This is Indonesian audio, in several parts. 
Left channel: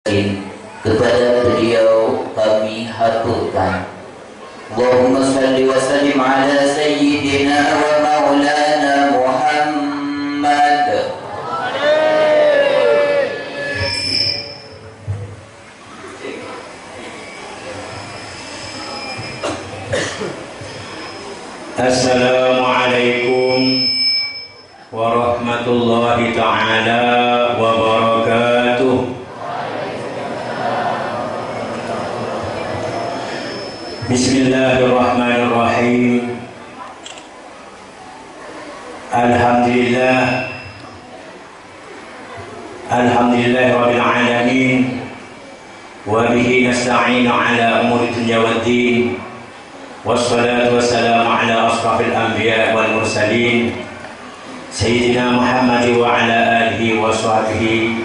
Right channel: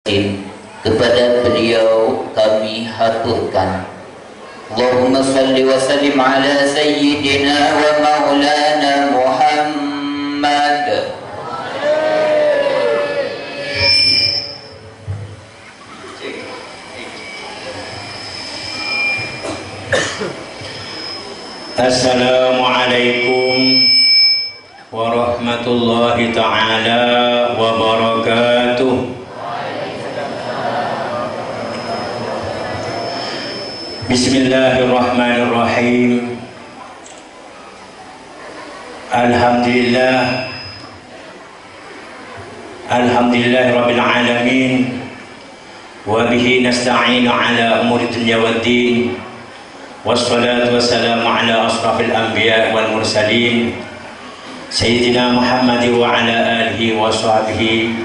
Kepada beliau kami haturkan Allahumma salli wa sallim ala sayyidina wa maulana Muhammad. Assalamualaikum warahmatullahi ta'ala wabarakatuh. Bismillahirrahmanirrahim. Alhamdulillahirabbil alamin. Wa bihi nasta'inu ala umuri dunya waddin. Wassalatu wassalamu ala asrafil anbiya wal mursalin Sayyidina Muhammad wa ala alihi wa sahbihi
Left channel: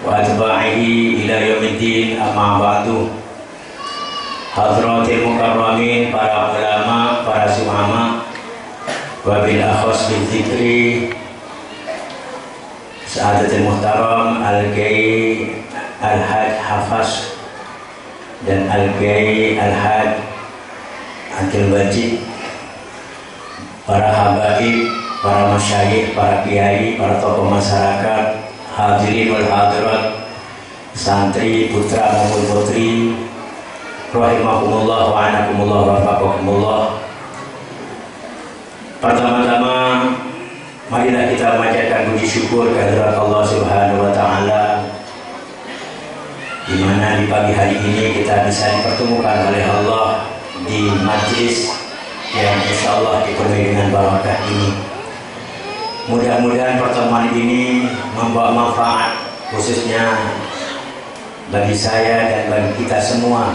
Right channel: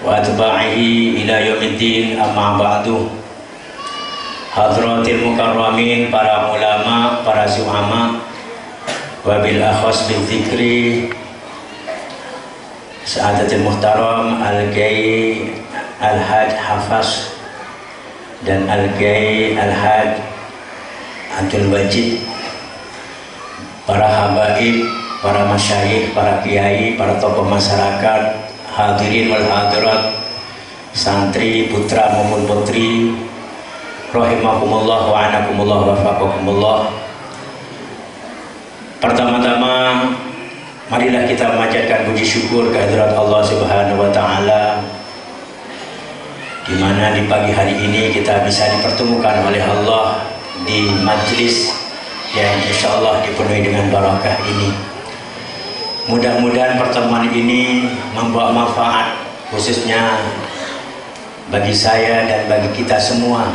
wa atba'ihi ila yaumiddin, amma ba'du. Hadratil mukarramin, para ulama, para zu'ama, wabil akhos bil zikri Sa'adatil Muhtaram Al-Gai Al-Haj Hafaz dan Al-Gai Al-Haj Abdul Wajid, para habaib, para masyayikh, para kiai, para tokoh masyarakat, hadirin wal hadirat, santri, putra maupun putri, rahimakumullah wa anakumullah wa faqakumullah. Pertama-tama marilah kita memanjatkan puji syukur kehadirat Allah Subhanahu wa taala, di mana di pagi hari ini kita bisa dipertemukan oleh Allah di majlis yang insyaallah dipenuhi dengan barakah ini. Mudah-mudahan pertemuan ini membawa manfaat khususnya bagi saya dan bagi kita semua.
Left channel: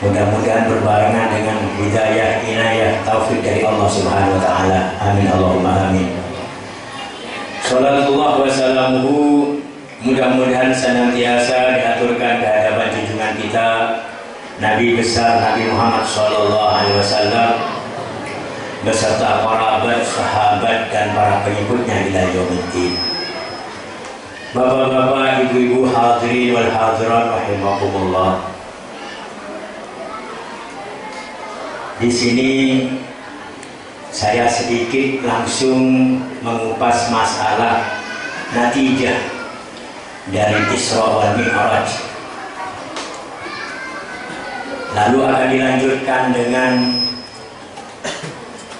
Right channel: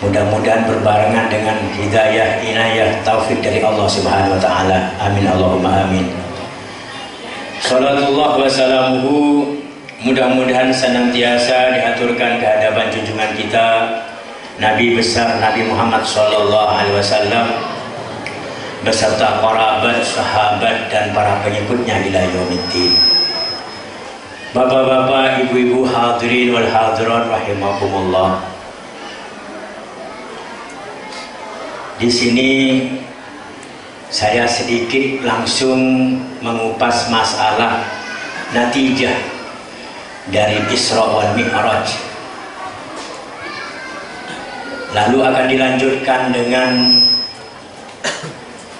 Mudah-mudahan berbarengan dengan hidayah, inayah, taufik dari Allah Subhanahu wa taala. Amin Allahumma amin. Salatullah wa salamuhu, mudah-mudahan senantiasa diaturkan ke hadapan junjungan kita Nabi besar Nabi Muhammad sallallahu alaihi wasallam beserta para sahabat dan para pengikutnya ila yaumiddin. Bapak-bapak, ibu-ibu, hadirin wal hadirat rahimakumullah. Di sini saya sedikit langsung mengupas masalah natijah dari Isra wal Mi'raj. Lalu akan dilanjutkan dengan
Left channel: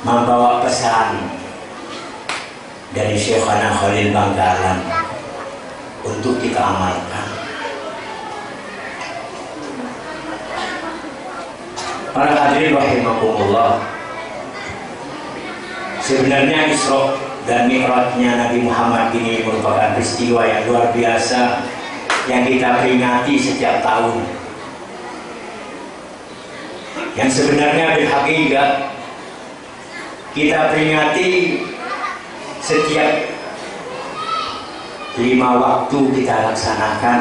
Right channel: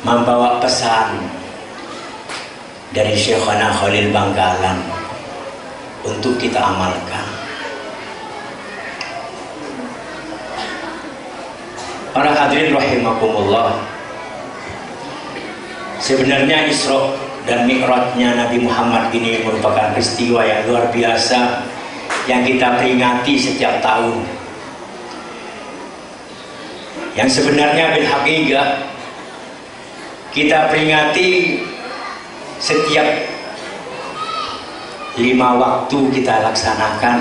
membawa pesan dari Syekhana Khalil Bangkalan untuk kita amalkan. Para hadirin rahimakumullah, sebenarnya Isra dan Mi'rajnya Nabi Muhammad ini merupakan peristiwa yang luar biasa yang kita peringati setiap tahun, yang sebenarnya bil haqiqah kita peringati setiap 5 waktu kita laksanakan.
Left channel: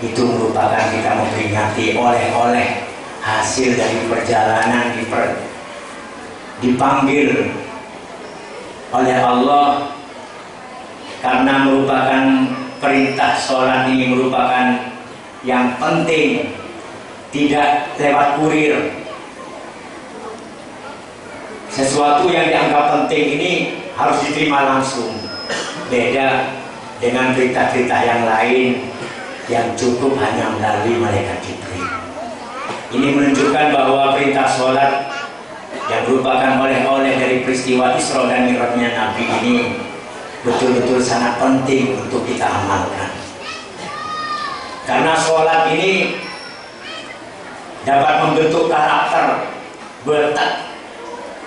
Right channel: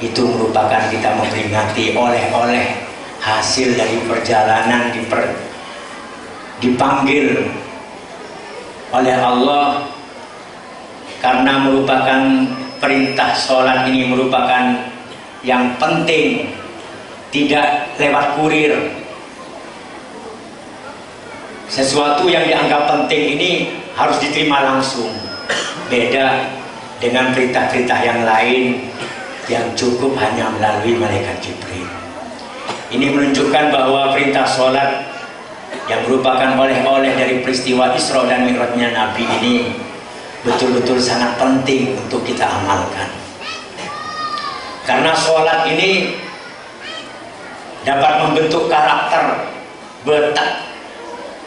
Itu merupakan kita memperingati oleh-oleh hasil dari perjalanan dipanggil oleh Allah, karena merupakan perintah sholat ini merupakan yang penting, tidak lewat kurir. Sesuatu yang dianggap penting ini harus diterima langsung, beda dengan perintah-perintah yang lain yang cukup hanya melalui malaikat Jibril. Ini menunjukkan bahwa perintah sholat yang merupakan oleh-oleh dari peristiwa Isra dan Mi'rajnya Nabi ini betul-betul sangat penting untuk kita amalkan. Karena sholat ini dapat membentuk karakter,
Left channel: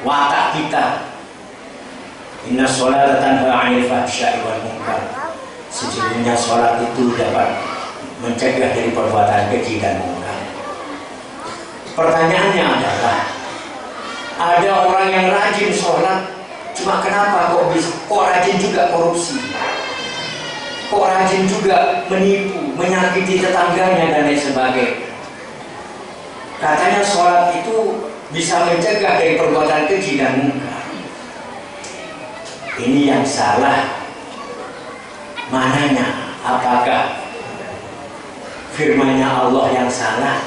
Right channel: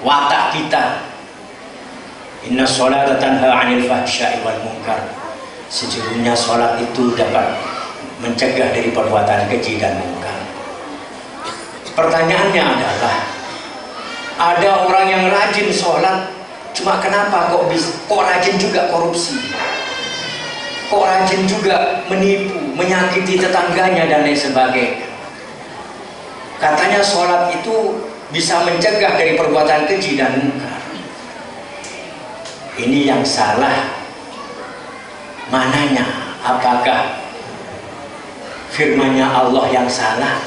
watak kita. Inna sholata tanha 'anil fahsya'i wal munkar. Sejujurnya sholat itu dapat mencegah dari perbuatan keji dan munkar. Pertanyaannya adalah, ada orang yang rajin sholat, cuma kenapa kok rajin juga korupsi, kok rajin juga menipu, menyakiti tetangganya dan lain sebagainya. Katanya sholat itu bisa mencegah dari perbuatan keji dan munkar. Ini yang salah mananya? Apakah firman-Nya Allah yang salah?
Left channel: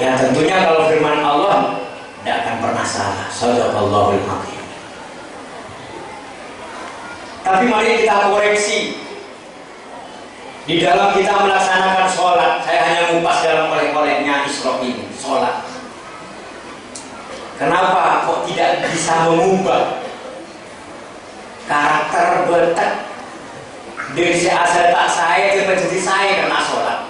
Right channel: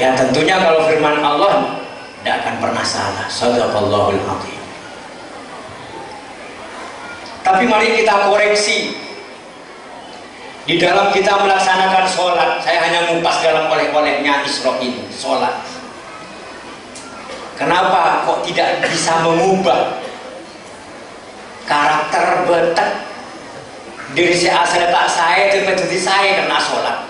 Ya tentunya kalau firman Allah tidak akan pernah salah. Shadaqallahul adzim. Tapi mari kita koreksi di dalam kita melaksanakan sholat. Saya hanya ngupas dalam oleh-olehnya Isra ini, sholat. Kenapa kok tidak bisa mengubah karakter betek diri saya tak saya jadi saya karena sholat?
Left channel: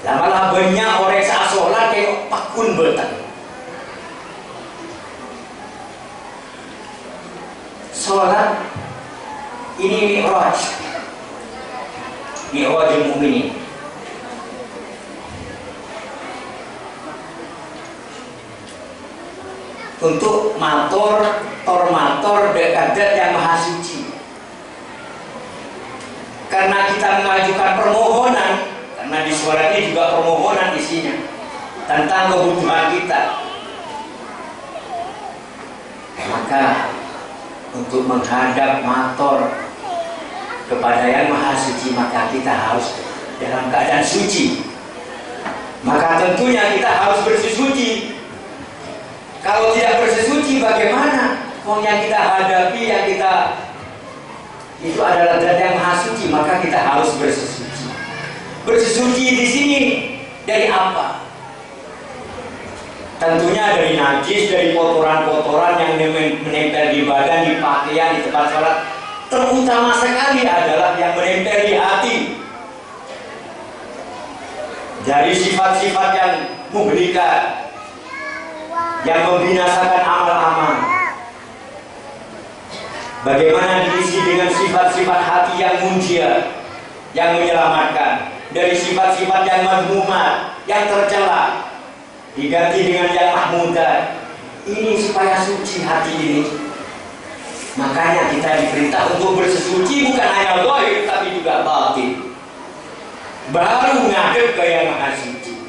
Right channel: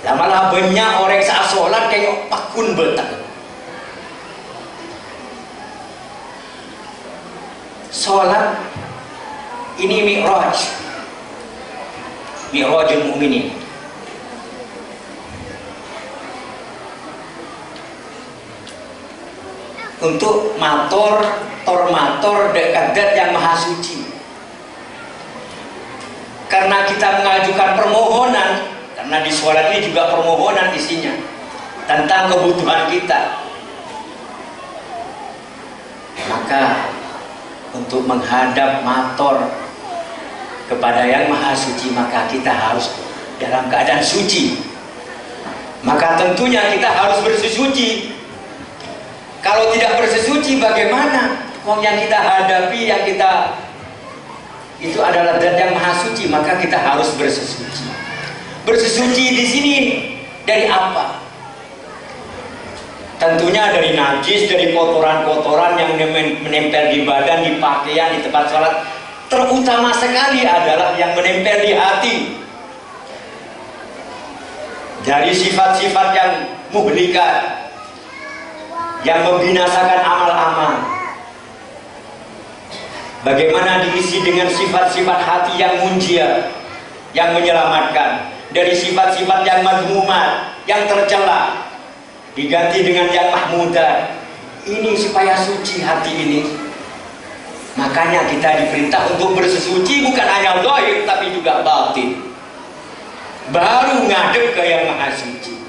Lama-lama banyak orang saat sholat kayak pakun betek. Sholat ini mi'rajul mu'minin. Untuk matur dekat yang maha suci. Karena kita mengajukan permohonan, karena di sholat ini juga permohonan isinya tentang kebutuhan kita. Maka untuk menghadap matur kepada yang maha suci, maka kita harus dalam keadaan suci. Maka tentunya kita harus bersuci. Kalau tidak bersuci bagaimana? Wong yang kita hadapi, yang kita itu adalah zat yang maha suci, maka kita harus bersuci. Bersuci di sini dari apa? Tentunya dari najis, dari kotoran-kotoran yang menempel di badan, di pakaian, di tempat sholat. Terutama sekali adalah yang menempel di hati. Dari sifat-sifat yang muhlikat, yang membinasakan amal-amal. Bagaimana diisi dengan sifat-sifat hati yang munjia, yang menyelamatkan. Dari sifat-sifat yang mazmumat, yang tercela, diganti dengan yang mahmudah. Ini supaya suci hati ini. Makanya kita diperintah untuk bersesuci bukan hanya zahir tapi juga batin. Baru ngadep ke yang maha suci.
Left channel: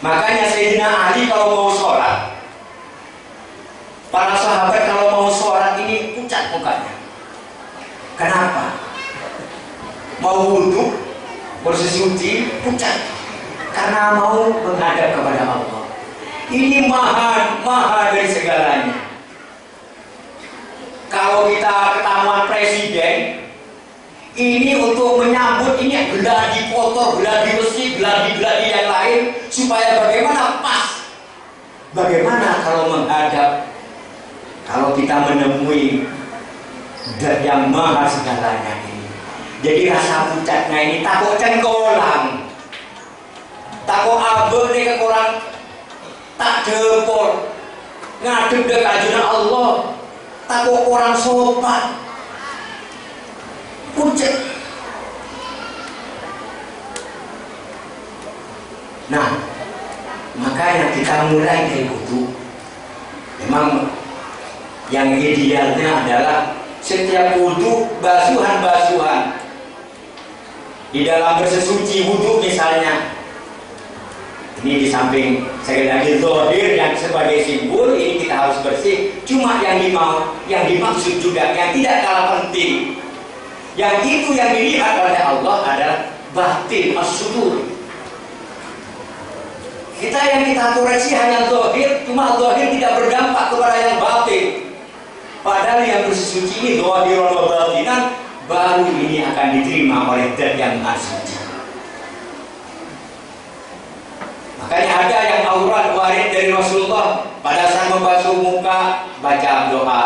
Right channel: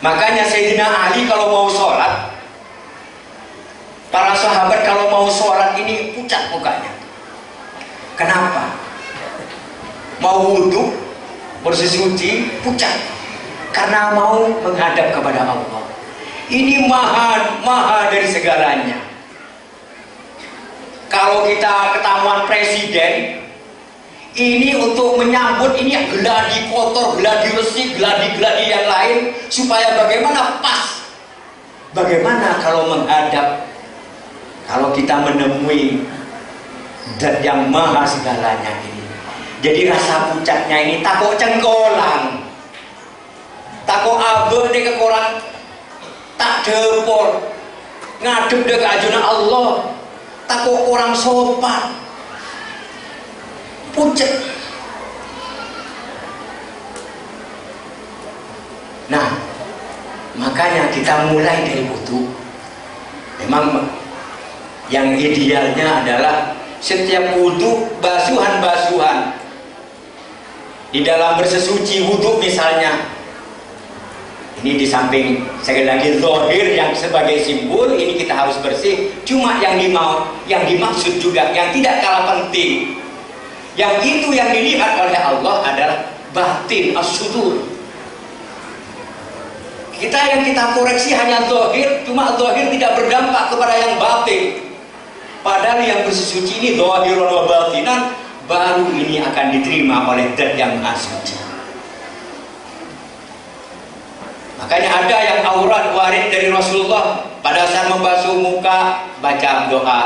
Makanya Sayyidina Ali kalau mau sholat, para sahabat kalau mau sholat ini pucat mukanya. Kenapa? Mau wudhu, bersesuci, pucat. Karena mau menghadap kepada Allah. Ini maha dari segalanya. Kalau kita ketemuan presiden, ini untuk menyambut ini geladi kotor, geladi besi, geladi yang lain, supaya bagaimana pas. Bagaimana kalau menghadap, kalau kita menemui zat yang maha segalanya ini. Jadi rasa pucatnya ini takut cengkolang, takut abeh nih kekoran, tak depol, ngadep dekat ajunan Allah, takut orang sopan, pucat. Nah, makanya kita mulai dari wudu. Memang yang idealnya adalah setiap wudu basuhan-basuhan. Di dalam bersesuci wudu misalnya, ini di samping sekali lagi zahir yang sebagai simbol ini kita harus bersih. Cuma yang dimaksud juga yang tidak kalah penting, yang itu yang dilihat oleh Allah adalah batin as-sudur. Yang kita koreksi hanya zahir, cuma zahir tidak berdampak kepada yang batin. Padahal yang bersesuci ini zahir wa batinan, baru ini akan diterima oleh zat yang maha suci. Makanya ada yang aurat warid dari Rasulullah pada saat membasuh muka baca doa.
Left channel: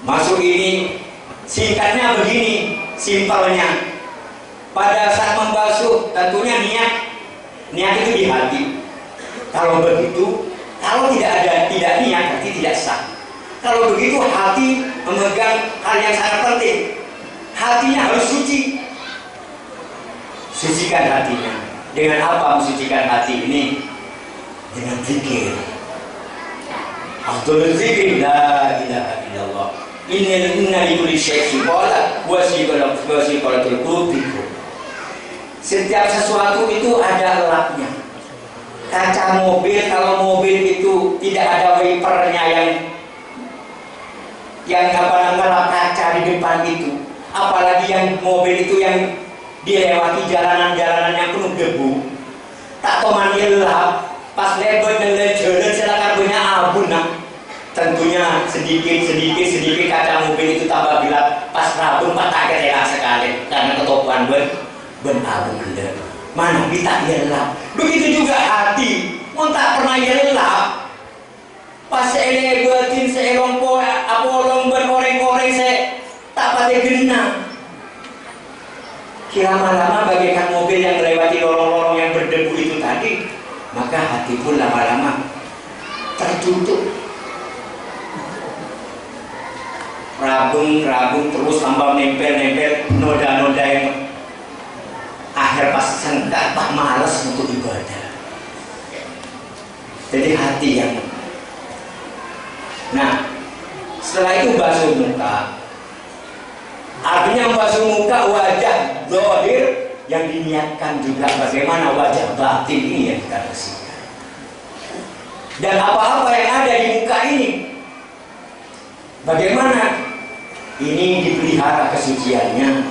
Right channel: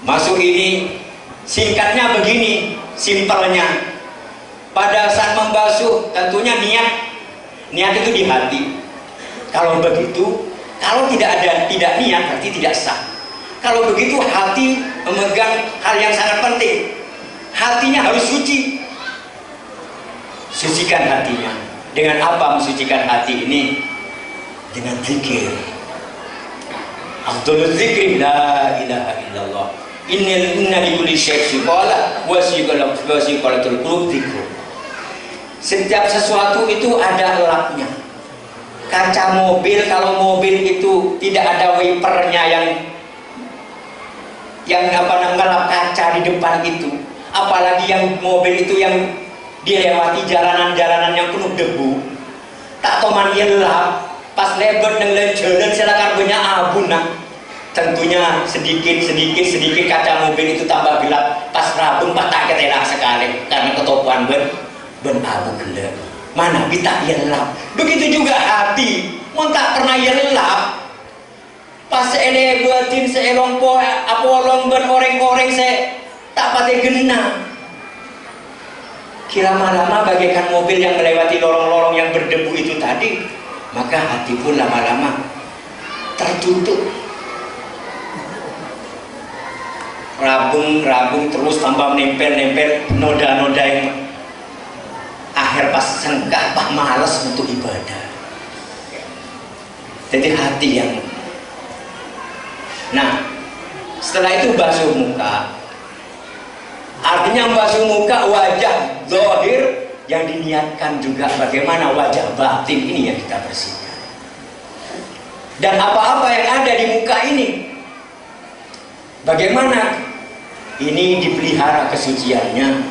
Masuk ini singkatnya begini, simpelnya. Pada saat membasuh tentunya niat itu di hati. Kalau begitu, kalau tidak niat berarti tidak sah. Kalau begitu hati memegang hal yang sangat penting. Hatinya harus suci. Sucikan hatinya. Dengan apa mensucikan hati ini? Dengan zikir. Afdhalul zikri la ilaha illallah. Inna likulli syai'in qala wa siqalatul qulub dzikr. Setiap sesuatu itu ada elapnya. Kaca mobil, kalau mobil itu tidak ada wipernya yang ngelap kaca di depan itu, apalagi yang mobil itu yang dilewati jalanan-jalanan yang penuh debu, tak toman gelap, pas lebar dan jalan silakan banyak abu nak. Tentunya sedikit kaca mobil itu tambah gelap. Pas rabun patah ketelak sekali karena ketopuan ben abu gelap. Mana kita gelap. Begitu juga hati, mau tak pernah gelap. Pas ele buatin seelong po apolong ben oreng-oreng saya tak pakai genang. Lama-lama bagaikan mobil yang melewati lorong-lorong yang berdebu itu tadi, maka hati pun lama-lama tertutup. Rabung terus tambah nempel noda-noda yang akhir pas sengkak, pas malas untuk ibadah. Jadi hati yang. Nah, setelah itu basuh muka. Artinya membasuh muka wajah zahir yang diniatkan juga bagaimana wajah batin ini yang kita bersihkan. Dan apa-apa yang ada di muka ini, bagaimana ini dipelihara kesuciannya,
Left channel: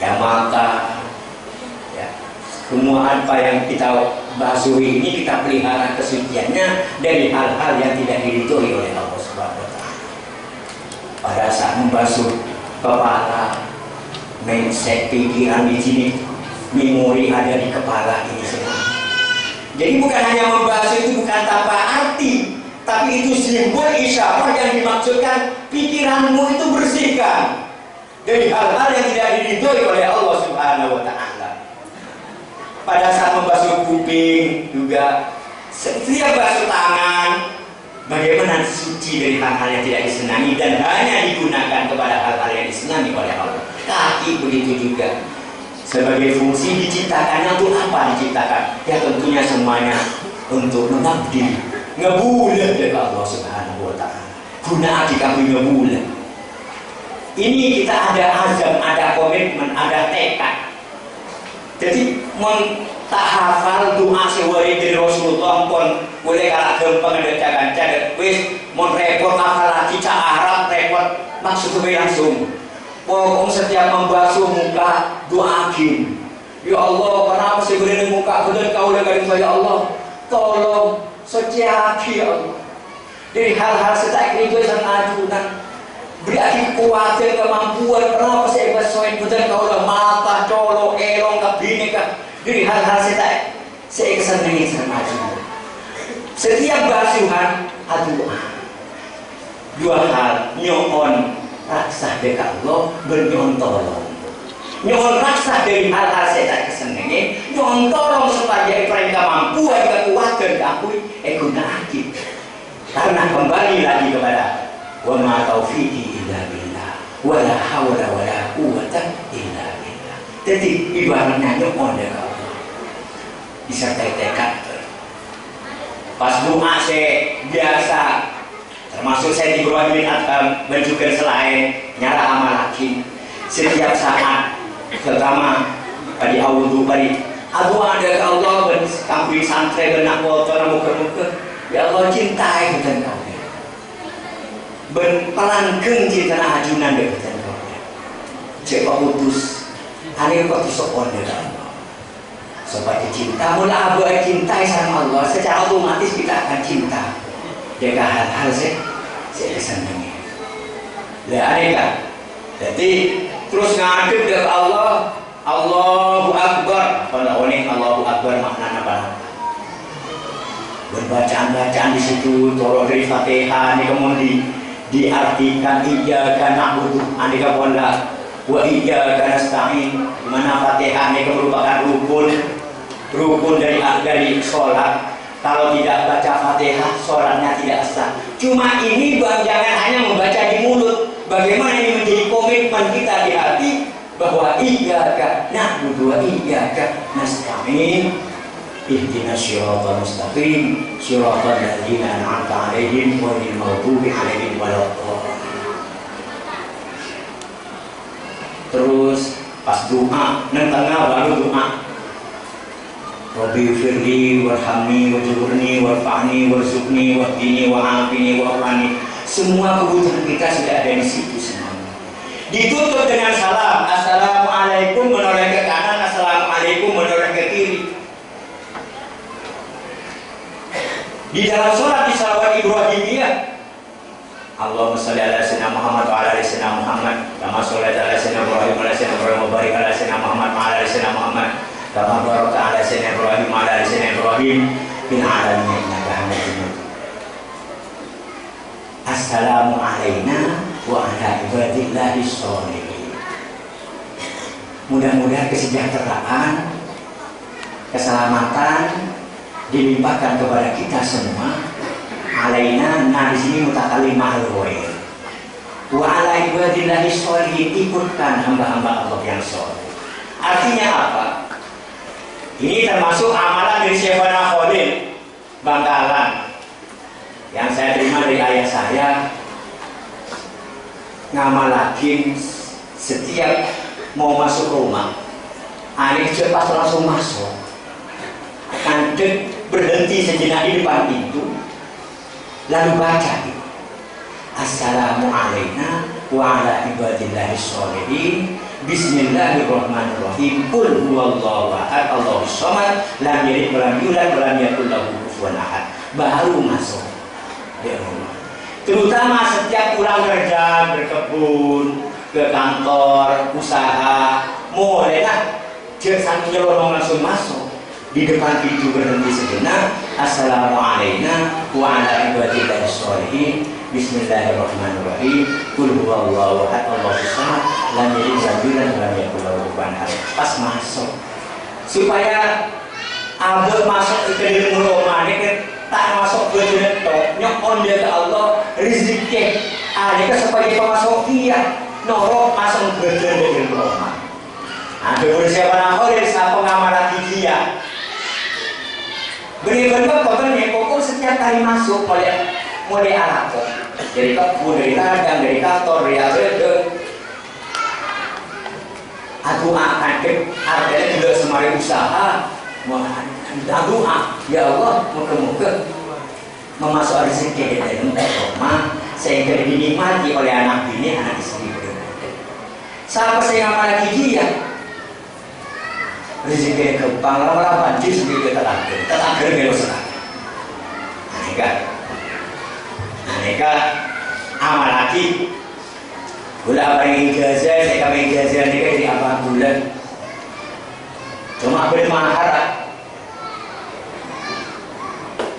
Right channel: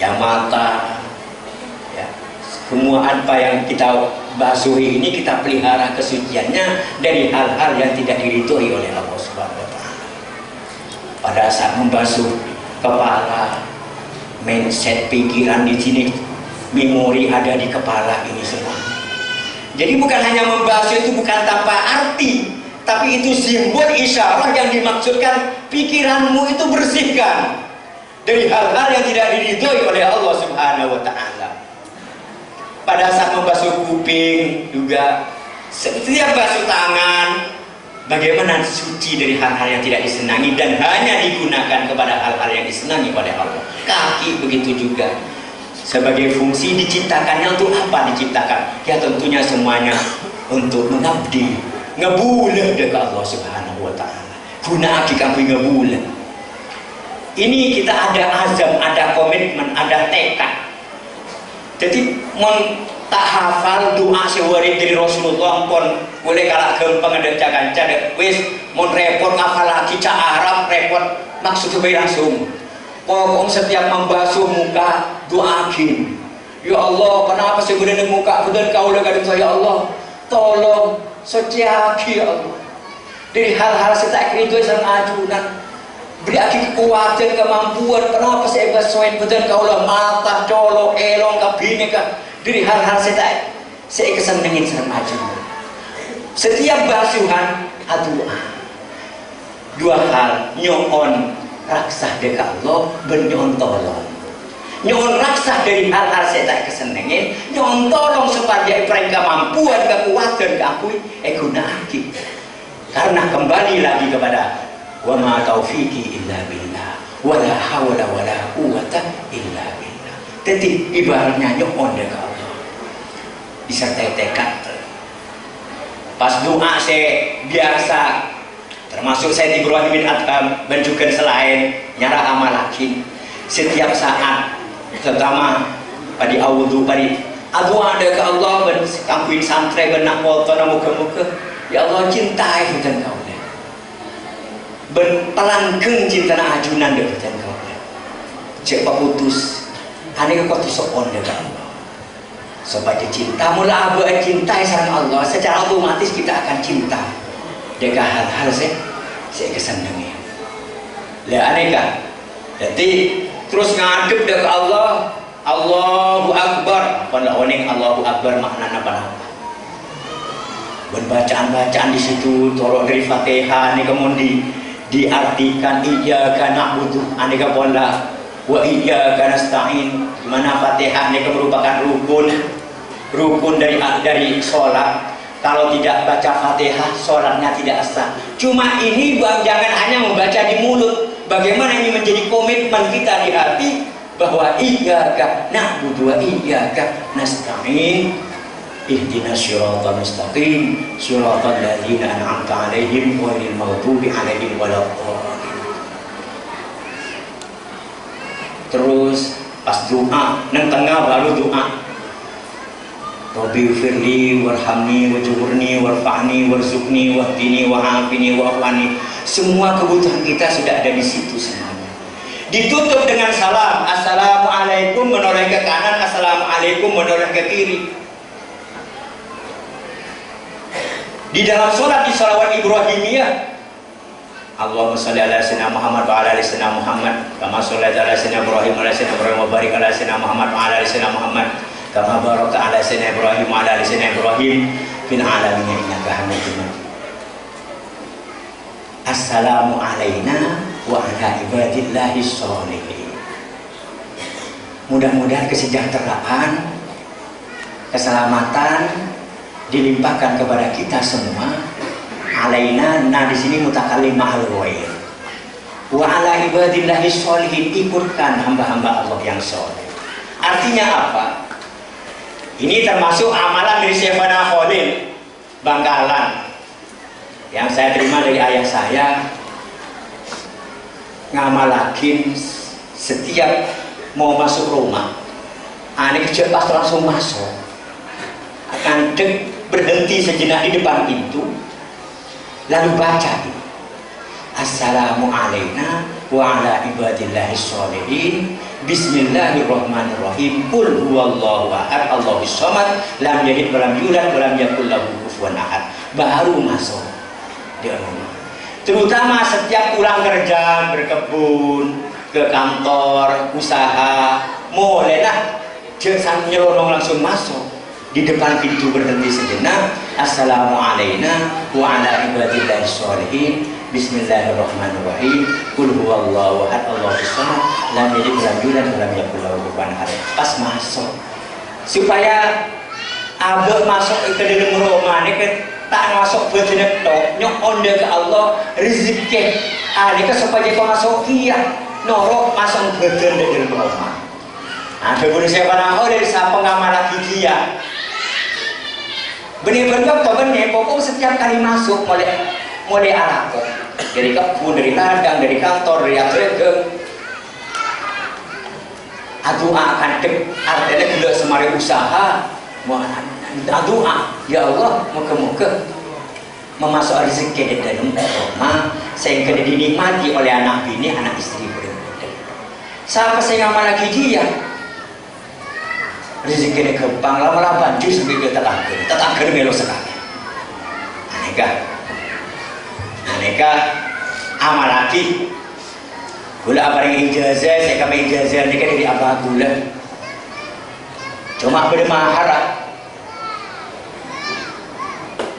ya mata, ya semua apa yang kita basuhi ini kita pelihara kesuciannya dari hal-hal yang tidak diridhoi oleh Allah Subhanahu wa Ta'ala. Pada saat membasuh kepala, mindset pikiran di sini, memori ada di kepala ini semua. Jadi bukan hanya membasuh itu bukan tanpa arti, tapi itu simbol isyarat yang dimaksudkan pikiranmu itu bersihkan dari hal-hal yang tidak diridhoi oleh Allah Subhanahu wa Ta'ala. Pada saat membasuh kuping juga, setiap basuh tangan, bagaimana suci dari hal-hal yang tidak disenangi dan hanya digunakan kepada hal-hal yang disenangi oleh Allah. Kaki begitu juga, sebagai fungsi diciptakannya untuk apa diciptakan? Ya tentunya semuanya untuk mengabdi, ngebulan dari Allah Subhanahu wa Ta'ala. Guna aki kami ngebulan. Ini kita ada azam, ada komitmen, ada tekad. Jadi tak hafal doa sewari dari Rasulullah pun boleh kalah gampang ada cagan wis mon repot apalagi cak Arab repot maksudnya langsung pokok setiap membasuh muka doakin, ya Allah kenapa sih begini muka betul kau udah gadis saya Allah tolong seciaki ya Allah dari hal-hal setak itu sama ajunan beri aki kekuatan kemampuan kenapa saya basuhin betul kau udah mata colo elong kabini kan dari hal-hal saya kesenengin sama ajunan. Setiap basuhan doa. Dua hal, nyon raksah dekat Allah, bernyon tolong. Nyon raksah dari hal-hal saya kesenengin, nyon tolong supaya mereka mampuan kekuatan keakui guna aki. Karena kembali lagi kepada wa ma taufiqi illa billah, wa la hawla wa la quwwata illa billah. Jadi ibaratnya nyon dekat Allah. Disertai tekad. Pas doa saya biasa, termasuk saya di Ibrahim bin Adham dan juga selain nyara amal laki setiap saat, terutama pada awudu pada doa ada ke Allah ben kampuin santri benak motor muka-muka ya Allah cintai bukan kau deh ben pelangkeng cinta ajunan deh bukan kau deh cek putus aneh kok disokon deh Allah seperti cinta, mula abu cintai sama Allah, secara otomatis kita akan cinta. Jaga hal-hal saya kesenangan. Lah aneh kan? Jadi terus ngadep dari Allah, Allahu Akbar. Pada oning Allahu Akbar maknanya apa? Bacaan-bacaan di situ, tolong dari Fatihah, ini kemudian diartikan iyyaka na'budu, aneh kan ponda, wa iyyaka nasta'in. Mana Fatihah ini merupakan rukun dari sholat. Kalau tidak baca Fatihah, sholatnya tidak sah. Cuma ini bang, jangan hanya membaca di mulut. Bagaimana ini menjadi komitmen kita di hati bahwa iyyaka na'budu wa iyyaka nasta'in. Ihdinas siratal mustaqim, siratal ladzina an'amta 'alaihim ghairil maghdubi 'alaihim waladdallin. Terus pas doa, nang tengah baru doa. Rabbi firli warhamni wajburni warfa'ni warzuqni wahdini wa'afini wa'afani. Semua kebutuhan kita sudah ada di situ semuanya. Ditutup dengan salam. Assalamualaikum menoleh ke kanan, assalamualaikum menoleh ke kiri. Di dalam sholat di salawat Ibrahimiyah, Allahumma sholli ala sayyidina Muhammad wa ala ali sayyidina Muhammad kama shallaita ala sayyidina Ibrahim wa ala sayyidina Ibrahim wa barik ala sayyidina Muhammad wa ala ali sayyidina Muhammad kama barakta ala sayyidina Ibrahim wa ala ali sayyidina Ibrahim fil alamin innaka Hamidum Majid. Assalamu alayna wa ala ibadillahi sholihin. Mudah-mudahan kesejahteraan, keselamatan dilimpahkan kepada kita semua. Alaina, nah di sini mutakalimah al-ghair. Wa ala ibadillahi sholihin, ikutkan hamba-hamba Allah yang soleh. Artinya apa? Ini termasuk amalan dari Syekhana Khalil Bangkalan yang saya terima dari ayah saya. Ngamalakin setiap mau masuk rumah, anak kecil pas langsung masuk, akan berhenti sejenak di depan pintu, lalu baca Assalamu alayna wa ala ibadillahi sholihin Bismillahirrahmanirrahim Qul huwallahu ahad Allahus samad lam yalid wa lam yulad wa lam yakul lahu kufuwan ahad. Baru masuk di rumah. Terutama setiap pulang kerja, berkebun, ke kantor, usaha, mulailah jangan nyelonong langsung masuk. Di depan pintu berhenti sejenak. Assalamualaikum wa ala ibadillahi sholihin Bismillahirrahmanirrahim Qul huwallahu ahad Allahus samad lam yalid wa lam yulad wa lam yakul lahu kufuwan ahad. Pas masuk supaya abad masuk ke dalam rumah ini tak masuk bejenek tok nyok onde ke Allah rezeki alika supaya masuk iya norok masuk bejen di dalam rumah. Nah, beberapa siapa oleh siapa ngamalah dia benar-benar temennya pokok setiap kali masuk mulai alat dari kebun, dari ladang, dari kantor, dari agregat aduh akan artinya tidak semari usaha doa ya Allah moga-moga memasuk rezeki di dalam rumah sehingga dinikmati oleh anak bini, anak istri berbeda. Siapa saya ngamal lagi dia rezeki gampang lama-lama dia sebagai tetangga melo sekali. Aneka amal lagi gula apa yang ijazah saya kami ijazah nikah dari apa gula cuma bermahar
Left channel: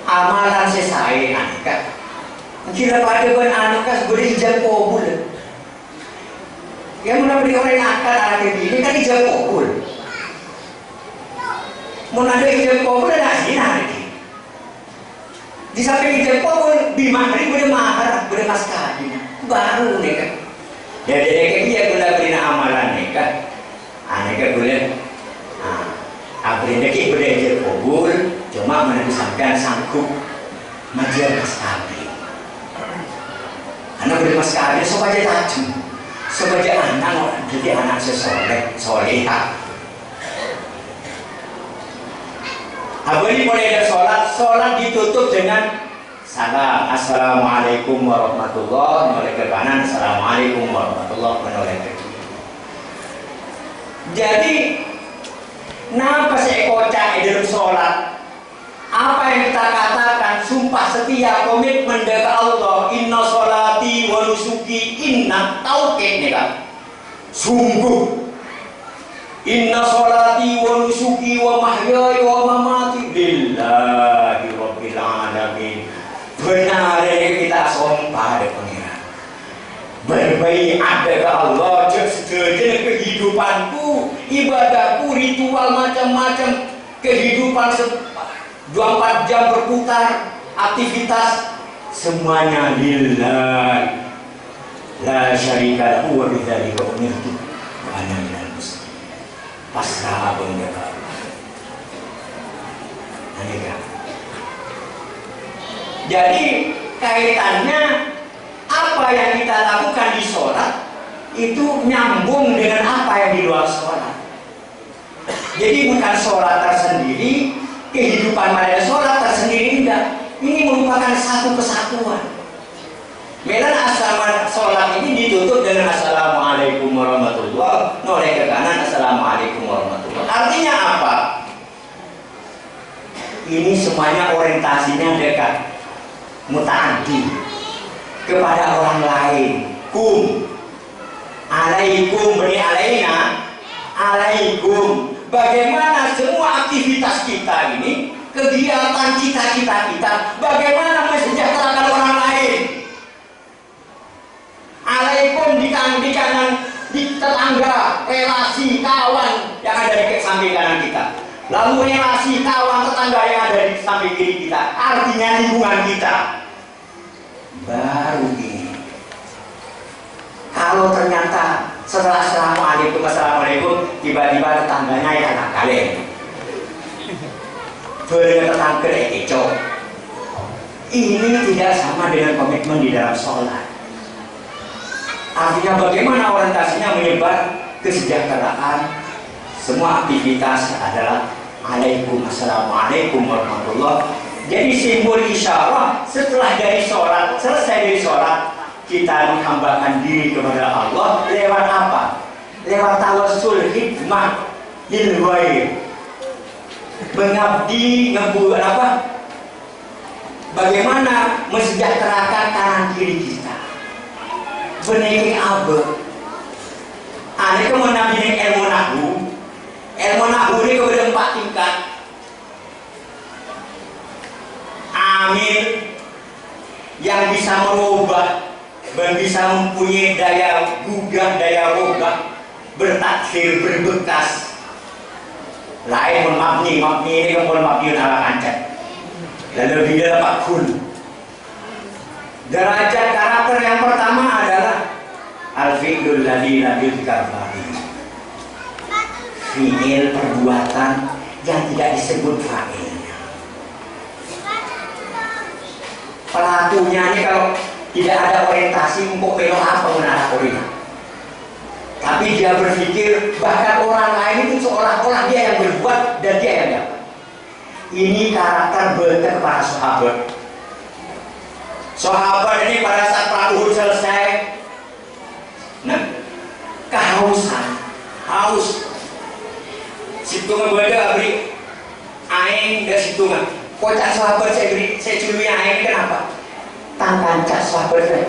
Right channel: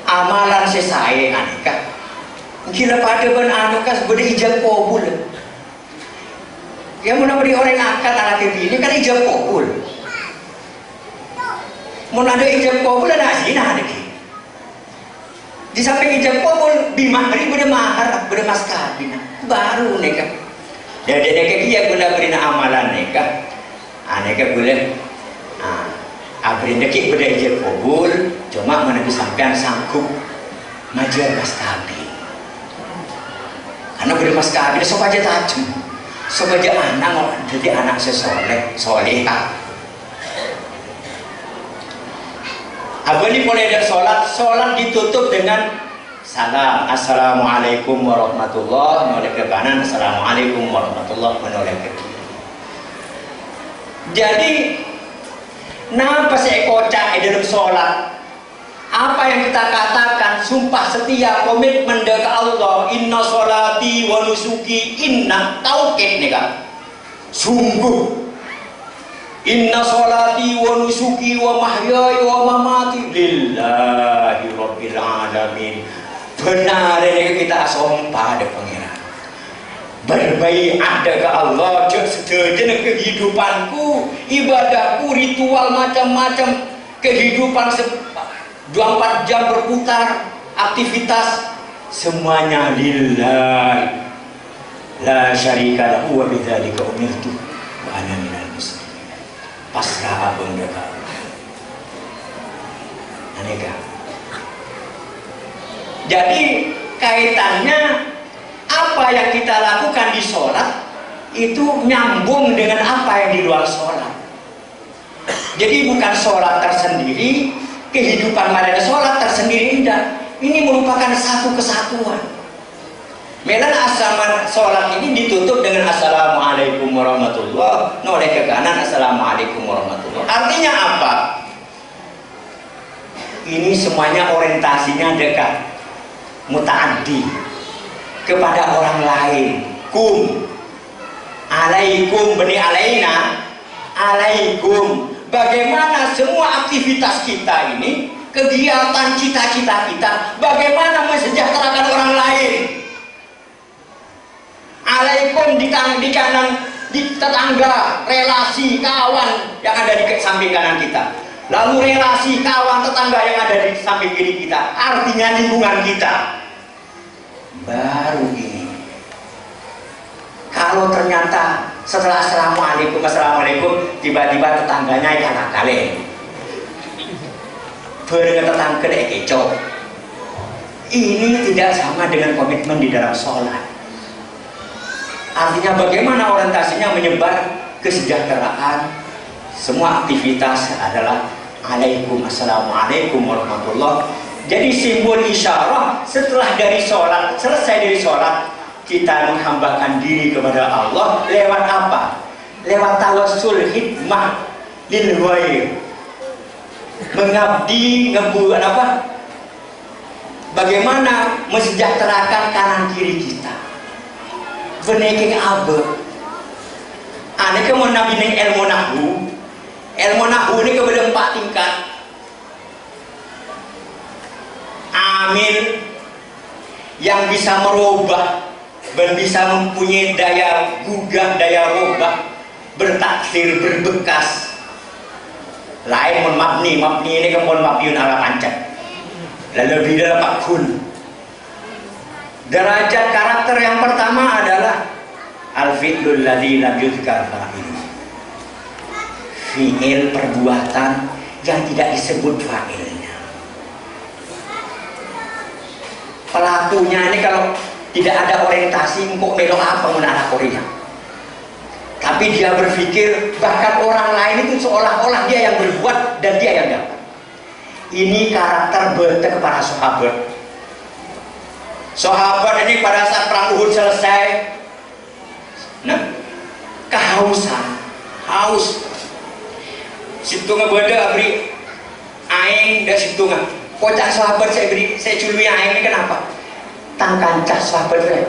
amalan selesai aneka kira pada kan aneka sebagai ijazah kabul yang mana beri orang nakal anak ini kan ijazah kabul mau ada ijazah kabul ada sih nanti di samping ijazah kabul bimahri bermahar bermas kawin baru nikah. Jadi dia guna beri amalan nikah, aneka boleh, abrin deki boleh ijazah kabul, cuma mana disampaikan sanggup majar mas kawin. Karena beri mas kawin supaya tajam, supaya anak jadi anak soleha. Abang mulai dari sholat ditutup dengan salam. Assalamualaikum warahmatullahi menoleh ke kanan, assalamualaikum warahmatullahi menoleh ke kiri. Jadi napa saya kocak di dalam sholat? Apa yang kita katakan sumpah setia komitmen ke Allah, inna sholati wa nusuki inna tauhid nih kan. Sungguh inna sholati wa nusuki wa mahyaya wa mamati lillahi rabbil alamin. Benar kita sumpah ada pengiran berbaiat ke Allah sejenak kehidupanku, ibadahku, ritual macam-macam kehidupan 24 jam berputar aktivitas semuanya lillah la syarika lahu wa bidzalika umirtu wa ana minal muslimin. Pasrah abang ke Allah. Aneka. Jadi kaitannya apa yang kita lakukan di sholat itu nyambung dengan apa yang di luar sholat. Jadi bukan sholat tersendiri, kehidupan pada sholat tersendiri tidak. Ini merupakan satu kesatuan. Melan asal sholat ini ditutup dengan assalamualaikum warahmatullah, noleh ke kanan, assalamualaikum warahmatullah. Artinya apa? Ini semuanya orientasinya dekat, mutaaddi kepada orang lain. Kum, alaikum, bani alaina, alaikum. Bagaimana semua aktivitas kita ini, kegiatan cita-cita kita, bagaimana mensejahterakan orang lain. Alaikum di kanan, di tetangga, relasi, kawan yang ada di samping kanan kita. Lalu relasi, kawan, tetangga yang ada di samping kiri kita. Artinya lingkungan kita. Baru ini. Kalau ternyata setelah assalamualaikum, tiba-tiba tetangganya yang nakal. Bertetangga kecoh. Ini tidak sama dengan komitmen di dalam sholat. Artinya bagaimana orientasinya menyebar kesejahteraan. Semua aktivitas adalah assalamualaikum warahmatullah. Jadi simbol isyarah setelah dari sholat, selesai dari sholat, kita menghambakan diri kepada Allah lewat apa? Lewat tawassul hikmah lil ghaib. Mengabdi ngebuat apa? Bagaimana mensejahterakan kanan kiri kita. Beneke abe. Ane ke mau nabi ilmu nahwu. Ilmu nahwu ini kepada 4 tingkat. Amil yang bisa merubah dan bisa mempunyai daya gugah, daya rubah, bertaksir, berbekas. Lain mabni ini kan mabniun ala pancet. Lalu lebih dapat kun. Derajat karakter yang pertama adalah al-fi'lul ladzi lam yuzkar fa'il. Fi'il perbuatan yang tidak disebut fa'ilnya. Pelakunya ini kalau tidak ada orientasi, kok belok apa menarah Korea. Tapi dia berpikir bahkan orang lain itu seolah-olah dia yang berbuat dan dia yang dapat. Ini karakter betul para sahabat. Sahabat ini pada saat perang Uhud selesai, kehausan, haus. Situ ngebuatnya abri aing dan situ nggak. Kocak sahabat saya curi aing ini kenapa? Tangkan cak sahabat saya,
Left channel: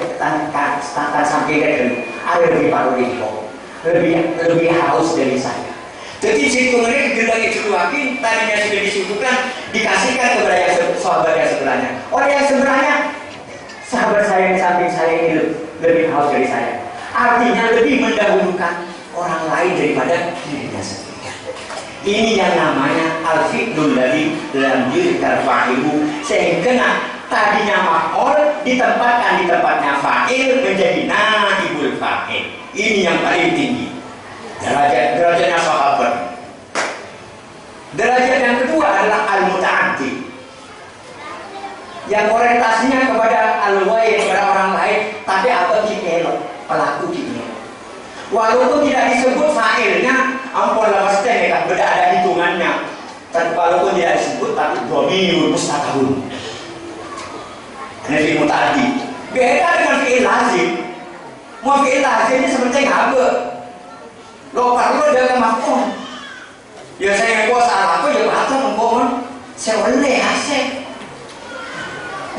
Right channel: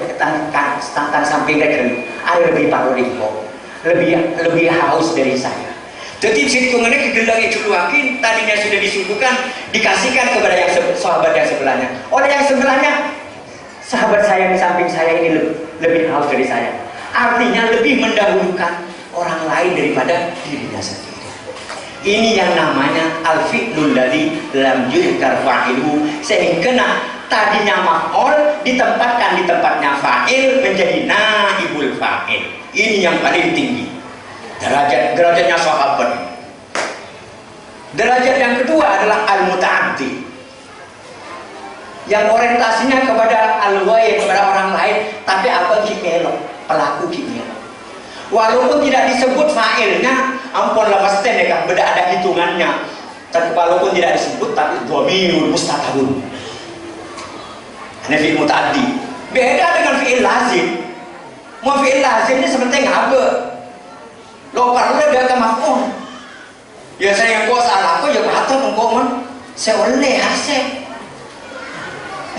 tangkan samping dan air lebih paru limpo, lebih haus dari saya. Jadi situ ini kedelangnya curuakin, tadinya sudah disibukan, dikasihkan kepada yang sahabat yang sebelahnya. Oleh yang sebelahnya, sahabat saya yang samping saya ini lebih haus dari saya. Artinya lebih mendahulukan orang lain daripada dirinya sendiri. Ini yang namanya al-fi'lul ladzi lam yuzkar fa'iluhu, sehingga tadinya maf'ul ditempatkan di tempatnya fa'il menjadi naibul fa'il. Ini yang paling tinggi. Derajatnya sahabat. Derajat yang kedua adalah al-muta'addi, yang orientasinya kepada al-ghaib, kepada orang lain, tapi apa kita pelaku kita. Walaupun tidak disebut fa'ilnya, ampun lepas kan beda ada hitungannya. Tapi walaupun tidak disebut, tapi dhamir mustaqbal. Ini fi'il muta'addi. Beda dengan fi'il lazim. Mau fi'il lazim ini seperti ngabe. Lo perlu dia ke maf'ul. Ya saya yang salah aku ya patut mengkomen. Saya oleh hasil.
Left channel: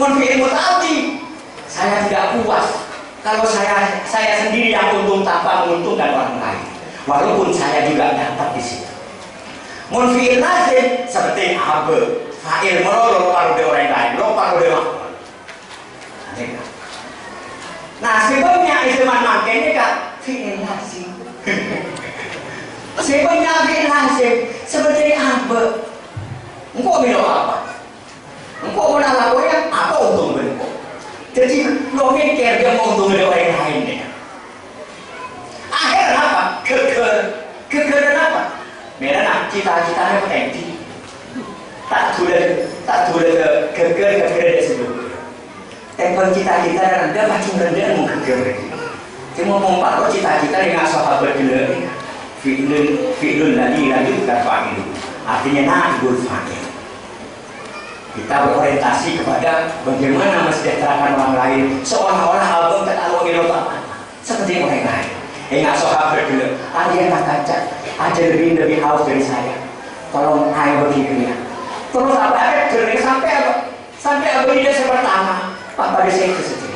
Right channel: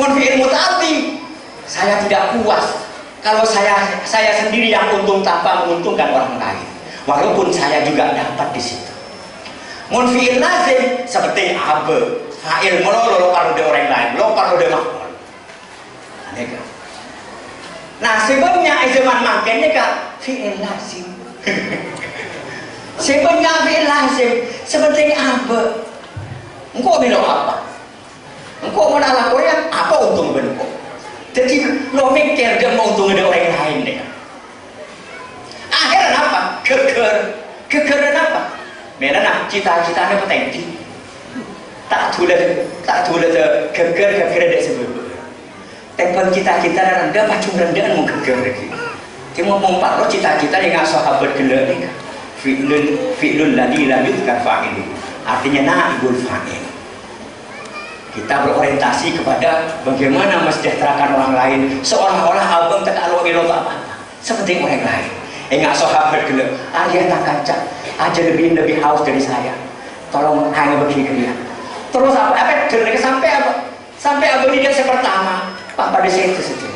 Mau fi'il muta'addi, saya tidak puas kalau saya sendiri yang untung tanpa menguntungkan orang lain. Walaupun saya juga dapat di situ. Mun fi'il lazim seperti abe, fa'il melolo kalau dia orang lain, lo kalau dia maf'ul. Aneh kan? Nah sebabnya zaman makin ini kan fi'il lazim. Sebabnya fi'il lazim seperti abe. Engkau bilang apa? Engkau mau nak lakukan apa untung engkau? Jadi lo mikir dia mau untung dari orang lain deh. Akhirnya apa? Kegeran apa? Mereka cita-citanya potensi. Tak tulis geger dari sebelum. Tempat cita-cita rendah, macam rendah mau geger lagi. Cuma mau paruh cita-cita dengan sahabat gila ni. Fi'lul ladzi lam yuzkar fa'iluhu. Artinya naibul fa'il. Kita berorientasi kepada bagaimana mensejahterakan orang lain, seolah-olah abang tak tahu apa seperti orang lain. Enggak sahabat dulu. Kalian tak kaca, aja lebih haus dari saya. Tolong hanya begini ya. Terus apa sampai apa? Sampai abadi dia pertama. Pak pada saya sesuatu.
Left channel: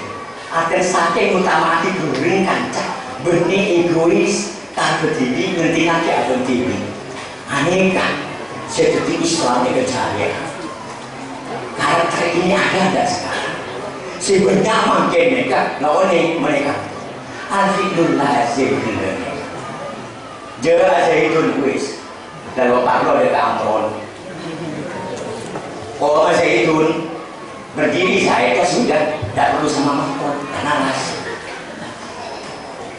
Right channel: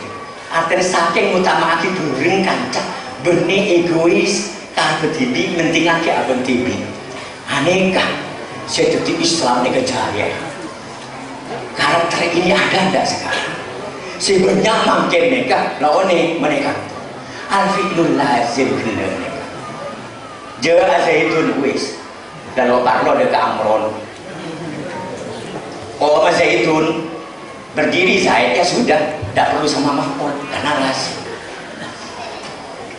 Artinya saking utama hati during kaca, benih egois, tak berdiri nanti lagi abang tibi. Aneh kan? Saya jadi Islam ini kerjanya. Karakter ini ada tidak sekarang? Sebenarnya makin mereka, lawan mereka. Alfiqul lazim bilane. Jaa zaitun wis. Kalau parlo dekat Amron. Oh zaitun berdiri saya sudah tidak perlu sama mahkot karena lazim.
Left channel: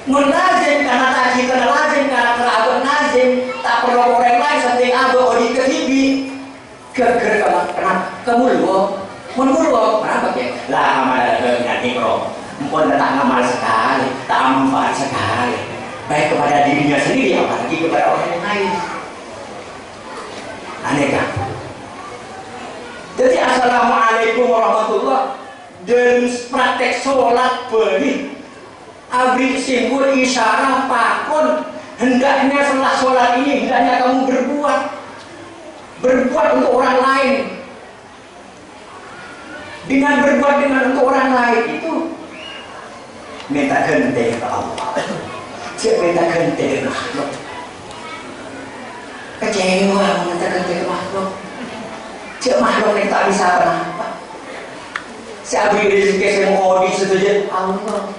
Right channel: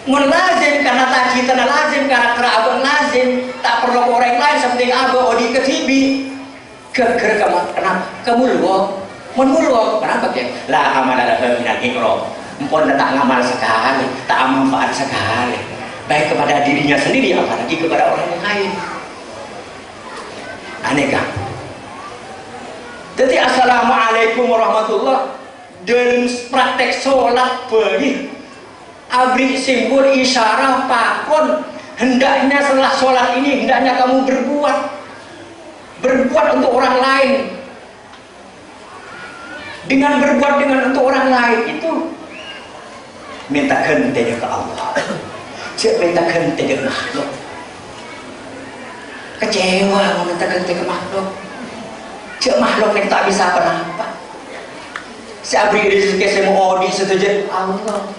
Lazim karena tadi karena lazim karena abang lazim tak perlu orang lain seperti abang odi ketibi geger kemulwo menulwo kenapa ya? Lah amal ada yang ikro. Empon tak ngamal sekali, tak manfaat sekali, baik kepada dirinya sendiri apalagi kepada orang lain. Aneh kan? Jadi assalamualaikum warahmatullah dan praktek sholat beri abri simbol isyarat pakon hendaknya setelah sholat ini hendaknya kamu berbuat untuk orang lain. Dengan berbuat untuk orang lain itu minta ganti ke Allah, jangan minta ganti ke makhluk. Kecewa minta ganti ke makhluk, jangan makhluk yang tak bisa apa-apa. Saya beri rezeki semua di setuju Allah.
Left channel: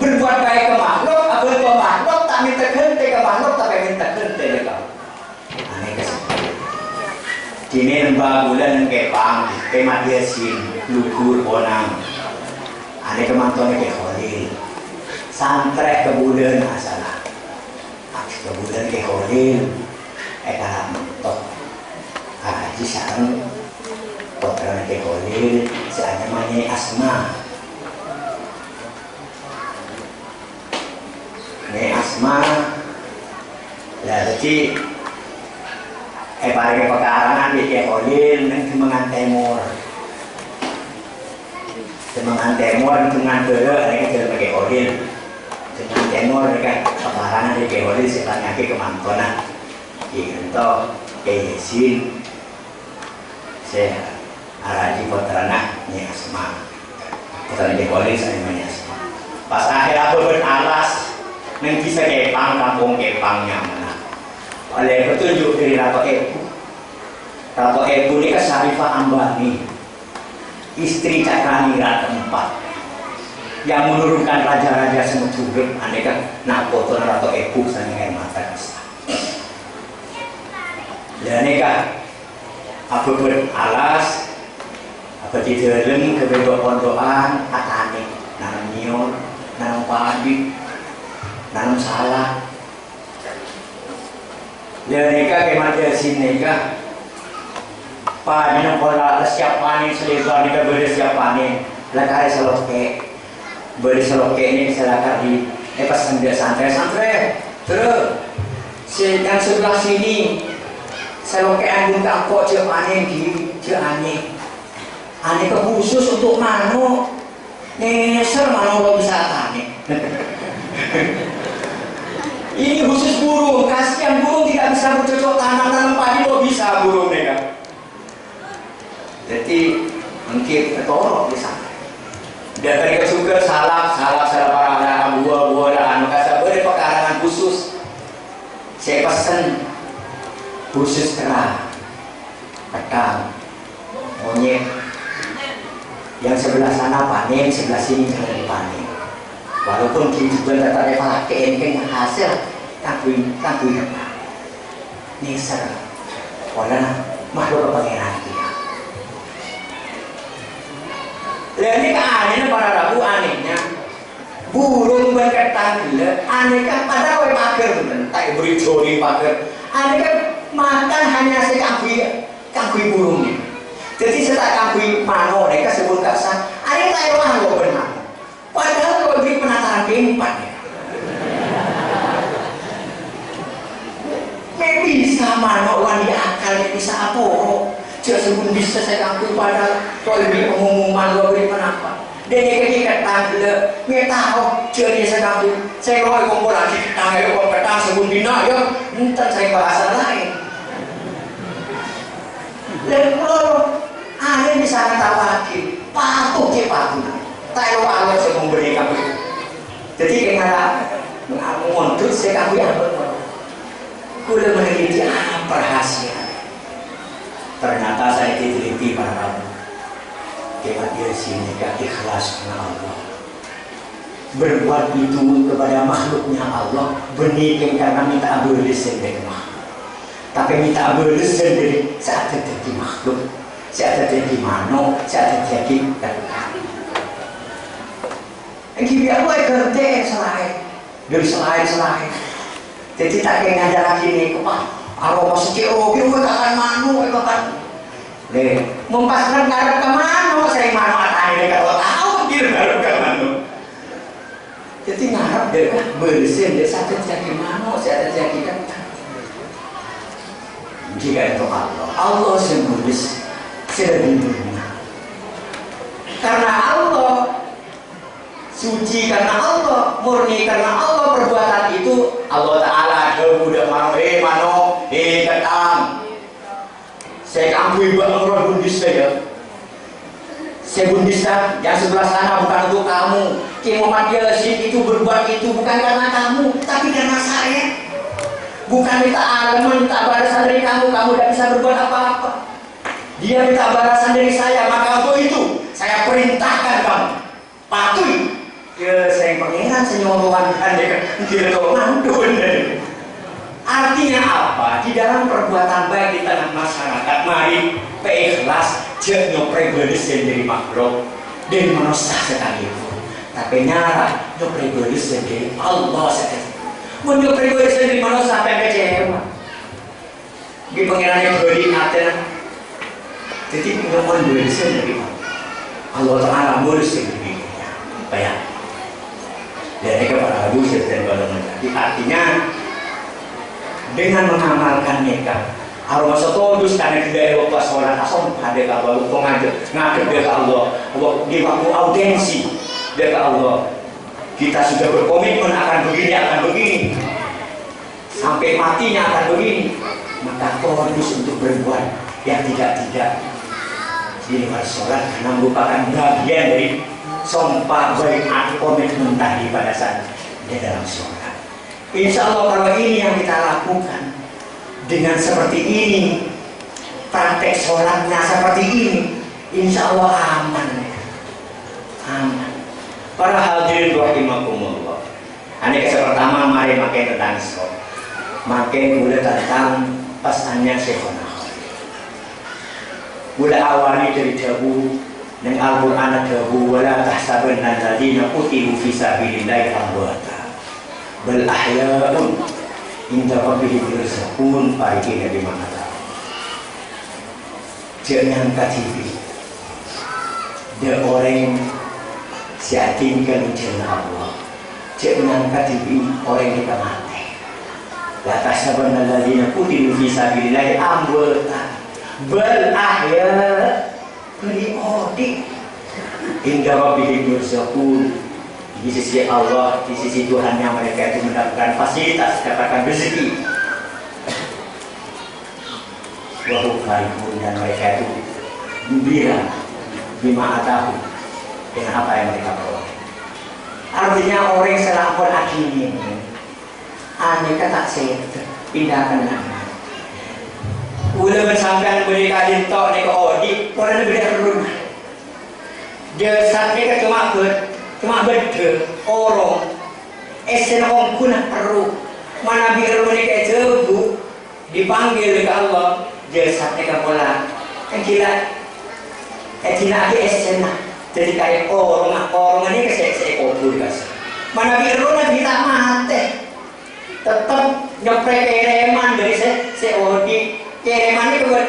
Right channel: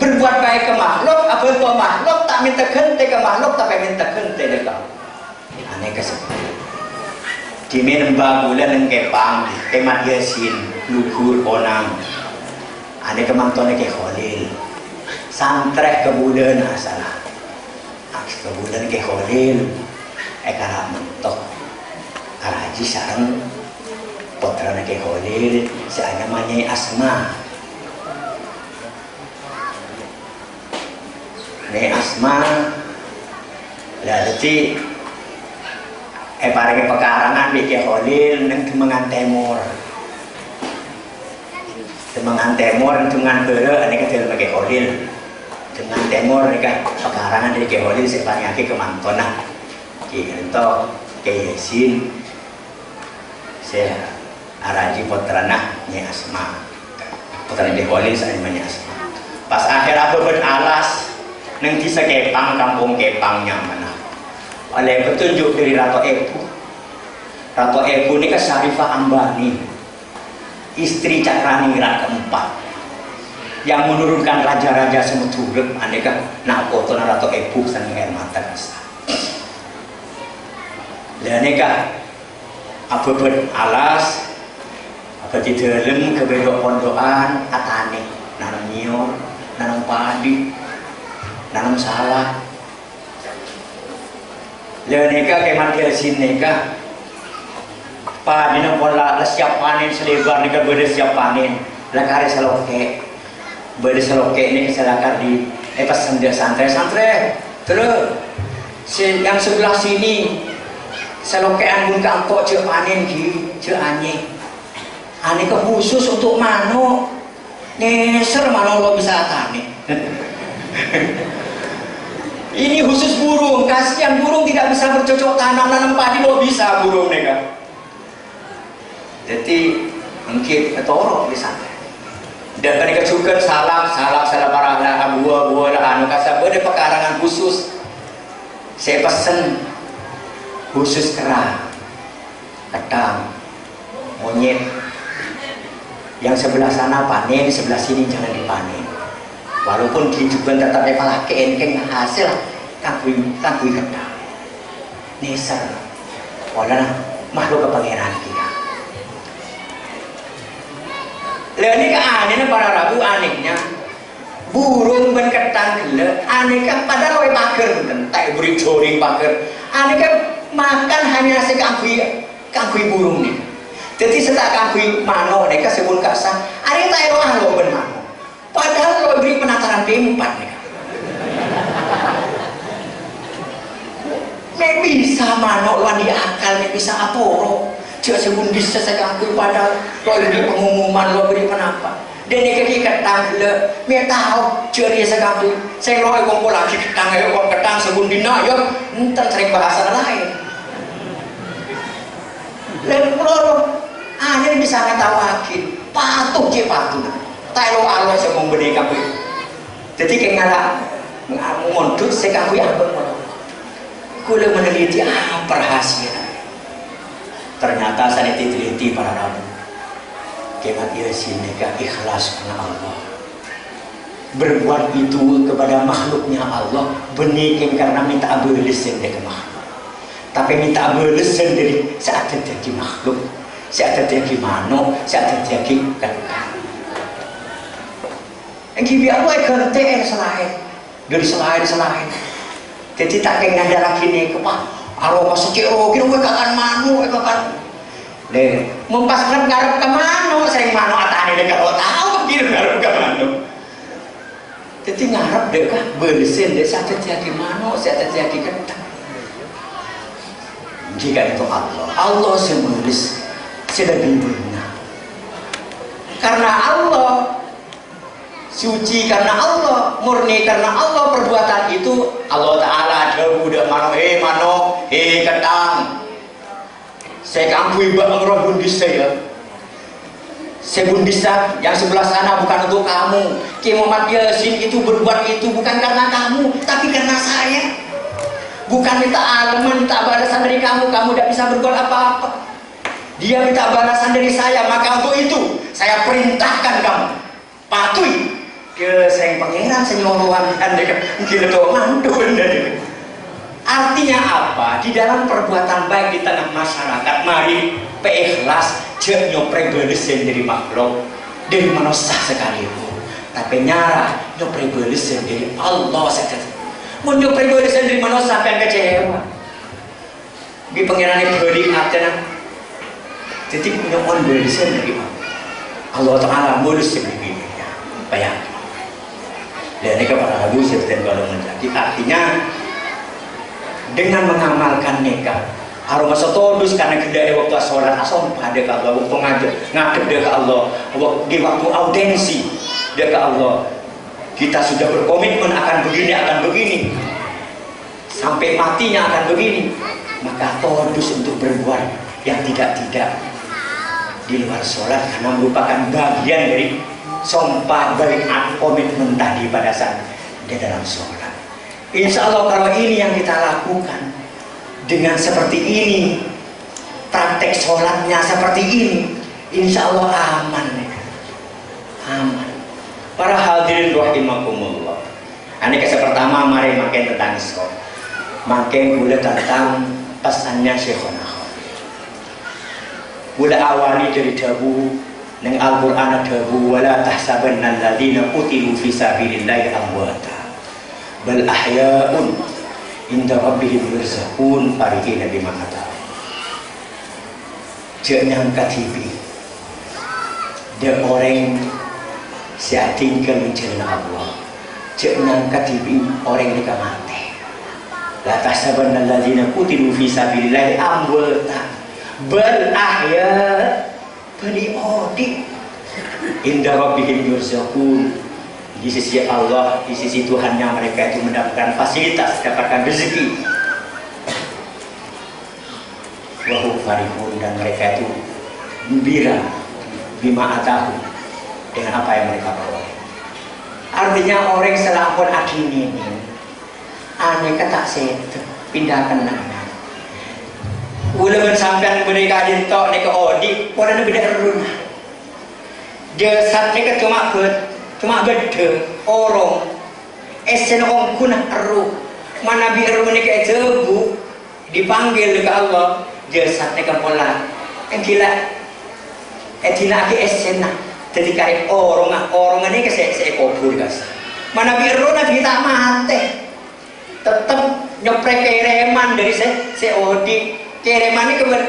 Berbuat baik ke makhluk, apa ke makhluk tak minta ganti ke makhluk, tapi minta ganti ke Allah. Aneh kesempatan. Di menembak bulan kepang, temat yasin, luhur onang. Ada kemangtonnya ke Khalil santrek ke bulan salah ke bulan ke Khalil karena mentok haji sarang putranya ke Khalil saya namanya Asma ini Asma berarti parang pekarangan di ke Khalil dan kemengan timur Semangan timur dengan bere ini kan sebagai Khalil. Dengan timur ini kan pekarangan dari Khalil sebanyak ke Mangkona. Kita ke Yasin. Saya araji putrana nya Asma. Putrana Khalil saya namanya Asma. Pas akhir aku beralas nang bisa kepang kampung kepangnya mana. Oleh petunjuk dari Ratu Ebu. Ratu Ebu ini kan Syarifah Ambani. Istri Cakranira keempat yang menurunkan raja-raja semeturut aneka nak foto atau ebu saking air mata kasta dan aneka apa alas apa di dalam kebebas pondokan atane nanam nyior nanam padi nanam sawah dan aneka kemana neka Padina pola siap panen selebar ni kan siap panen lakar seloke berseloke ini keselakar di pas santai terus yang sebelah sini seloke anggun kangkok cek panen ki cek ane ke khusus untuk mano neser mano lo bisa tani ini khusus burung kasihan burung tidak bisa bercocok tanam padi lo bisa burung mereka. Jadi mungkin ketorok di sana. Dan mereka juga salam para anak buah anu kasar ada pekarangan khusus. Saya pesen khusus kerang, ketang, monyet. Yang sebelah sana panen, sebelah sini jangan dipanen. Walaupun kehidupan tetap evaluasi engkeng hasil takui ketang. Neser, walau makhluk kepangeran kita. Lain ini anehnya para rabu anehnya burung berketang gila aneh kan pada rawe pager tak beri joring pager aneh kan makan hanya si kangkui burungnya jadi setelah kangkui mano mereka sebut kasar aneh tak eroah lo benar padahal lo beri penataran tempat bisa mano wani akal bisa apa jika sebelum bisa saya kangkui padahal kalau ini pengumuman lo beri kenapa Dan yang ketang le, dia tahu jadi sekali. Saya loh kumpul lagi ketang sebelum dina ya, entar sering bahasa lain. Dan kalau ada bisa ngetawakin, patuh ke patuh. Tahu Allah yang memberi kamu. Jadi kayak ngalah untuk sekali apa? Kuda meneliti apa rahasia. Ternyata saya teliti para kamu. Kemat dia sini gak ikhlas karena Allah. Berbuat itu kepada makhluknya Allah benih karena minta abolisen dari makhluk. Tapi minta abolisen dari saat terjadi makhluk, saat terjadi mano, saat terjadi kakak. Yang aku ganti selain dari selain. Jadi tak kena ada lagi nih kepak. Aroma sekiro kira kakan mano, kakan. Deh, mumpaskan garap ke mana? Sering mano atane dekat tahu kira garap ke mana. Jadi ngarap dekat bersin desa terjadi mano, saya terjadi kentang. Jika itu Allah senulis sudah benar. Karena Allah suci karena Allah, murni karena Allah, perbuatan itu Allah Ta'ala udah mano, kentang. Saya kampui bang bundis saya bundisah yang sebelah sana bukan untuk kamu. Ki Muhammad Yasin itu berbuat itu bukan karena kamu, tapi karena saya. Bukan minta alam, minta balasan dari kamu tidak bisa berbuat apa-apa. Dia minta balasan dari saya, maka untuk itu saya perintahkan kamu patuhi ke saya pangeran senyuruhan dan dia mandu. Artinya apa? Di dalam perbuatan baik di tengah masyarakat, mari ikhlas jangan nyopre belisin dari makhluk dari manusia sekalipun. Tapi nyara nyopre belisin dari Allah saja. Mau nyopre belisin dari manusia sampai kecewa. Di pengirannya beli artinya. Jadi nyopre belisin dari Allah Ta'ala belisin dari bayang. Dan ini kepada Abu Sufyan kalau menjadi artinya dengan mengamalkan nikah aroma setodus karena kedai waktu sholat asal pada ke Allah waktu ngadep dia ke Allah di waktu audensi dia ke Allah kita sudah berkomitmen akan begini sampai matinya akan begini maka todus untuk berbuat yang tidak di luar sholat karena merupakan bagian dari sumpah baiat komitmen tadi pada saat di dalam sholat. Insya Allah kalau ini yang kita lakukan dengan seperti ini, praktek sholatnya seperti ini, insya Allah aman. Para hadirin rahimakumullah. Ini yang pertama, mari makin tentang sholat, makin boleh tentang pesannya Syekhona. Boleh awali dari dawu neng Al-Quran dawu wala tahsabanna alladziina qutilu fi sabilillahi amwata. Bal ahya'un inda rabbihim yurzaqun parikina bima kata. Jangan katibi. Dia orang siap tinggal jalan Allah. Jangan katibi orang yang mati. La tahsabanna alladziina qutilu fi sabilillahi amwata. Bal ahya' beli odi inda rabbihim yurzaqun. Di sisi Allah, di sisi Tuhannya mereka itu mendapatkan fasilitas, mendapatkan rezeki. Wahum farihun dan mereka itu gembira bima atahu dengan apa yang mereka bawa. Artinya orang selampun agini ini, aneh kata saya pindahkan nama. Udah bersampai mereka dintok nek odi, orang beda rumah. Dia sakit cuma beda orang esen om kunah peru mana biar menikah jebu dipanggil ke Allah jasad mereka pola yang gila tidak ada esen jadi kayak orang ini kesek kubur guys mana biar nabi tak mati tetap nyeprek kereman dari seodi kereman ini keber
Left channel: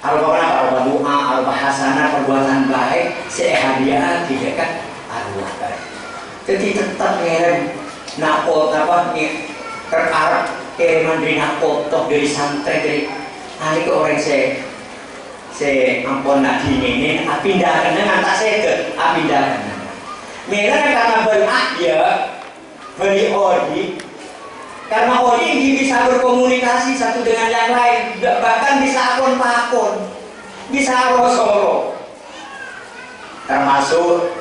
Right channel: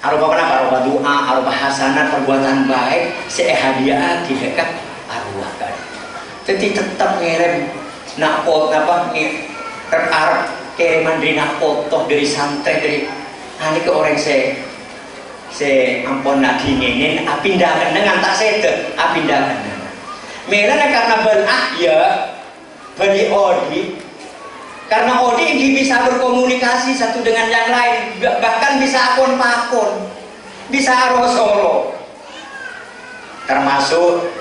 arupa doa arupa hasanah perbuatan baik hadiah tidak kan arwah kan. Jadi tetap ngirim nakot apa nih terarap kiriman dari nakot toh dari santri dari nanti ke orang saya se ampun nak dinginin pindah dengan tak sedek pindah mereka karena berahya beri odi karena odi ini bisa berkomunikasi satu dengan yang lain bahkan bisa akun pakun bisa rosolo termasuk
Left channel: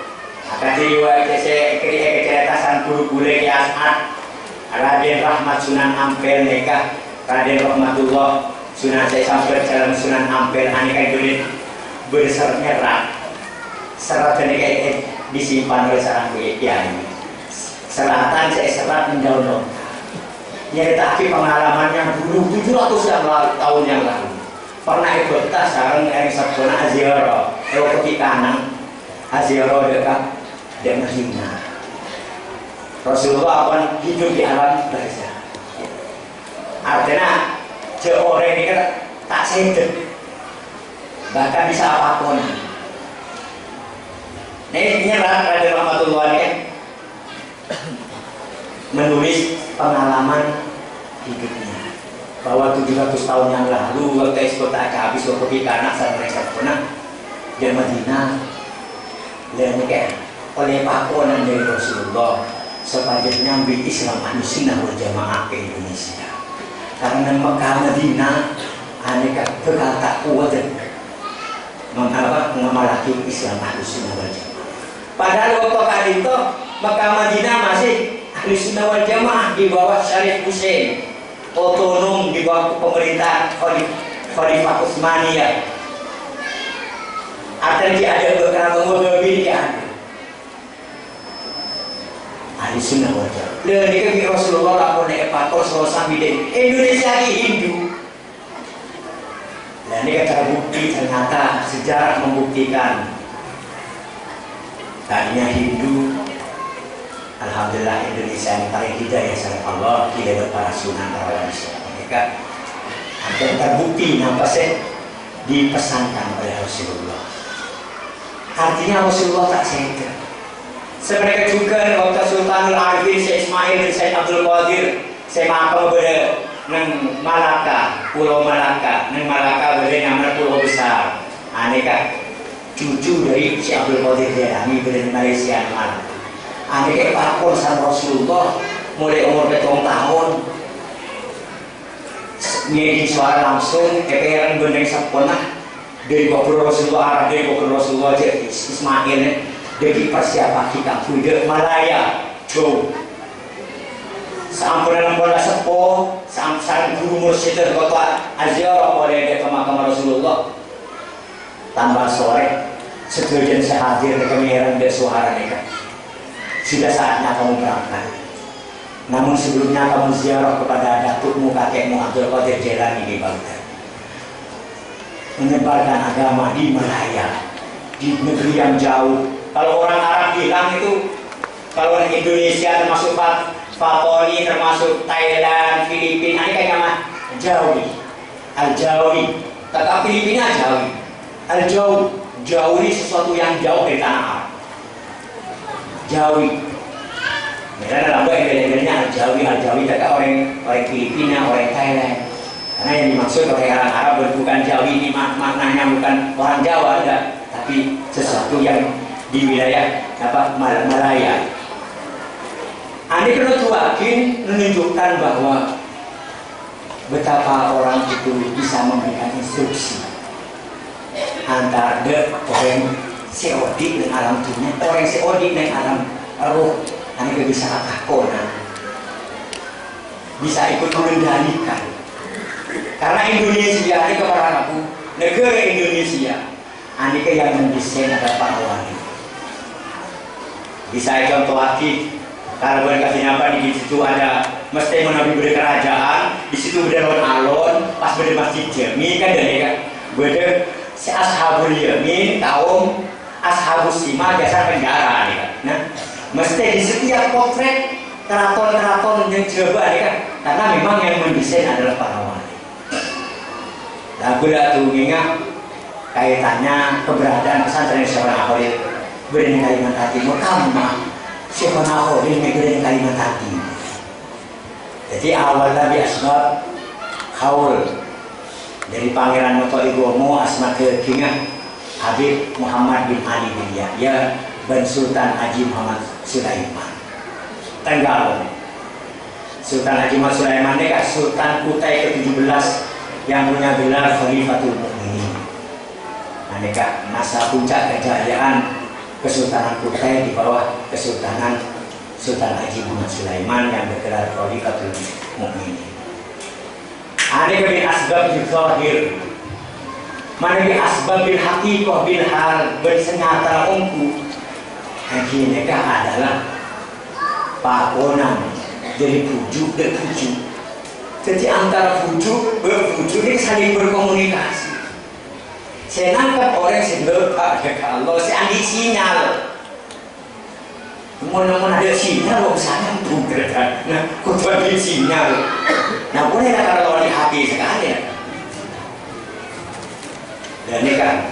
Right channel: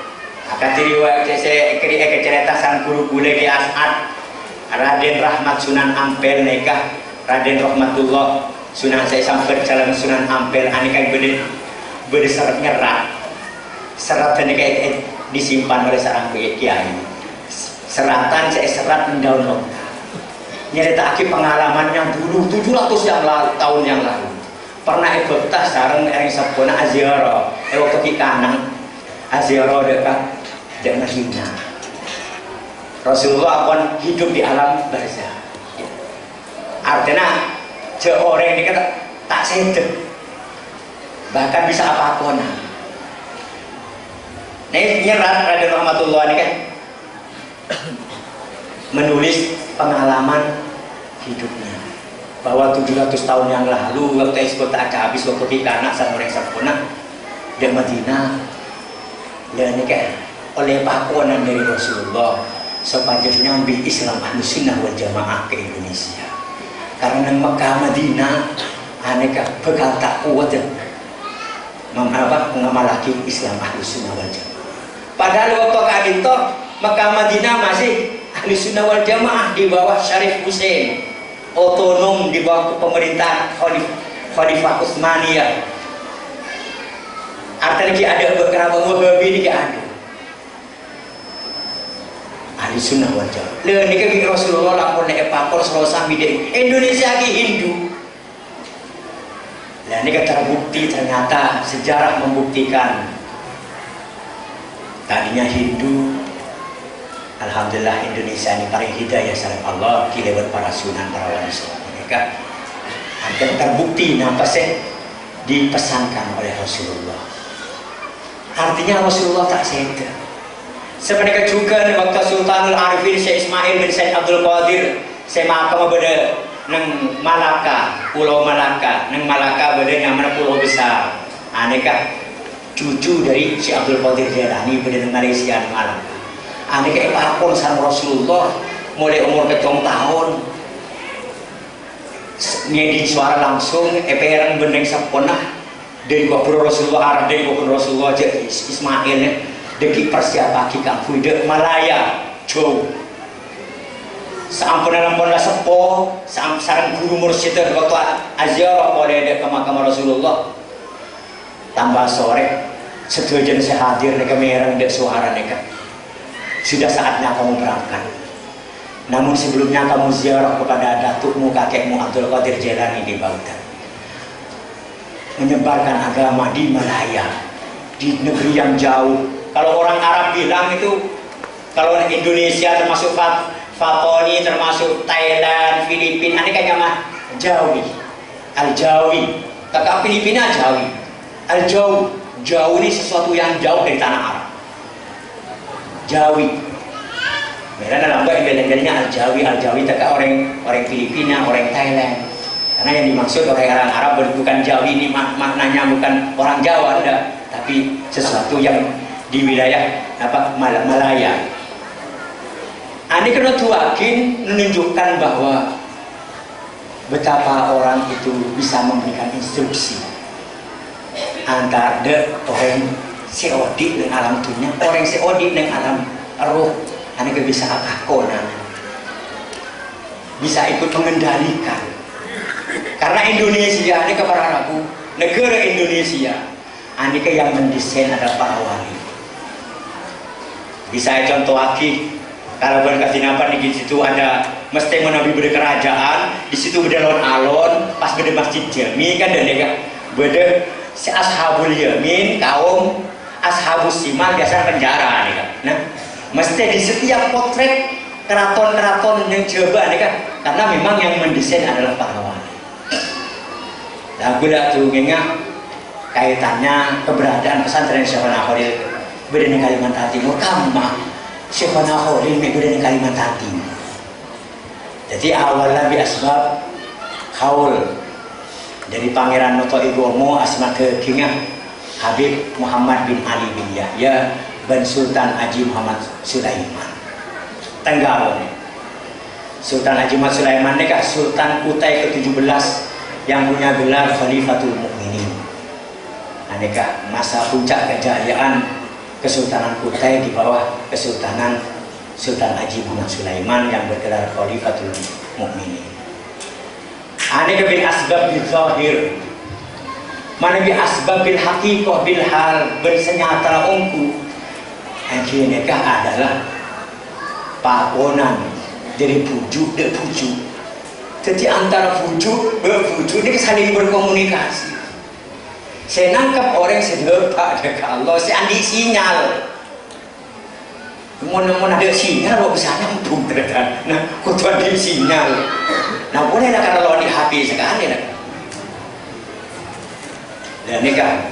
katiriwa keceritasan guru-guru di As'ad Raden Rahmat Sunan Ampel nikah Raden Rahmatullah Sunan saya sampai jalan Sunan Ampel anikan berserat nyerat serat ini kayak disimpan oleh seorang kiai seratan saya serat mendaun nyerita pengalaman yang dulu 700 tahun yang lalu pernah ikut tas sarang yang sabana aziarah waktu kanan aziarah dekat dan Madinah Rasulullah akan hidup di alam barzah artinya seorang ini tak sedek bahkan bisa apapun ini nyerat Raden Rahmatullah ini kan menulis pengalaman hidupnya bahwa 700 tahun yang lalu waktu kota aja habis waktu di kanak sama orang sempurna di Madinah dan ini kan oleh pakuanan dari Rasulullah sepanjangnya ambil Islam Ahlussunnah wal Jamaah ke Indonesia karena Mekah Madinah aneka bekal tak kuat mengamalaki Islam Ahlussunnah wal Jamaah padahal waktu kali itu Mekah Madinah masih Ahlussunnah wal Jamaah di bawah Syarif Hussein otonom di bawah pemerintahan Khalifah Utsmaniyah artinya ada beberapa Wahabi ini ada Ahlussunnah wal Jamaah. Lalu ni Rasulullah lapor naik pakor selesai bidang Indonesia ki Hindu. Dan ini terbukti ternyata sejarah membuktikan tadinya Hindu. Alhamdulillah Indonesia ini paling hidayah sama Allah kita para sunan para wali mereka akan terbukti nampak sih dipesankan oleh Rasulullah. Artinya Rasulullah tak sedar. Sebenarnya juga waktu Sultanul Arifin Syekh Ismail bin Syekh Abdul Qadir saya makan berbeda neng Malaka, Pulau Malaka, neng Malaka berbeda yang mana pulau besar. Aneka cucu dari Syekh Abdul Qadir Jailani berbeda Malaysia Malaka. Aneka pakon sama Rasulullah mulai umur ketong tahun. Ngedi suara langsung, eperan bendeng sempurna dari waktu Rasulullah Arab, dari waktu Rasulullah Ismail. Deki persiapan kita fude Malaya jauh sampai dalam bola sepo sampai guru mursyid kota aziarah boleh ke makam Rasulullah tambah sore setujuan sehadir di kemerang dan suara mereka sudah saatnya kamu berangkat namun sebelumnya kamu ziarah kepada datukmu kakekmu Abdul Qadir Jailani di Baghdad menyebarkan agama di Malaya di negeri yang jauh. Kalau orang Arab bilang itu, kalau orang Indonesia termasuk Fatoni, termasuk Thailand, Filipina, ini kayaknya mah Jawi, Al-Jawi. Kakak Filipina Jawi, Al-Jawi, Jawi ini sesuatu yang jauh dari tanah Arab. Jawi. Mereka dalam bahasa Indonesia Al-Jawi, Al-Jawi. Kakak orang Filipina, orang Thailand. Karena yang dimaksud orang Arab bukan Jawi ini maknanya bukan orang Jawa ada, tapi sesuatu yang di wilayah Malaya. Ini kena tuakin menunjukkan bahwa betapa orang itu bisa memberikan instruksi antara orang seodik dengan alam dunia, orang seodik dengan alam roh. Ini bisa akakona, bisa ikut mengendalikan. Karena Indonesia ini kepada aku negara Indonesia, ini yang mendesain ada para wali. Bisa contoh lagi, kalau berkasih apa di situ ada mesti menabi berkerajaan, di situ ada alon-alon, pas ada masjid Jami kan ada kan, ada si ashabul yamin kaum ashabus simal biasa penjara nih kan. Nah, mesti di setiap potret keraton-keraton yang Jawa nih kan, karena memang yang mendesain adalah para wali. Lagu tuh ingat kaitannya keberadaan pesantren Syekh Nakhol berada di Kalimantan Timur, kama Syekh Nakhol berada di Kalimantan Timur. Jadi awalnya bi asbab haul dari Pangeran Notoigomo Asma Kekingah Habib Muhammad bin Ali bin Yahya bin Sultan Haji Muhammad Sulaiman Tenggalo. Sultan Haji Muhammad Sulaiman ini kan Sultan Kutai ke-17 yang punya gelar Khalifatul Mukminin. Nah, ini kan masa puncak kejayaan Kesultanan Kutai di bawah Kesultanan Sultan Haji Muhammad Sulaiman yang bergelar Khalifatul Mukminin. Ini bin asbab bil zahir, mana bi asbab bil haqiqah bil hal, bersenyata ongku. Ini adalah pakonan dari pujuk dan pujuk. Jadi antara pujuk berpujuk ini saling berkomunikasi. Saya nangkap orang yang lepak dekat Allah, saya ambil sinyal. Mau ada sinyal, lo bisa nyambung ternyata. Nah, kutu ambil sinyal. Nah, boleh lah kalau di HP sekali lah. Dan ini kan,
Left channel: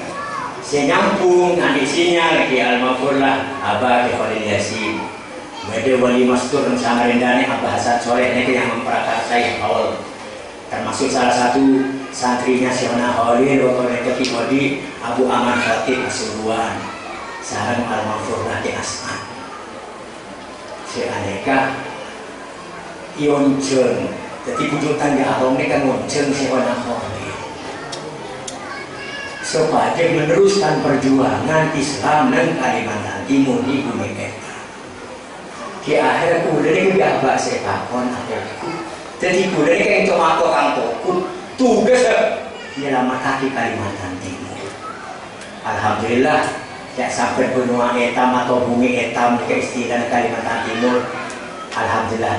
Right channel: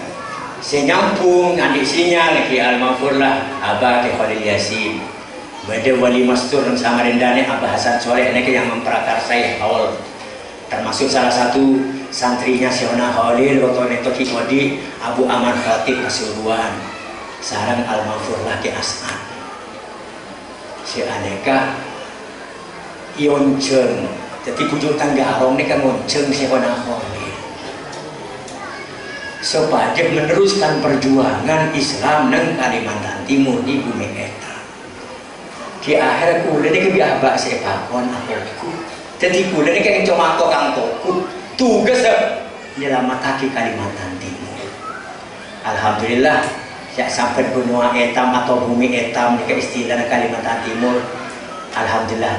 saya nyambung, ambil sinyal ke Al-Mafurlah, Abah ke Khalil Yasin. Ada wali mastur dan Samarinda ini Abah Hasan Soleh ini yang memprakarsai awal, termasuk salah satu santrinya Syona Khalil waktu itu Kikodi Abu Aman Khatib Pasuruan sarang Al-Mafur laki As'ad si aneka Ionceng. Jadi kudu tangga arong ini kan Ionceng Syona Khalil supaya meneruskan perjuangan Islam dan Kalimantan Timur di bumi eta. Di akhir kuda ini biar sepakon aku. Jadi kuda ini kayak cuma kang toku tugas menyelamatkan Kalimantan Timur. Alhamdulillah ya sampai benua etam atau bumi etam ke istilah Kalimantan Timur. Alhamdulillah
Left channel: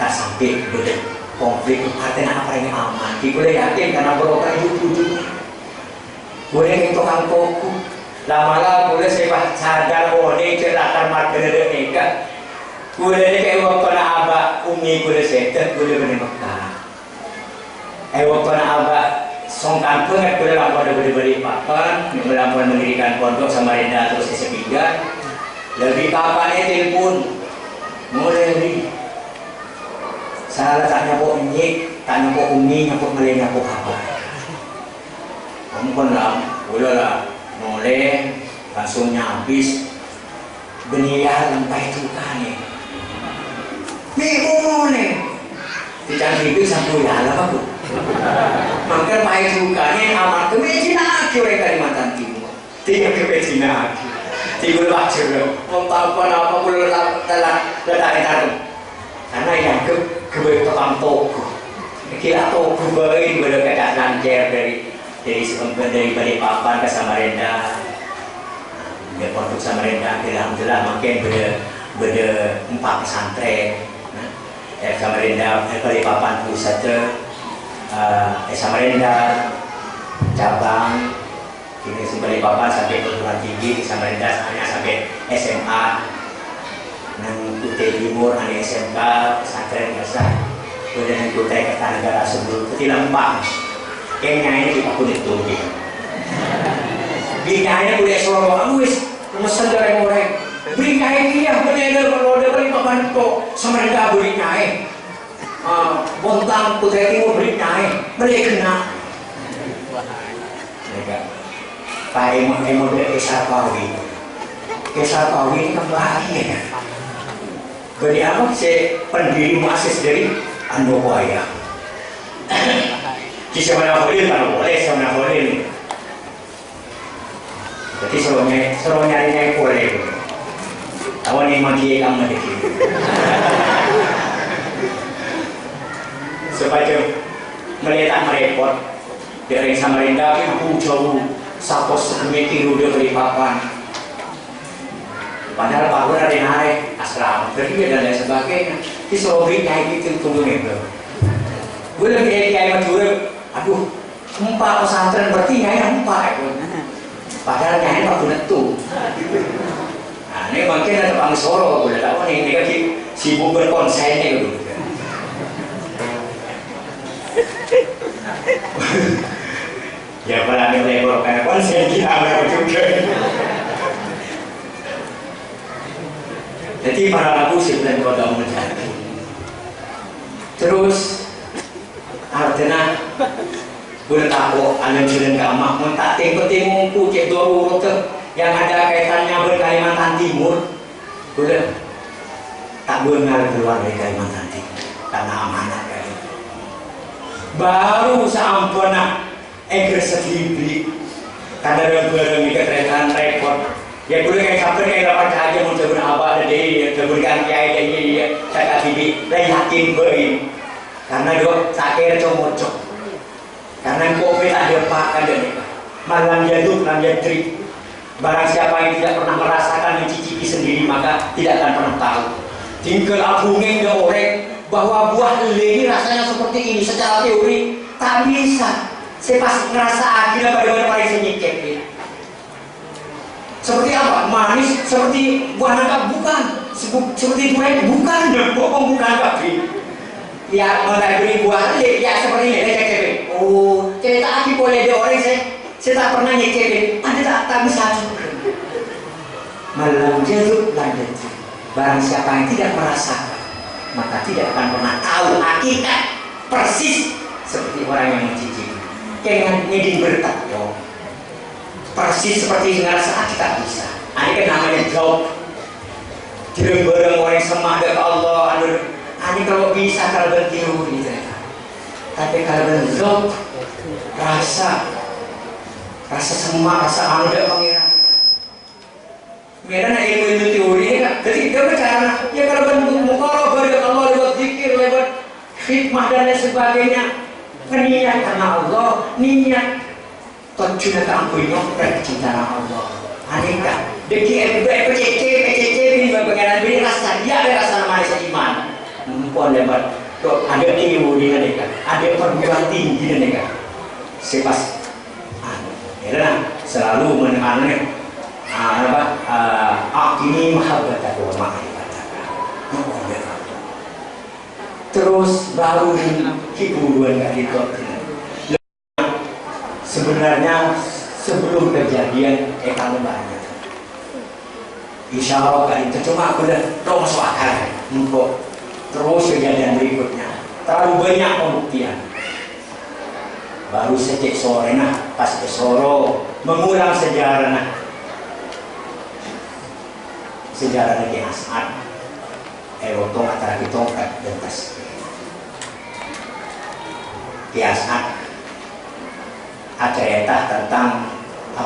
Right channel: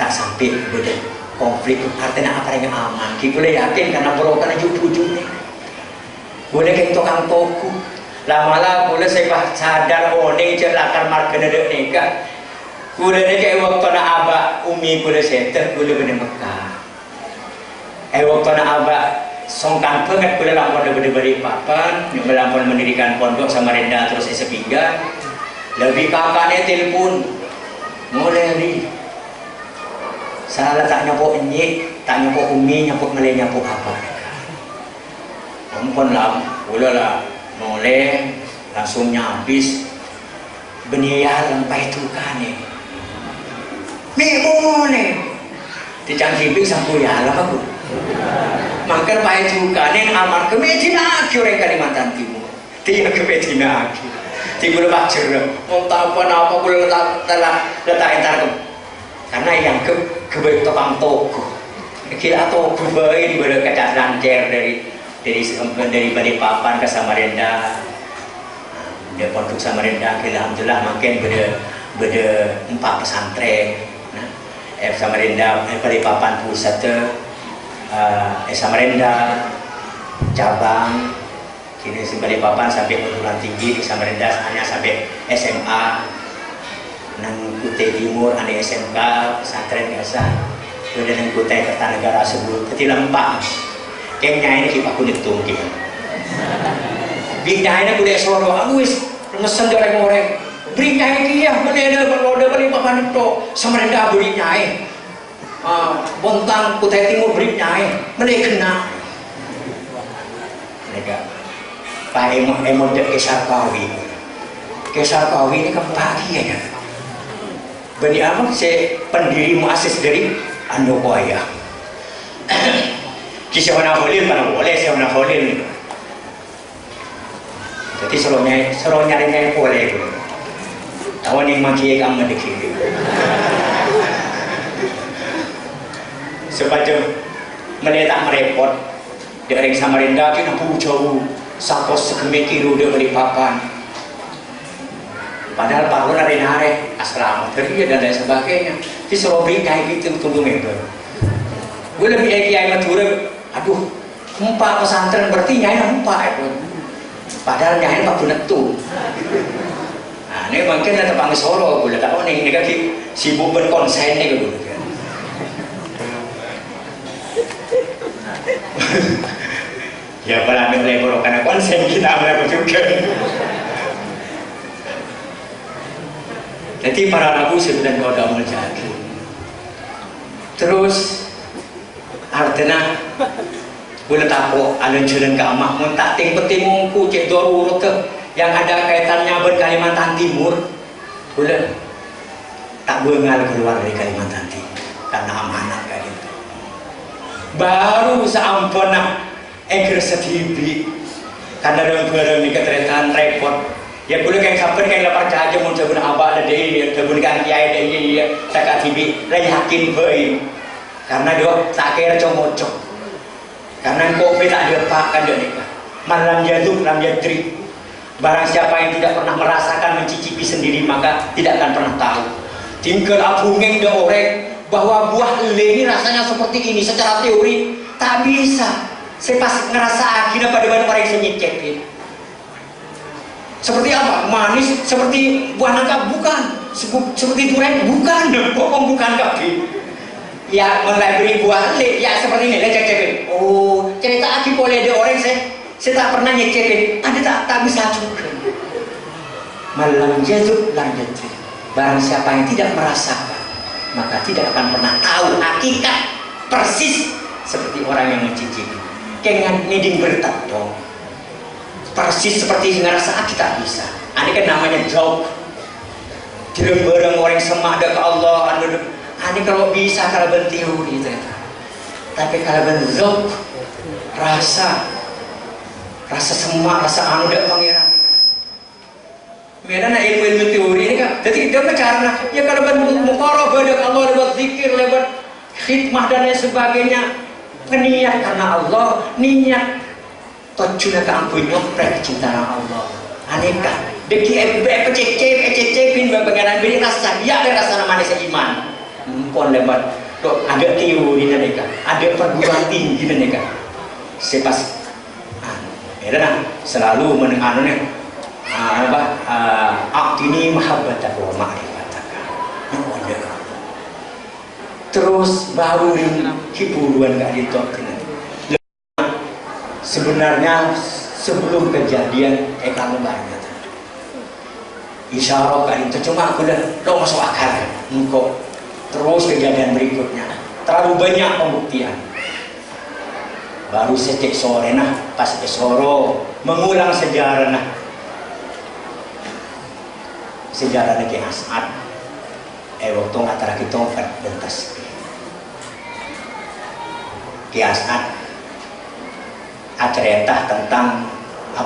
tak sampai beda konflik artinya apa yang aman. Kita boleh yakin karena berokan ujung-ujungnya. Boleh kayak tukang toku. Lama-lama boleh saya sadar ini cerlakan marga nikah. Boleh kayak waktu na abah umi boleh seter boleh bener Mekah. Waktu na abah songkan pengen boleh lampau beri papan, melampau mendirikan pondok Samarinda terus sepiga. Lebih papannya telepon, mulai di. Salah tak nyapok nyek, tak nyapok umi, nyapok meleng nyapok apa. Kamu pun lah, boleh lah, mulai langsung nyabis. Beniar lampai tukar nih. Mimo nih, dicangkipi sampai ya lah aku. Makan baik juga nih aman ke Medina orang Kalimantan Timur. Tinggal ke Medina lagi. Tinggal baca mau tahu apa boleh telah letak itu. Karena yang kebaik tukang toko. Kira toko baik boleh kata lancar dari Balikpapan ke Samarinda. Dia pondok Samarinda alhamdulillah makin beda 4 pesantren. Samarinda Balikpapan pusat Samarinda cabang kini Balikpapan sampai perguruan tinggi di Samarinda hanya sampai SMA nang Kutai Timur ada SMK pesantren biasa kemudian nang Kutai Kertanegara sebelum jadi lempang kayaknya ini kita kulit tunggi bidanya kulit Solo awis mesen goreng-goreng berinya ini ya bener kalau ada Balikpapan itu Samarinda berinya Bontang Kutai Timur berinya mereka kena mereka Pak Emon dari Kesarpawi ini kan lagi ya beri apa si pendiri muasis dari Andokoya kisah mana boleh kan boleh kisah mana boleh jadi selalu nyari boleh tahu nih maki kamu dikit supaya melihat merepot dari Samarinda kita jauh 1,5 kilo dari Balikpapan padahal Pak Guru ada narik asrama kerja dan lain sebagainya di Surabaya kayak gitu tunggu itu gue lebih kiai Madura aduh 4 pesantren berarti nyai 4 itu padahal nyai 4 netu nah ini mungkin ada Pak Solo gue tahu nih ini kan sibuk berkonsen nih gue ya berani melebur karena konsen kita berapa juga jadi para nabi sebenarnya udah menjadi terus artinya Kula takut alun jalan ke amah mun tak penting mungku cek dorur ke yang ada kaitannya berKalimantan Timur. Kula tak bengal keluar dari Kalimantan Timur karena amanat kali. Baru seampuna engker setibli karena orang tua mikir terekan repot. Ya boleh kayak sampai kayak lapar aja mau coba abah ada deh, coba kan kiai deh ya, tak tibi, lah yakin baik. Karena doa sakit comocok. Karena kopi tak dilepas dari malam jatuh, malam jatuh. Barang siapa yang tidak pernah merasakan mencicipi sendiri maka tidak akan pernah tahu. Tinggal abungeng dan orang bahwa buah lele ini rasanya seperti ini secara teori tak bisa. Saya pas ngerasa akhirnya pada orang yang nyicip ini. Seperti apa? Manis seperti buah nangka bukan. Seperti durian bukan. Bohong bukan kapi. Ya mulai beri buah lele ya seperti ini. Cek. Oh cerita aki boleh ada orang saya tak pernah nyicipin. Anda tak bisa juga. Malam jatuh lanjut. Barang siapa yang tidak merasakan maka tidak akan pernah tahu hakikat persis seperti orang yang mencicipi. Kayak ngeding bertepung persis seperti ngerasa kita bisa. Ini kan namanya jauh. Tidak bareng orang semada ke Allah. Ini kalau bisa kalau berteori, tapi kalau berjauh rasa semak, rasa anu tidak mengira. Mereka ilmu teori ini kan. Jadi dia karena ya kalau bermukarabah dengan Allah lewat zikir, lewat khidmah dan lain sebagainya, niat karena Allah, niat tujuan keampunnya kecintaan Allah. Aneka deki ecek bagian beri rasa dia ada rasa namanya seiman. Pon lebat ada teori aneka, ada perguruan tinggi aneka. Sepas ya selalu menangannya aktini mahabbataku wa ma'rifataka. Terus baru hiburan gak ditolak. Sebenarnya sebelum kejadian kamu banyak isyarat kan itu cuma aku udah tau masuk akal engkau terus kejadian berikutnya terlalu banyak pembuktian baru sejak sore pas ke Soro mengulang sejarah sejarah Ki As'ad waktu antara kita bentas Ki As'ad cerita tentang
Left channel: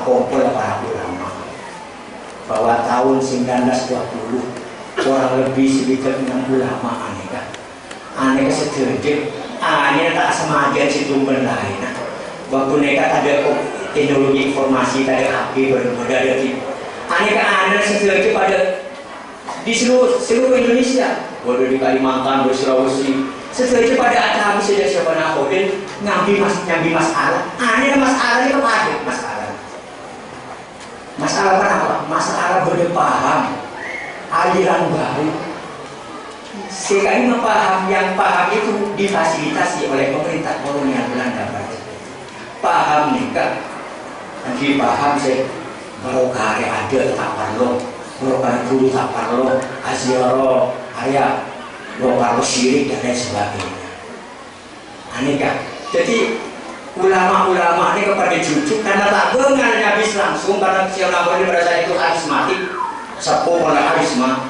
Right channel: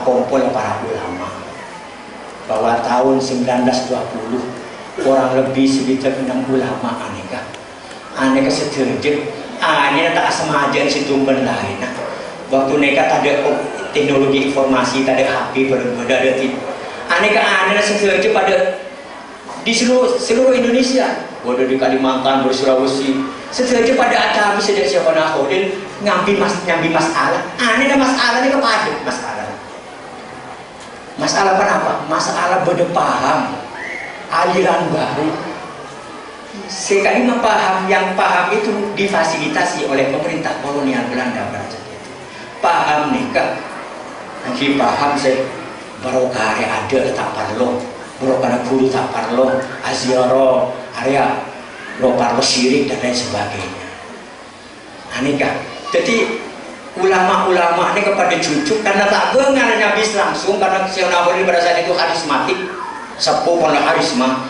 kumpul para ulama bahwa tahun 1920 kurang lebih sekitar 6 ulama aneka setuju tak semajan sejumlah lain waktu mereka tak ada teknologi informasi tak ada HP berbeda aneka setuju pada di seluruh Indonesia waduh di Kalimantan, di Sulawesi setuju pada ada bisa dari siapa nakhodin nyambi masalah ada masalah ini kepada masalah apa? Masalah beda paham aliran baru sekali paham yang paham itu difasilitasi oleh pemerintah kolonial Belanda paham nikah nanti paham saya barokah ada tak perlu barokah guru tak perlu aziarah area barokah syirik dan lain sebagainya aneka jadi ulama-ulama ini kepada cucu karena tak bengal habis langsung karena siapa ini pada saat itu karismatik sepuh oleh karisma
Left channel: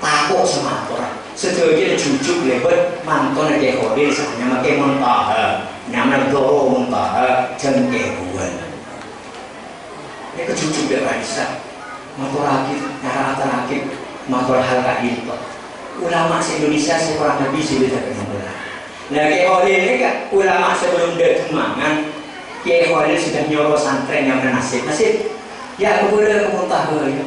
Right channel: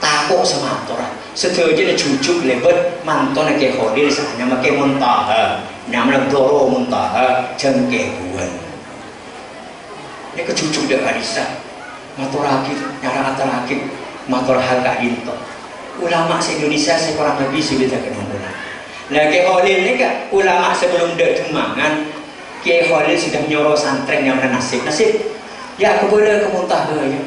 takut sama orang setuju ada cucu lebat manton ke hodir misalnya makai muntaha namanya doro muntaha jengke buan ini ke cucu dia karisa motor rakit nyara atar rakit motor hal kain ulama se-Indonesia kurang lebih sudah kenal. Nah, Kiai Khalil ini kan ulama sebelum dia Demangan, Kiai Khalil sudah nyuruh santren yang nasib. Ya kepada kemuntah ya,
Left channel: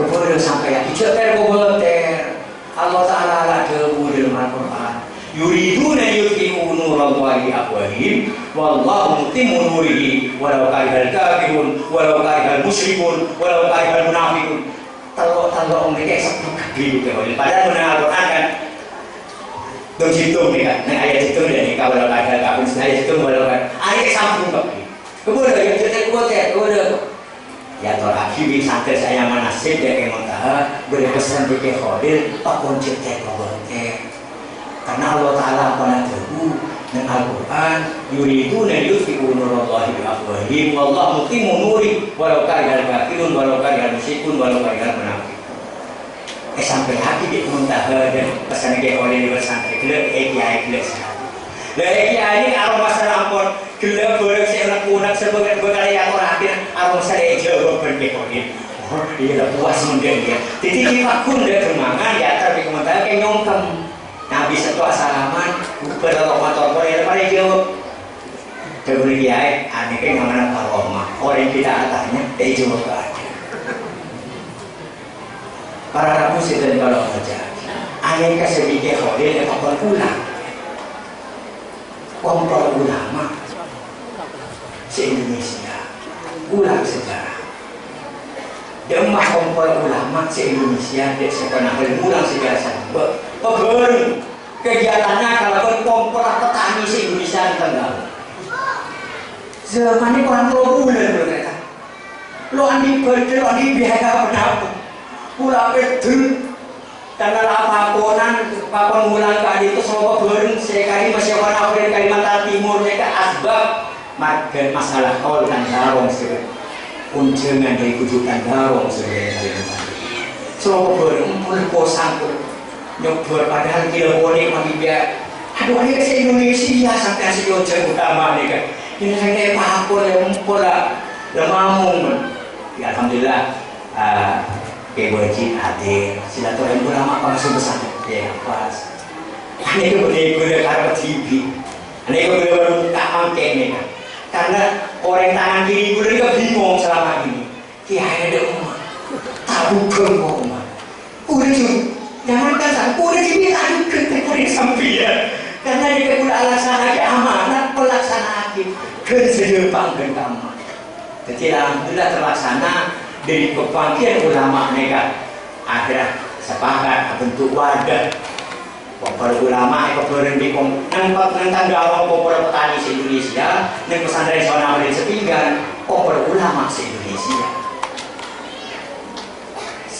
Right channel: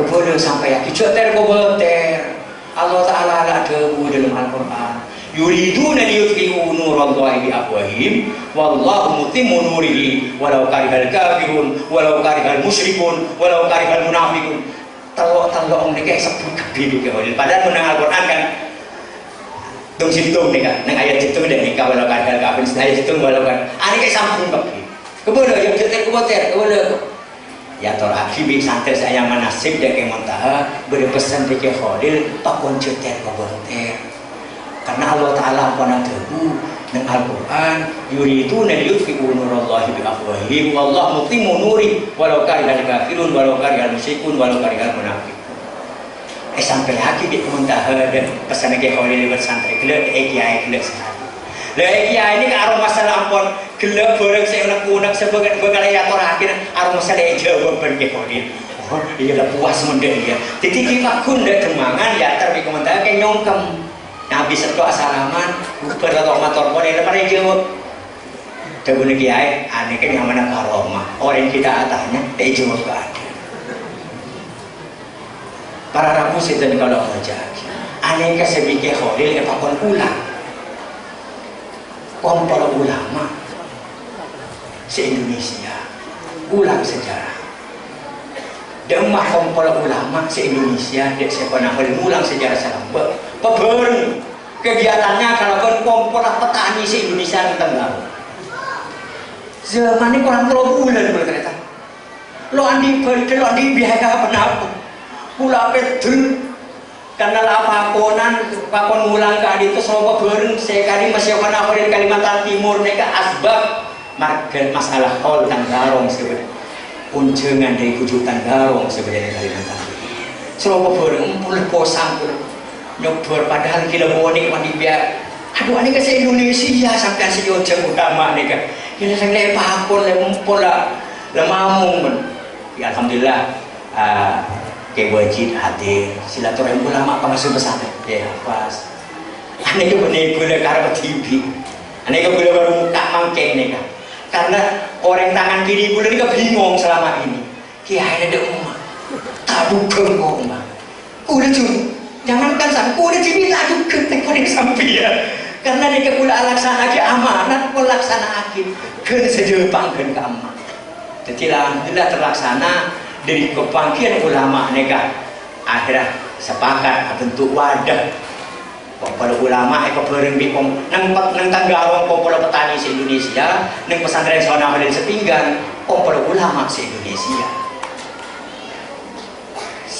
kepada sampai ya. Dicoter kebeter. Allah Taala ada debu dalam Al-Quran. Yuriduna yutfi'u nurallahi afwahim, wallahu mutimmu nurihi, walau karihal kafirun, walau karihal musyrikun, walau karihal munafiqun. Tolong mereka sebut gede Kiai Khalil. Padahal menang Al-Quran kan. Dong situng nih kan, neng ayat situng dan nikah walau kadal kafir, saya situng walau kan, ani kayak sambung pakai, kemudian yang cerita kemudian, ya tolak hibi santai saya manasib dan kayak montaha berpesan Kiai Khalil tak boncet kemudian, karena Allah Taala pada debu Nang Al-Quran yuriduna yutfi'u nurallahi bi afwahihim wallahu mutimmu nuri walau karihal kafirun walau karihal musyrikun walau karihal munafiqun. Sampai lagi di muntaha dan pesan ke oleh bersantri gelap kiai gelap sekali. Lah kiai ini karo masalah ampun gelap bareng saya unak sebagai ya orang akhir aro masalah jawab ben ke oleh. Oh iya dah puas mendeng dia. Jadi kita kun dak kemangan ya tapi komentar ke nyongkem. Nabi setelah salaman, berlalu motor pun ini pada jawab. Kemudian dia, aneh kan yang mana karoma. Orang kita atasnya, dia jawab ke ada. Para rabu sedang kalau baca, aneh kan sedikit kholil, apa ulang. Kompor ulama se-Indonesia, ulang sejarah. Demah kompor ulama se-Indonesia, dia sepanah ulang sejarah sampai. Pebun kegiatannya kalau kompor petani se Indonesia Tenggara. Zaman ini kurang 3 bulan berkata. Lo andi biaya apa? Pula betul karena apa-aponan pakon ngulang kali itu semua pebun sekali masih pada Afrika Kalimantan Timur mereka asbab margen masalah kol dan garong sebenarnya. Unjengan dari kujutan garong sebenarnya Kalimantan. Semua pebun pun kosang pun. Nyobor padahal kita bonek mandi biar aduh ini ke Indonesia sampai si ojek utama nih kan ini saya apa lempol lah lemamung ya alhamdulillah kewajib hadir silaturahmi ulama pengasuh besar ya pas ini itu benar-benar karena TV ini itu benar-benar tak mangkeng nih kan karena orang tangan kiri gue ini bingung selama ini kiai ada umat tabu kok umat udah cuy jangankan sangku udah diminta juga teknik sampai karena dia pula alasan aja amanat pelaksana akhir kan sejepang kan kamu jadi alhamdulillah terlaksana dari kebangkitan ulama nega akhirnya sepakat bentuk wadah para ulama bareng bipom nang tanggarong para petani se-Indonesia nang pesantren Sonah dari Setinggan para ulama se-Indonesia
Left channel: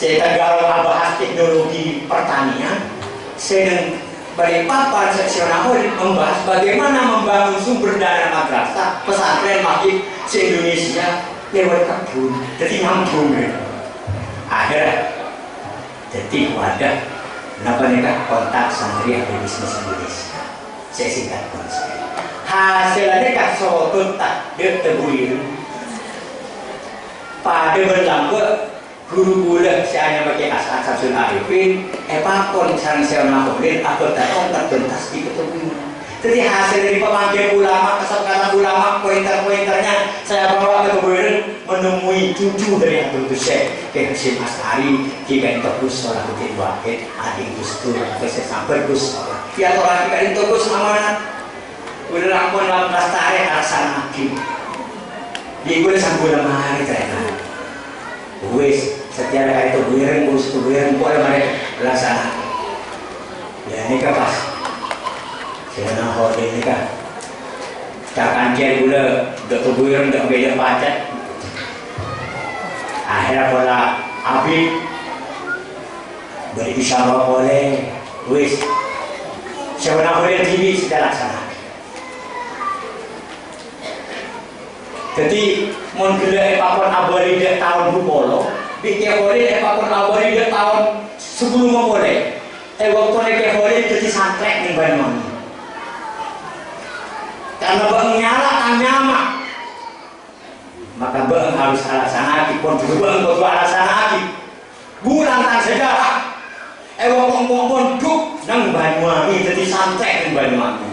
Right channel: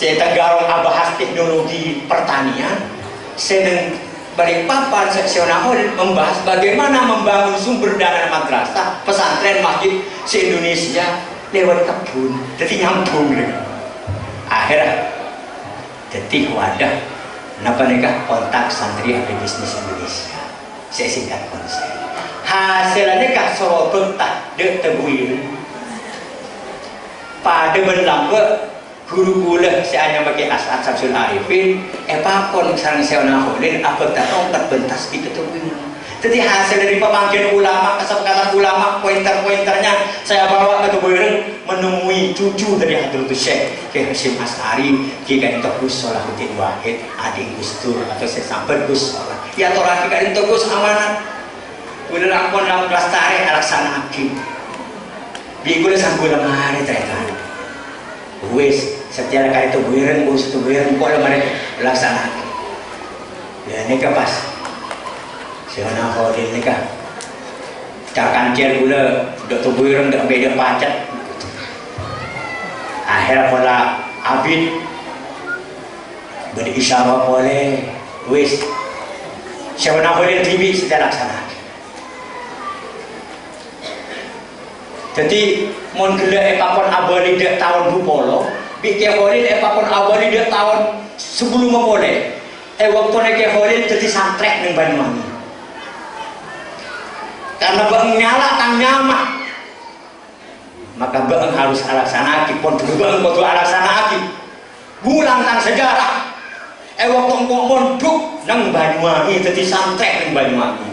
saya tanggarong bahas teknologi pertanian saya Balikpapan seksional membahas bagaimana membangun sumber dana madrasah pesantren masjid se-Indonesia lewat kebun jadi nyambung akhirnya jadi wadah kenapa nikah kontak santri ada bisnis Indonesia saya singkat konsep hasilnya kah sorot tak tebuir pada berlambat guru gula saya hanya pakai asal Samsul Arifin pakon sarang saya naholin apa datang terbentas di ketubing jadi hasil dari pemanggilan ulama kesepakatan ulama pointer-pointernya saya bawa ke keburen menemui cucu dari Hadratus Syekh Kiai Hasyim Asy'ari Kiai Gus Salahuddin Wahid adik Gus Dur atau saya sampai Gus Salah ya orang Kiai Gus amanat udah lakon 16 tarik alasan hakim di gue sambil lemari ternyata wis setiap kali itu buiren kok mereka laksanakan ya ini kan pas saya hodin ini kan cakan cer gula dok tu buiren dok beda pacet akhirnya pola abid beri isyarat boleh wis saya hodin TV sudah laksanakan jadi mon gila pakon abadi dia tahun bupolo bikin horin pakon abadi dia tahun sebelum memulai waktu neke horin jadi santrek ning Banyuwangi karena bang nyala kang nyama maka bang harus alasanaki pon bang kudu alasanaki bulan kang sejarah waktu ngomong monduk nang Banyuwangi jadi santrek ning Banyuwangi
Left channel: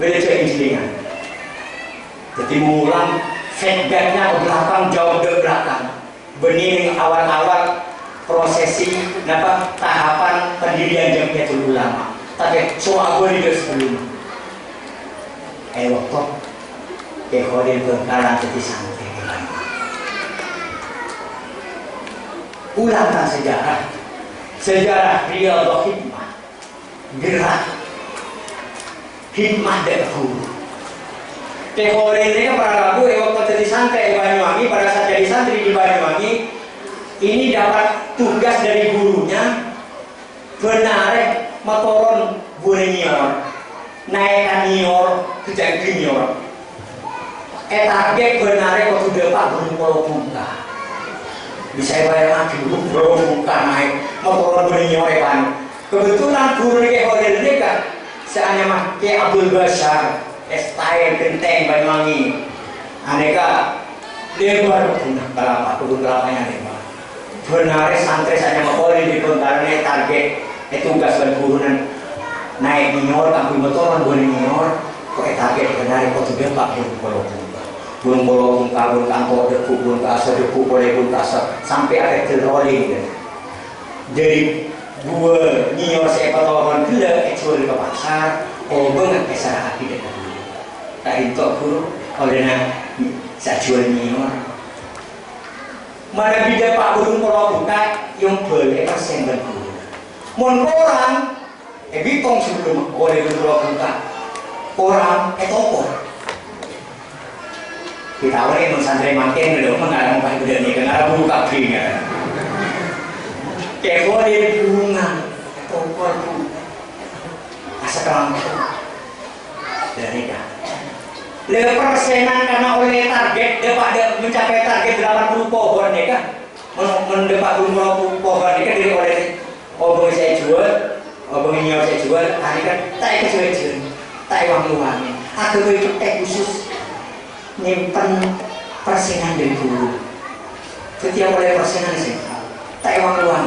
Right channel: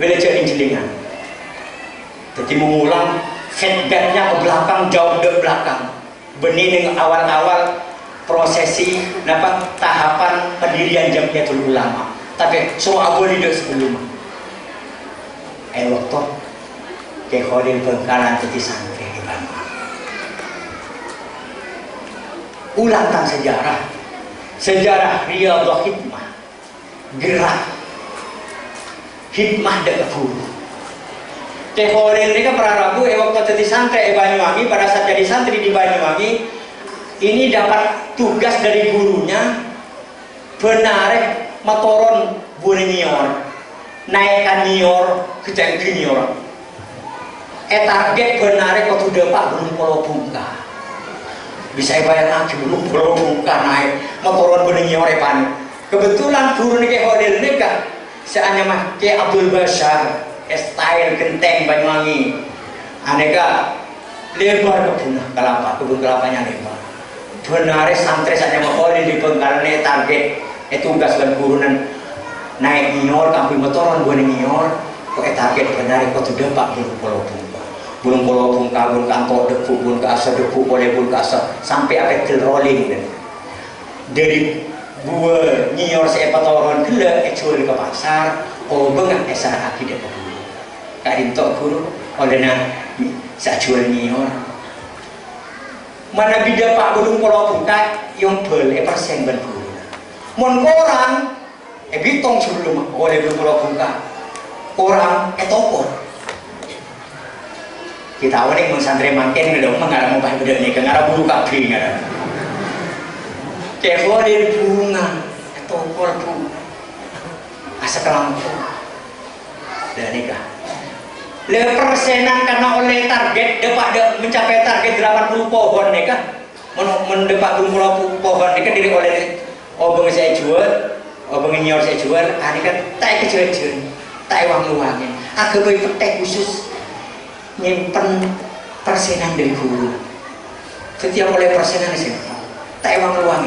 beda jadi jelingan jadi mengulang headbacknya ke belakang jauh ke belakang benih dengan awal-awal prosesi tahapan pendirian Jamiatul Ulama tapi soal boleh tidak sebelum waktu ke Khodil Bengkalan jadi sampai di Banyuwangi ulangkan sejarah Riyadhah Hikmah gerak hikmah dan guru Kekhorin ini kan Prarabu waktu jadi santri di Banyuwangi pada saat jadi santri di Banyuwangi ini dapat tugas dari gurunya benar motoron Buringior naikkan nior kejang nior target benare kok sudah Pak Gunung Pulau Bungka bisa bayar lagi Gunung Pulau Bungka naik motoran bening nior kebetulan guru nih hotel ini kan seandainya mah kayak Abdul Basar style genteng Banyuwangi aneka lebar kebun kelapanya lebar benare santri saja mah boleh di Bengkalane target tugas dan gurunan naik nior kampung motoran bening nior kok target benare kok sudah Pak Gunung Pulau Bungka Gunung Pulau Bungka, gunung kantor deku, gunung kasar deku, boleh gunung kasar sampai ada rolling dari gua nyior siapa tahun gila curi ke pasar bengan esar akibat dulu kak itu guru olehnya saya jual nyior mana bida Pak Gunung Pulau Bungka yang boleh persen berguru mon orang bitong sebelum oleh Gunung Pulau Bungka orang tongkor kita awalnya emang santri makin udah mengalami apa udah nih karena bulu kaki nggak kayak boleh bunga tokor bu asa kelampung dan nikah lebih persenan karena oleh target dapat mencapai target 80 pohon nikah mendapat pohon nikah diri oleh obeng saya jual obeng nyior saya jual hari kan tak kecil-kecil tak uang-uangnya agak itu teh khusus nyimpen persenan dari guru setiap oleh persenan sih tak emang luang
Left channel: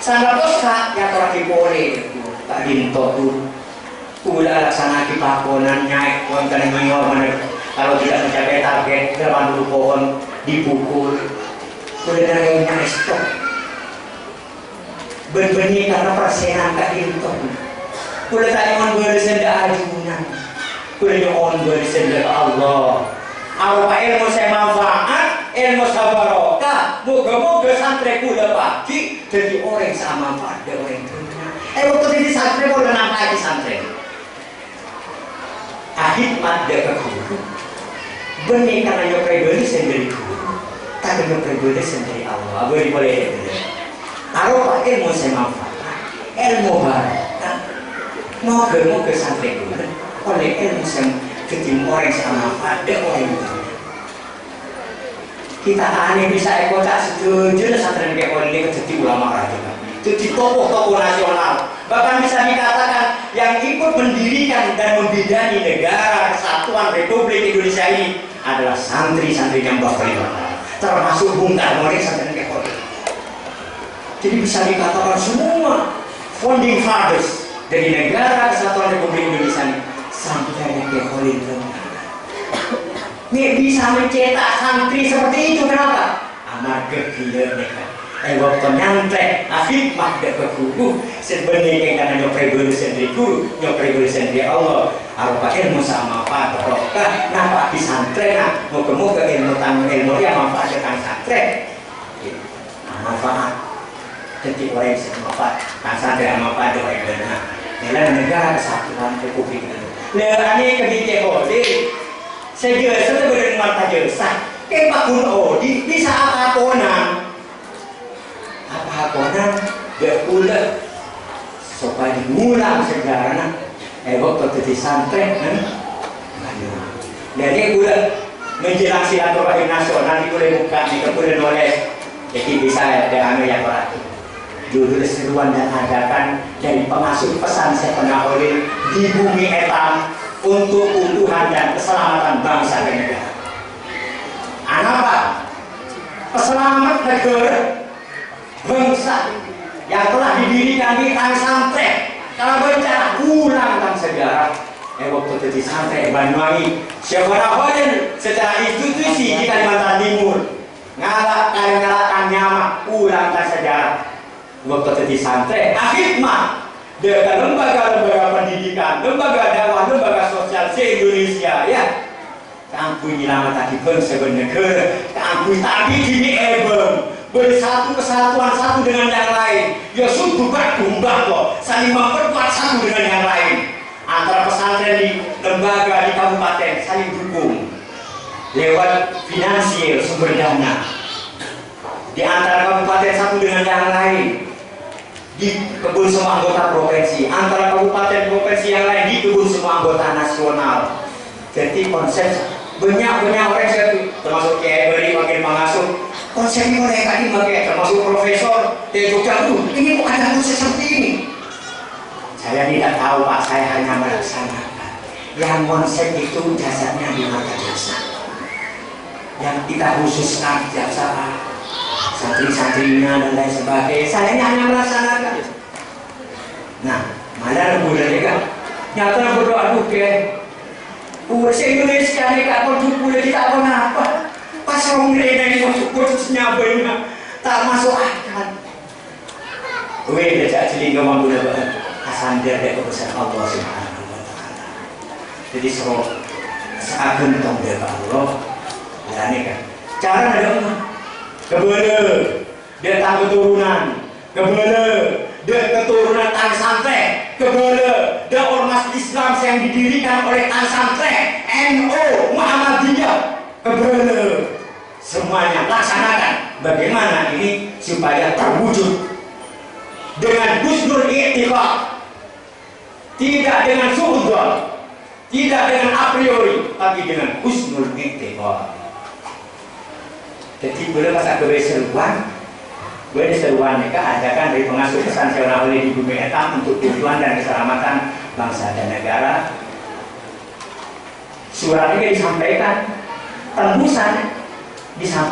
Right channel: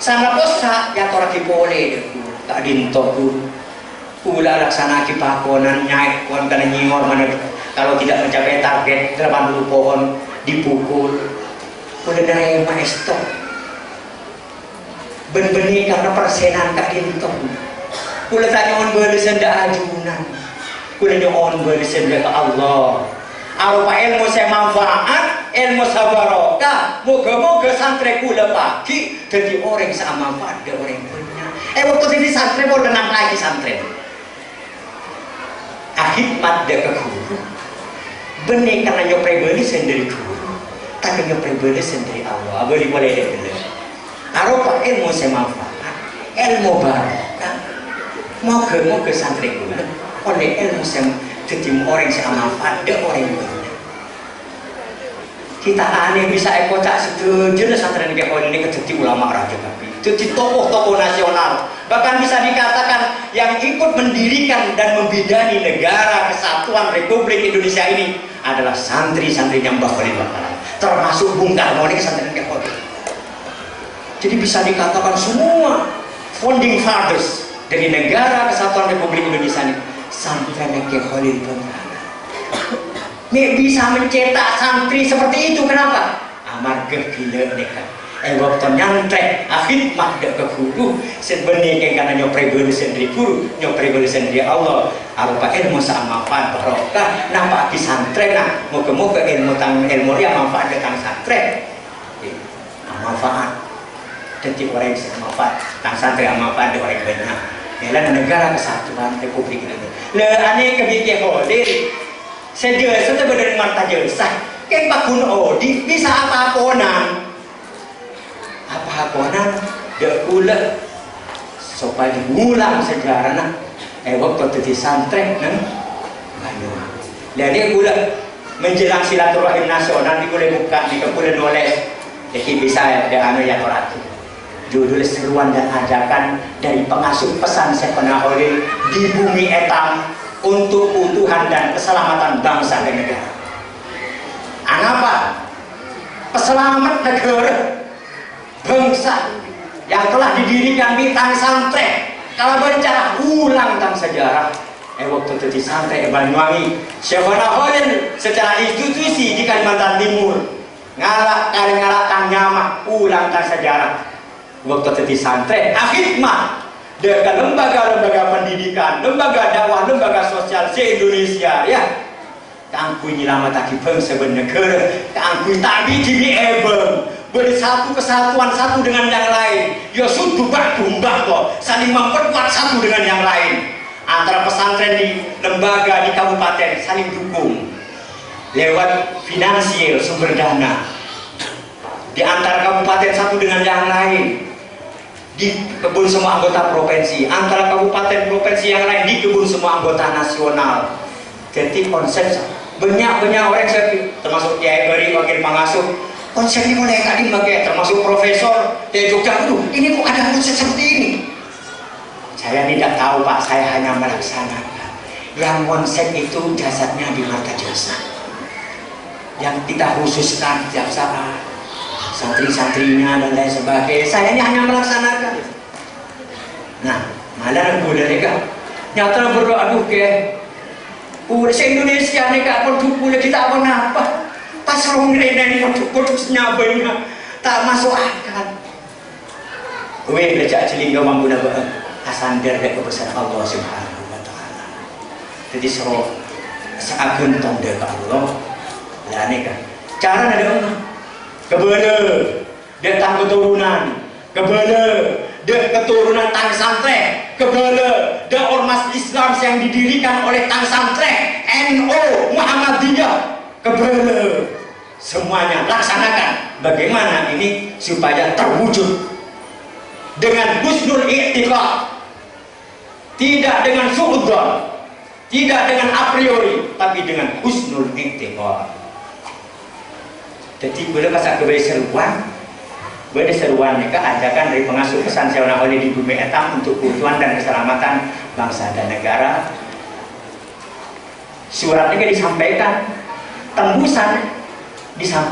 sangat dosa ya orang boleh tak dintok ulah laksana kipakonan naik pohon kena nyingor mana kalau tidak mencapai target 80 pohon dipukul udah dari yang stop benih karena persenan tak dintok ulah tak on bersenda ajunan udah nyoon bersenda ke Allah apa ilmu saya manfaat ilmu sabarokah moga-moga santri kula pagi jadi orang sama manfaat dan orang punya waktu jadi santri mau dengar lagi santri akhidmat dia ke guru benih karena nyopre beli sendiri guru tapi nyopre beli sendiri Allah boleh bener apa ilmu saya manfaat ilmu barokah moga-moga santri kula oleh ilmu yang ketemu orang sama pada orang itu kita aneh bisa kocak setuju santren kayak orang ini jadi ulama raja jadi tokoh-tokoh nasional bahkan bisa dikatakan yang ikut mendirikan dan membidani negara kesatuan Republik Indonesia ini adalah santri-santri yang bakal termasuk Bung Karno ini santren kayak orang jadi bisa dikatakan semua founding fathers dari negara kesatuan Republik Indonesia ini sampai ke Khalil ini bisa mencetak santri seperti itu kenapa? Amar gila mereka waktu nyantre akhidmat ke guru sebenarnya karena nyopre beli sendiri guru nyopre beli sendiri Allah apa ilmu sama manfaat barokah nampak di santri nah moga-moga ilmu yang manfaat tentang santri manfaat jadi orang yang manfaat tentang santri manfaat orang yang benar dalam negara kesatuan Republik Indonesia aneh kebijakan Odi saya sudah berdengar tak jasa kayak Pak Gun Odi bisa apa-aponan dia pula supaya diulang sejarah waktu jadi santri jadi pula menjelang silaturahim nasional boleh buka boleh nulis jadi bisa ada anu yang berarti judul seruan dan ajakan dari pengasuh pesan Syekhona Khalil di bumi etam untuk keutuhan dan keselamatan bangsa dan negara. Apa? Keselamatan negara bangsa yang telah didirikan di tanah santri. Kalau baca ulang tentang sejarah waktu jadi santri Banyuwangi Syekhona Khalil secara institusi di Kalimantan Timur ngalahkan nyamak ulang tentang sejarah waktu jadi santri akhidmat dengan lembaga-lembaga pendidikan, lembaga dakwah, lembaga sosial se-Indonesia ya kangkui nyelamat tadi bangsa bernegara kangkui tadi dini ebeng bersatu kesatuan satu dengan yang lain ya sudah berkumbang kok saling memperkuat satu dengan yang lain antara pesantren di lembaga di kabupaten saling dukung lewat finansial sumber dana di antara kabupaten satu dengan yang lain dikebun semua anggota provinsi, antara kabupaten provinsi yang lain dikebun semua anggota nasional. Jadi konsep banyak orang termasuk Kiai Bari wakil pengasuh konsep ini mulai tadi pakai, termasuk profesor dari Jogja. Ini kok ada konsep seperti ini? Saya tidak tahu Pak, saya hanya melaksanakan. Yang konsep itu jasadnya di mata jasa, yang kita khususkan jasa santri-santrinya dan lain sebagainya. Saya ini hanya melaksanakan. Nah, malah budaya kan nyata berdoa ke udah se-Indonesia nih kak, boleh kita apa? Pas orang rena ini putusnya banyak tak masuk akal. Gue belajar jeling gak mampu dapat asandar dari kebesaran Allah Subhanahu wa Ta'ala. Jadi seagen tong dari Allah. Berani kan? Cara ada orang kebele dia tang keturunan, kebele dia keturunan tang santri, kebele dia ormas Islam yang didirikan oleh tang santri, NU Muhammadiyah, kebele semuanya laksanakan. Bagaimana ini supaya terwujud dengan husnul i'tiqad, tidak dengan suudzon, tidak dengan a priori, tapi dengan husnul i'tiqad. Jadi boleh pasal kewe seruan, boleh seruan mereka adakan dari pengasuh pesan sewana oleh di bumi etam untuk kebutuhan dan keselamatan bangsa dan negara. Suratnya disampaikan, tembusan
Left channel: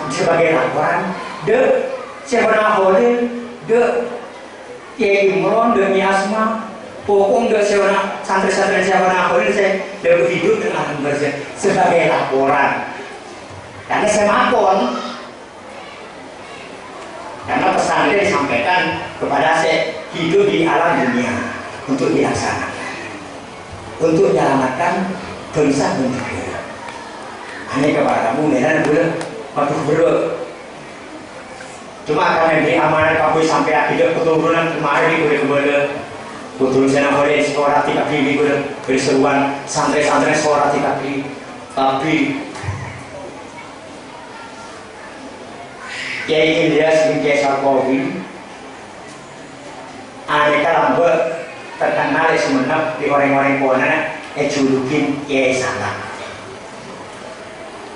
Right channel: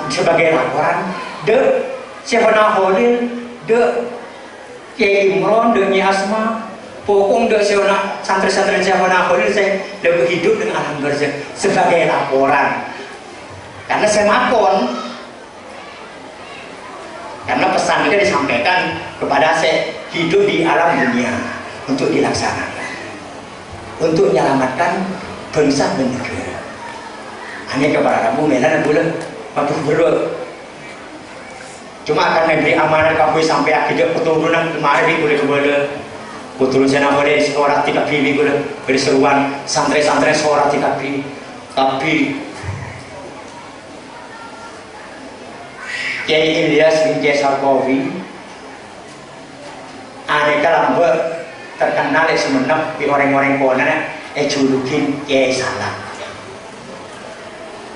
sebagai laporan de sewana oleh de Kiai Imron de Nyi Asma pokong de sewana santri-santri sewana oleh saya lebih hidup dengan sebagai laporan karena saya makon. Karena pesan itu disampaikan kepada saya hidup di alam dunia untuk dilaksanakan, untuk menyelamatkan bangsa dan negara. Hanya kepada kamu medan boleh waktu berdoa. Cuma akan memberi amanah kamu sampai akhirnya keturunan kemarin boleh kepada keturunan sana boleh sekolah tidak pilih boleh berseruan santri-santri sekolah tidak pilih, tapi Kiai Ilyas bin Kiai Sarkowi aneka lambat terkenal semenap di orang-orang kona julukin Kiai Salak.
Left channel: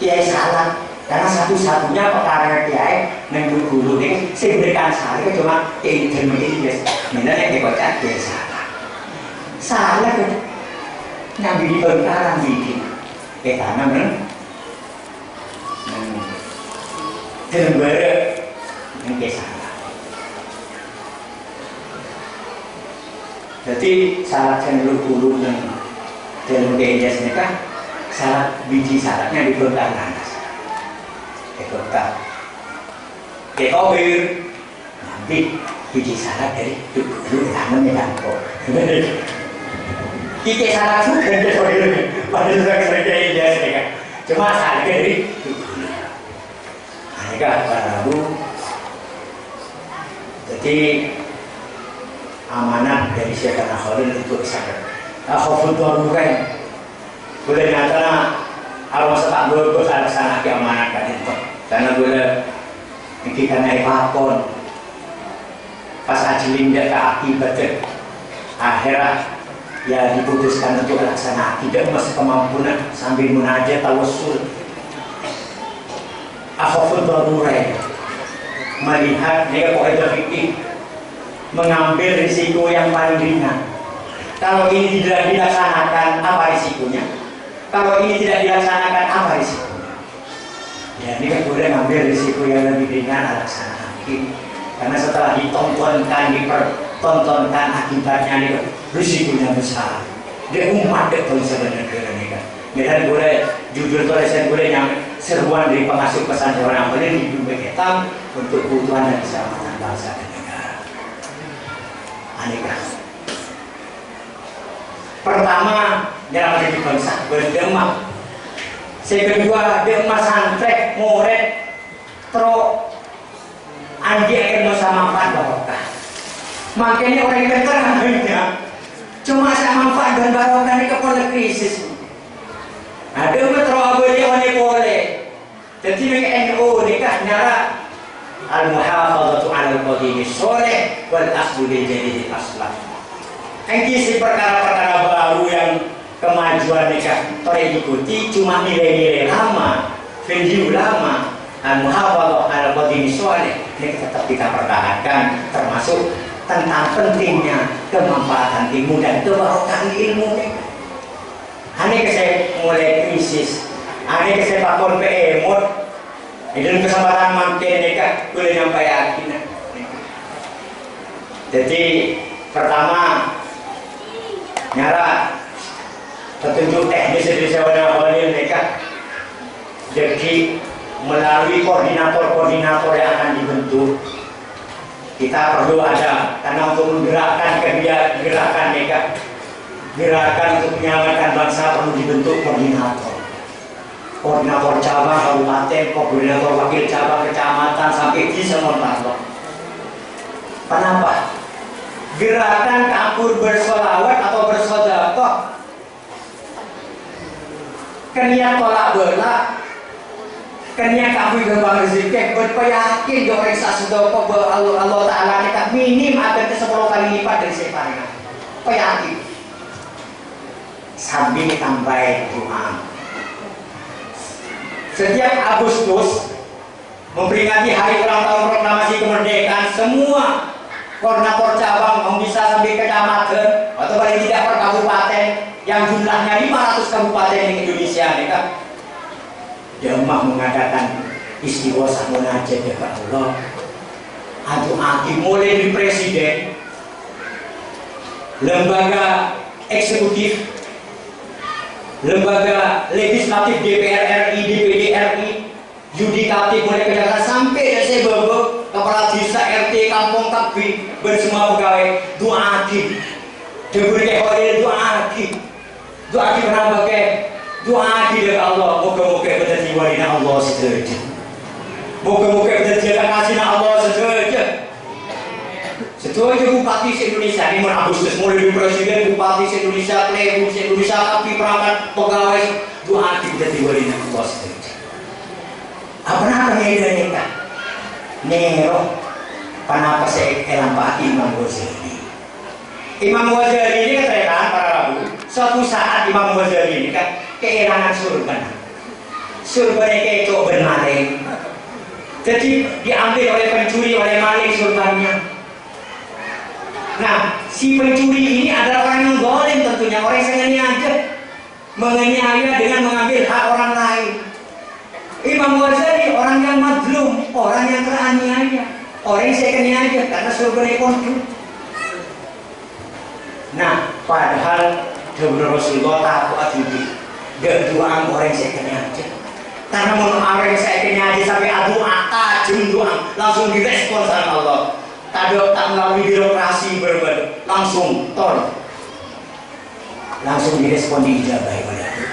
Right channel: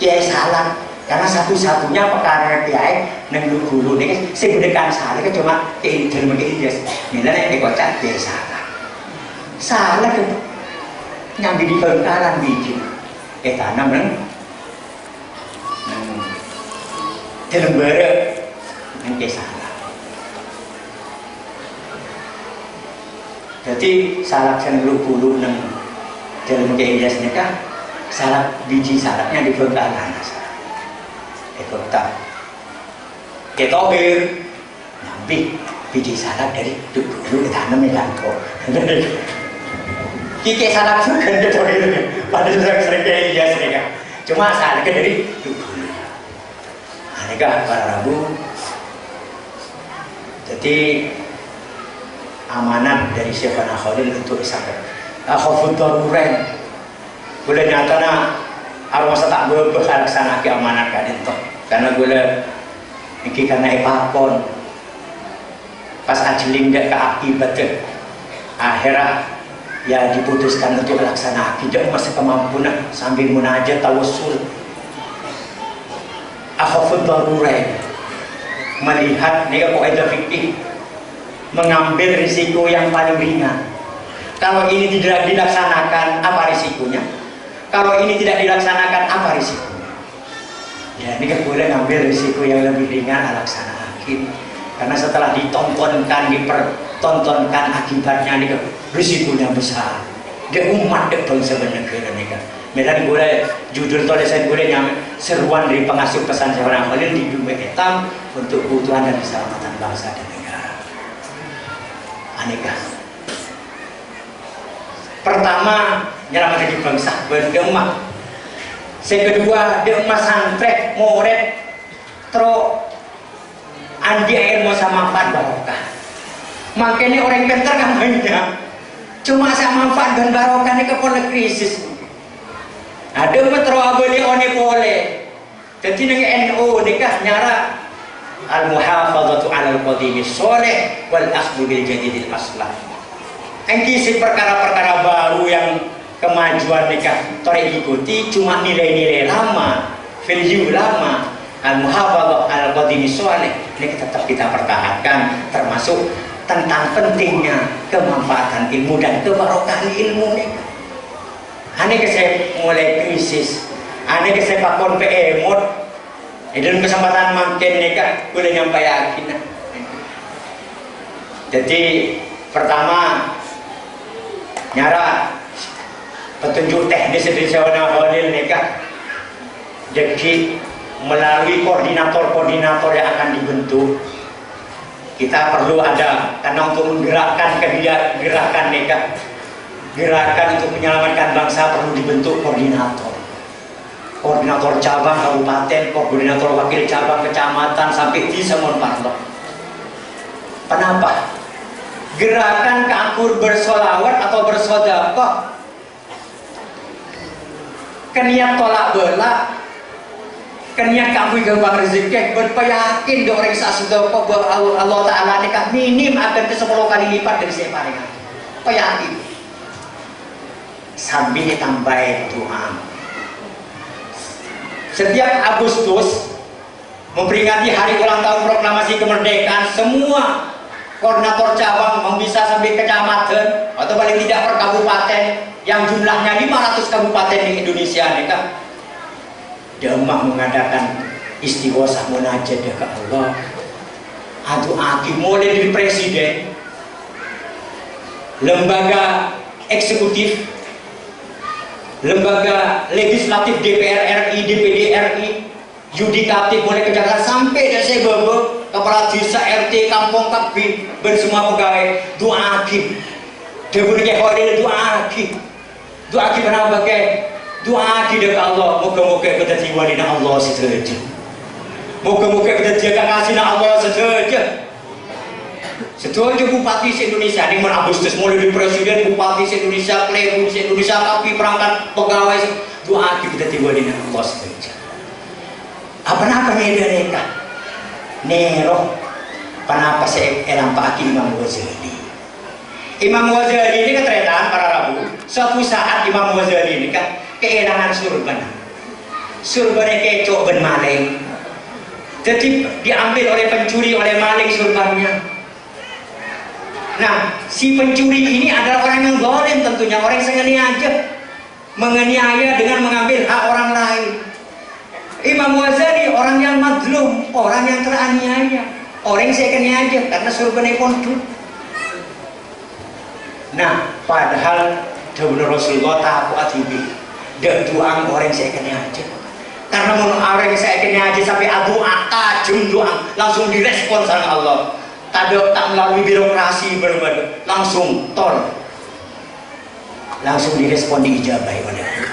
Kiai Salak karena satu-satunya perkara Kiai neng guru ini sebenarnya Salak cuma Kiai Ilyas misalnya dikocak Kiai Salak. Salak nyambi di Bengkalan bikin tanam dalam barat yang kesana. Jadi salak cenderung bulu neng dalam keindasnya kan salak biji salaknya di Bengkalan. Ekota, ketobir, ngambil biji salak dari dulu tanamnya tangko. Kiki salak juga ketobir, padahal sering keindasnya kan. Cuma salaknya dari mereka para Rabu. Jadi amanat dari Syekh Khalil untuk sadar. Akhafud daruren. Boleh nyatana arwah tak boleh laksana ke amanat kan itu. Karena boleh iki karena ipapon. Pas ajling dia ke akibatnya akhirat ya diputuskan untuk laksana tidak masih kemampuan sambil munajat tawassul. Akhafud daruren melihat dia kaidah fikih mengambil risiko yang paling ringan. Kalau ini tidak dilaksanakan apa risikonya? Kalau ini tidak dilaksanakan apa risikonya? Ya ini kan boleh mengambil risiko yang lebih ringan laksanakan. Karena setelah ditontonkan, dipertontonkan akibatnya ini risikonya besar. Dia umat itu sebenarnya ini kan. Medan boleh judul tulisan boleh yang seruan dari pengasuh pesan seorang boleh di bumi hitam untuk kebutuhan dan keselamatan bangsa dan negara. Aneka. Pertama nyelamat hidup bangsa berdemak. Kedua demak santri murid tro andi ilmu sama manfaat barokah. Makanya orang pintar namanya cuma sama manfaat dan barokah ini kepala krisis. Ada metro abeli one pole. Jadi neng NU nikah nyara al-muhafadzatu 'alal qadimi sholih wal akhdhu bil jadidil aslah. Engki si perkara-perkara baru yang kemajuan nikah tore ikuti cuma nilai-nilai lama, value lama. Al-muhafadzatu 'alal qadimi sholih ini tetap kita pertahankan, termasuk tentang pentingnya kemanfaatan ilmu dan kebarokahan ilmu. Ane saya mulai krisis, ane saya pakon PMod. Dalam kesempatan makin nikah boleh nyampai yakin. Jadi pertama nyara petunjuk teknis dari sewana awalil nikah. Jadi melalui koordinator-koordinator yang akan dibentuk, kita perlu ada karena untuk menggerakkan gerakan nikah, gerakan untuk menyelamatkan bangsa perlu dibentuk koordinator. Koordinator cabang kabupaten, koordinator wakil cabang kecamatan sampai di semua paslon. Kenapa? Gerakan campur bersolawat atau bersedekah, keniat tolak bala, keniat campur gembang rezeki, berpeyakin orang sasedekah bahwa Allah Taala nikah minim akan ke 10 kali lipat dari separingan. Peyakin. Sambil ditambah Tuhan. Setiap Agustus memperingati hari ulang tahun proklamasi kemerdekaan, semua koordinator cabang bisa sampai kecamatan atau paling tidak per kabupaten yang jumlahnya 500 kabupaten di Indonesia nih kan, Demak mengadakan istighosah munajat ke Allah. Aduh aki mulai dari presiden, lembaga eksekutif, lembaga legislatif DPR RI, DPD RI, yudikatif mulai kejaksaan sampai dari saya bawa kepala desa RT kampung kabin bersemua pegawai doa aki, deburnya khawatir doa aki kenapa ke doa aki dari Allah, moga-moga kita jiwalina Allah saja, moga-moga kita jaga kasihna Allah saja. Setuju bupati se-Indonesia ini mulai Agustus mulai dari presiden, bupati se-Indonesia, playboy se-Indonesia, tapi perangkat pegawai doa kita tiba-tiba Allah saja. Apa medan nikah? Nero, kenapa saya elang pagi Imam Ghazali? Imam Ghazali ini keterangan para rabu. Suatu saat Imam Ghazali ini kan keelangan surban. Surbannya kecok ben maling. Jadi diambil oleh pencuri, oleh maling surbannya. Nah, si pencuri ini adalah orang yang zalim tentunya, orang yang sengaja menganiaya dengan mengambil hak orang lain. Imam Ghazali orang yang madlum, orang yang teraniaya, orang yang sengaja karena surbannya kontu. Nah, padahal Dawuh Rasulullah tahu atibi, dia doang orang yang sengaja. Karena mau orang yang sengaja sampai doa, tajam doa, langsung direspon sama Allah. Tak melalui birokrasi berbeda, langsung tol, langsung direspon diijabahi oleh Allah.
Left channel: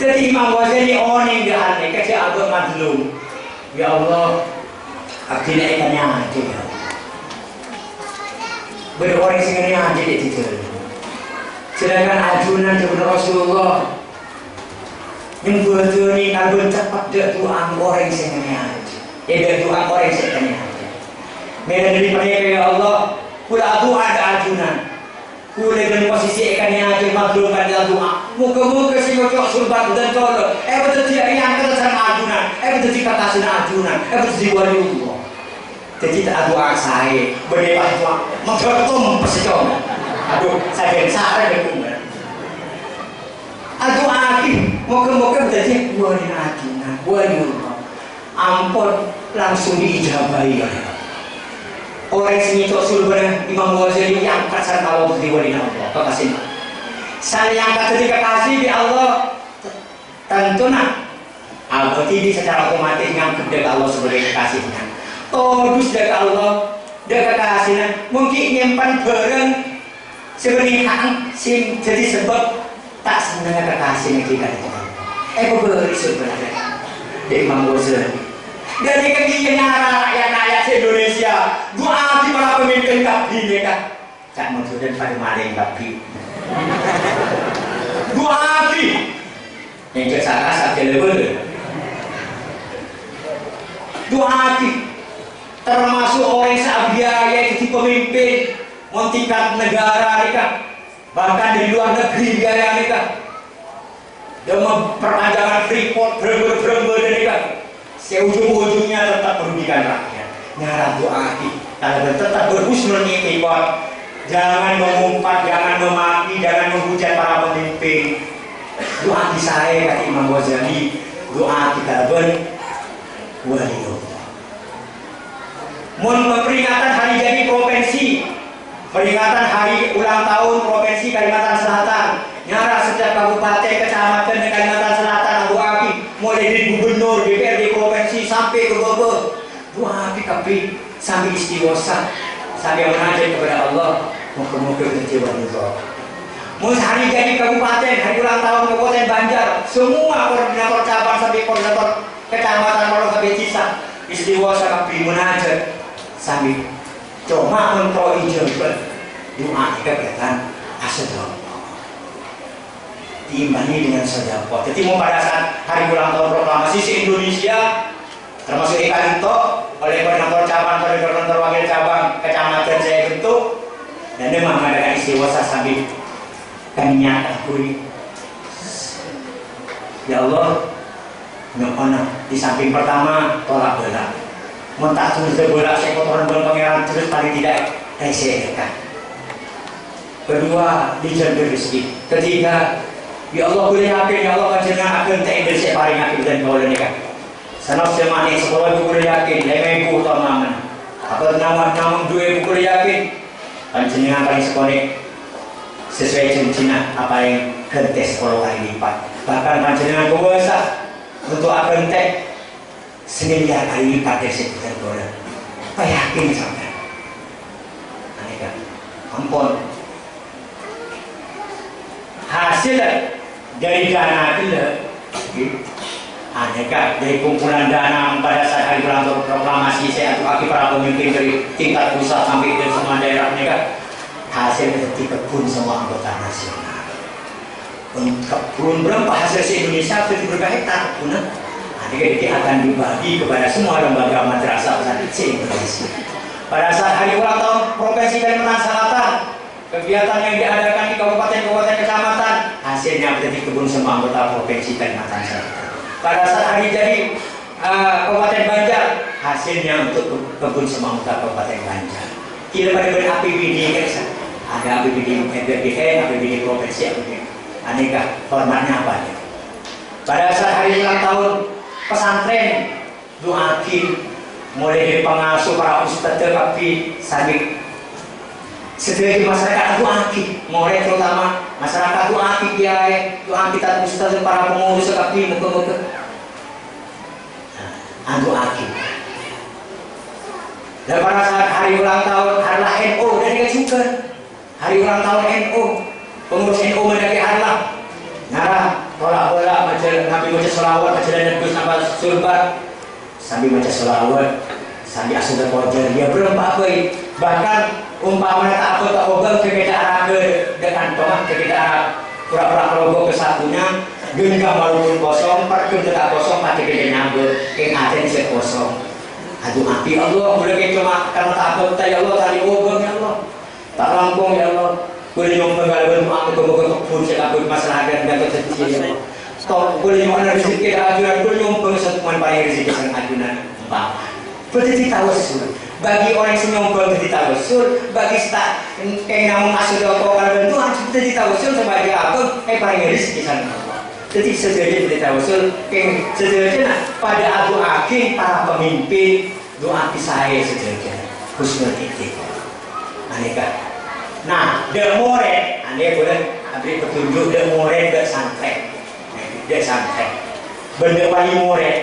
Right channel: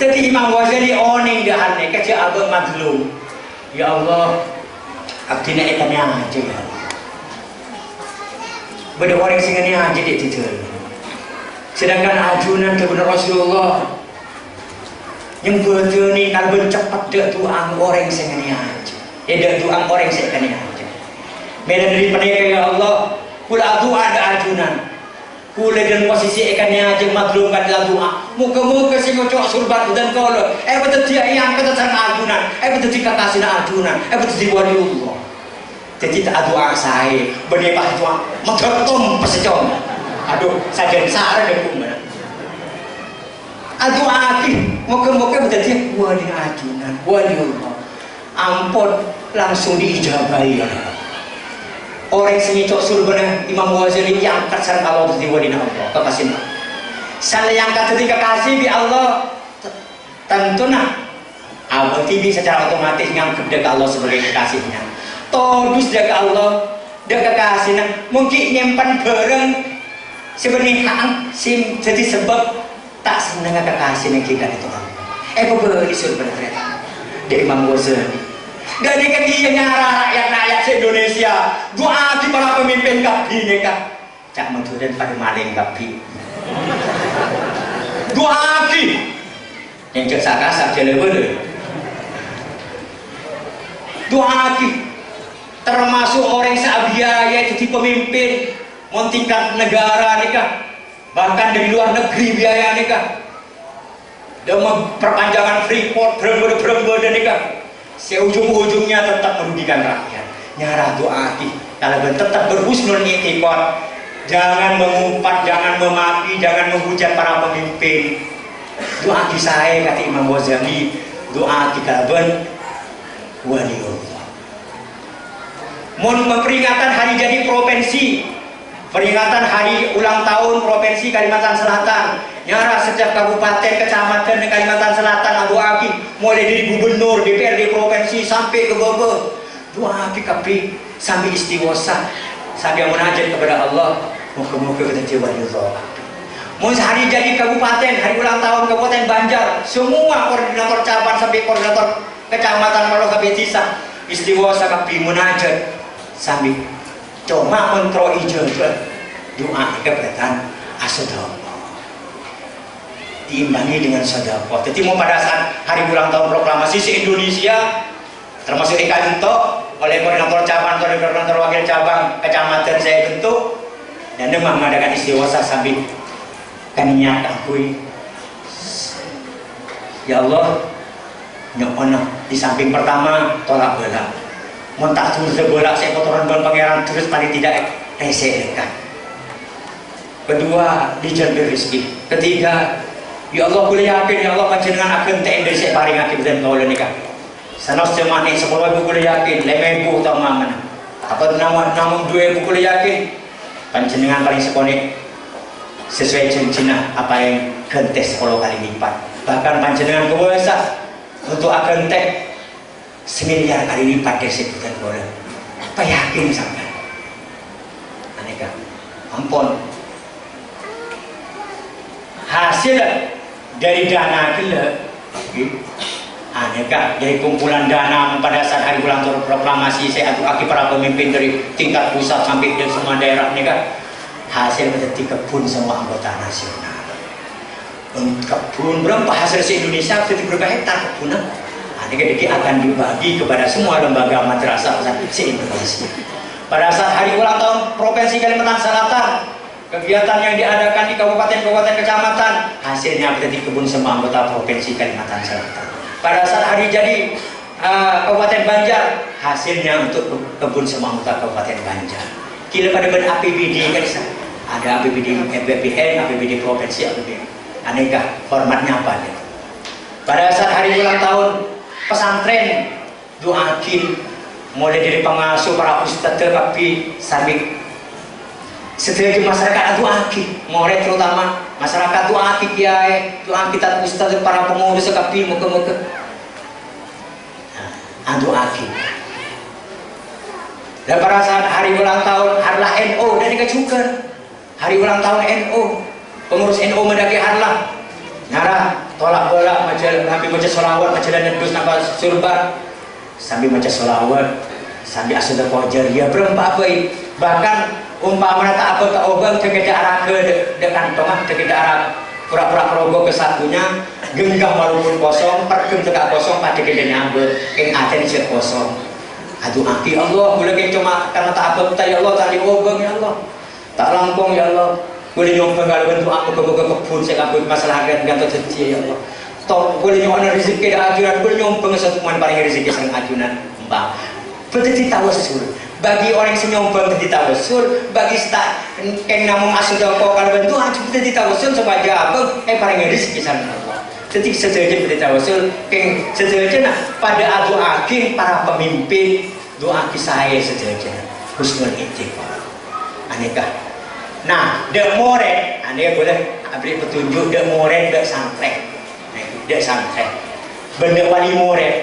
Jadi Imam Ghazali oning dahane kerja abad madlum. Ya Allah, abdina ikannya aja ya. Beda orang singani aja deh tidur. Sedangkan ajunan kepada Rasulullah yang betul ni kalau cepat dia tuang orang singani aja. Dia tuang orang singani aja. Medan dari mereka ya Allah, pula doa ada ajunan, pula dalam posisi ikannya aja madlumkan dalam doa. Muka-muka si ngocok surban dan kalau, betul dia yang kata sarang ajunan, betul dia kata sina ajunan, betul dia wali Allah. Jadi tak doa saya, bernebah doa, mencotom pesecon. Aduh, saya jadi sarang dengan doa lagi, muka-muka betul dia wali ajunan, wali Allah. Ampun langsung diijabahi. Orang sini cok surban Imam Ghazali yang kasar kalau diwalina Allah kekasih. Saya yang ketika kasih di Allah tentu nak abad ini secara otomatis yang kepada Allah sebagai kekasihnya. Tolus jaga Allah, jaga kekasihnya. Mungkin nyimpan bareng sebenarnya sim jadi sebab tak senang kekasihnya kita itu. Beri sebenarnya dari Imam Ghazali. Dari kegiatan rakyat se-Indonesia, doa di para pemimpin kabin kan, cak menjudan pada maling kabin. Doa di, yang cak sakas saja lebih. Doa di, termasuk orang seabdiaya jadi pemimpin mau tingkat negara nikah, bahkan dari luar negeri biaya nikah, dan perpanjangan Freeport berember dan nikah, seujung-ujungnya tetap merugikan rakyat. Nyara doa kalau tetap berhusnul i'tiqad, jangan mengumpat, jangan memaki, jangan menghujat para pemimpin. Doa saya kata Imam Ghazali, doa kita waliullah. Mohon memperingatan hari jadi provinsi, peringatan hari ulang tahun provinsi Kalimantan Selatan. Nyara setiap kabupaten, kecamatan di Kalimantan Selatan, Abu Aki, mulai dari gubernur, DPRD provinsi sampai ke bawah. Doa kami sambil istighosah, sambil munajat kepada Allah, moga-moga kita waliullah. Mau hari jadi kabupaten, hari ulang tahun Kabupaten Banjar, semua koordinator cabang sampai koordinator kecamatan kalau sampai desa istighosah kami munajat sambil cuma kontrol hijau doa keberatan asadullah diimbangi dengan sedekah. Jadi mau pada saat hari ulang tahun proklamasi se-Indonesia termasuk di Kanto oleh koordinator cabang, koordinator wakil cabang kecamatan saya bentuk dan memang mengadakan istighosah sambil kaniat akui ya Allah nyokona di samping pertama tolak bola mau tak terus bola saya kotoran ban pangeran terus paling tidak rese kan. Kedua dijaga rezeki. Ketiga ya Allah boleh yakin ya Allah panjenengan akan tak dari paling akhir dan kau nikah sanok semane 10 ibu boleh yakin 5 ibu atau mana apa nama 2 ibu boleh yakin panjenengan paling sekonek sesuai janjinya apa yang gentes 10 kali lipat, bahkan panjenengan kuasa untuk akan tek 1 miliar kali lipat dari sebutan bola. Apa yakin sampai aneka ampun hasil dari dana aneka dari kumpulan dana pada saat hari ulang tahun proklamasi saya aduk para pemimpin dari tingkat pusat sampai ke semua daerah aneka hasil menjadi kebun semua anggota nasional. Kebun berapa hasil se-Indonesia sudah berapa hektar kebunan? Adik-adik akan dibagi kepada semua lembaga madrasah se-Indonesia. Pada saat hari ulang tahun Provinsi Kalimantan Selatan, kegiatan yang diadakan di kabupaten-kabupaten kecamatan hasilnya menjadi kebun semua anggota Provinsi Kalimantan Selatan. Pada saat hari jadi Kabupaten Banjar, hasilnya untuk kebun semua anggota Kabupaten Banjar. Kira pada APBD kan ada APBD BPN, APBD provinsi, APBD aneka formatnya apa ya? Pada saat hari ulang tahun pesantren doakin mulai dari pengasuh para ustadz tapi sampai sedaya masyarakat doakin mulai terutama masyarakat doakin kiai doakin kita ustadz para pengurus tapi muka-muka doakin. Dan pada saat hari ulang tahun harlah NU dan juga hari ulang tahun NU pengurus NU mendaki harlah nyarah tolak bola macam nabi baca sholawat macam nyedus nambah surban sambil baca sholawat sambil asal terpojar dia berempat baik bahkan umpama tak apa tak obang ke arah ke dekan tengah ke arah pura-pura keroboh ke satunya genggam walaupun kosong pergem tidak kosong pada gede nyambut yang atensi kosong. Aduh mati Allah boleh kayak cuma karena tak apa ya Allah tadi obang ya Allah tak lampung ya Allah boleh nyompeng kalau bentuk aku ke kebun saya kabut masalah agak terjadi ya Allah stop boleh nyompeng rezeki ajunan boleh nyompeng semuanya paling rezeki sang ajunan mbak berarti tawasul bagi orang yang nyompeng jadi tawasul bagi tak yang namun asal kalau bentuk aku jadi tawasul sebagai apa paling rezeki sang Allah. Jadi sederhana kita tawasul sederhana pada adu akhir para pemimpin doa saya sederhana husnul i'tiqad aneka. Nah the moren ane boleh beri petunjuk the moren the santai the santai benda wali moren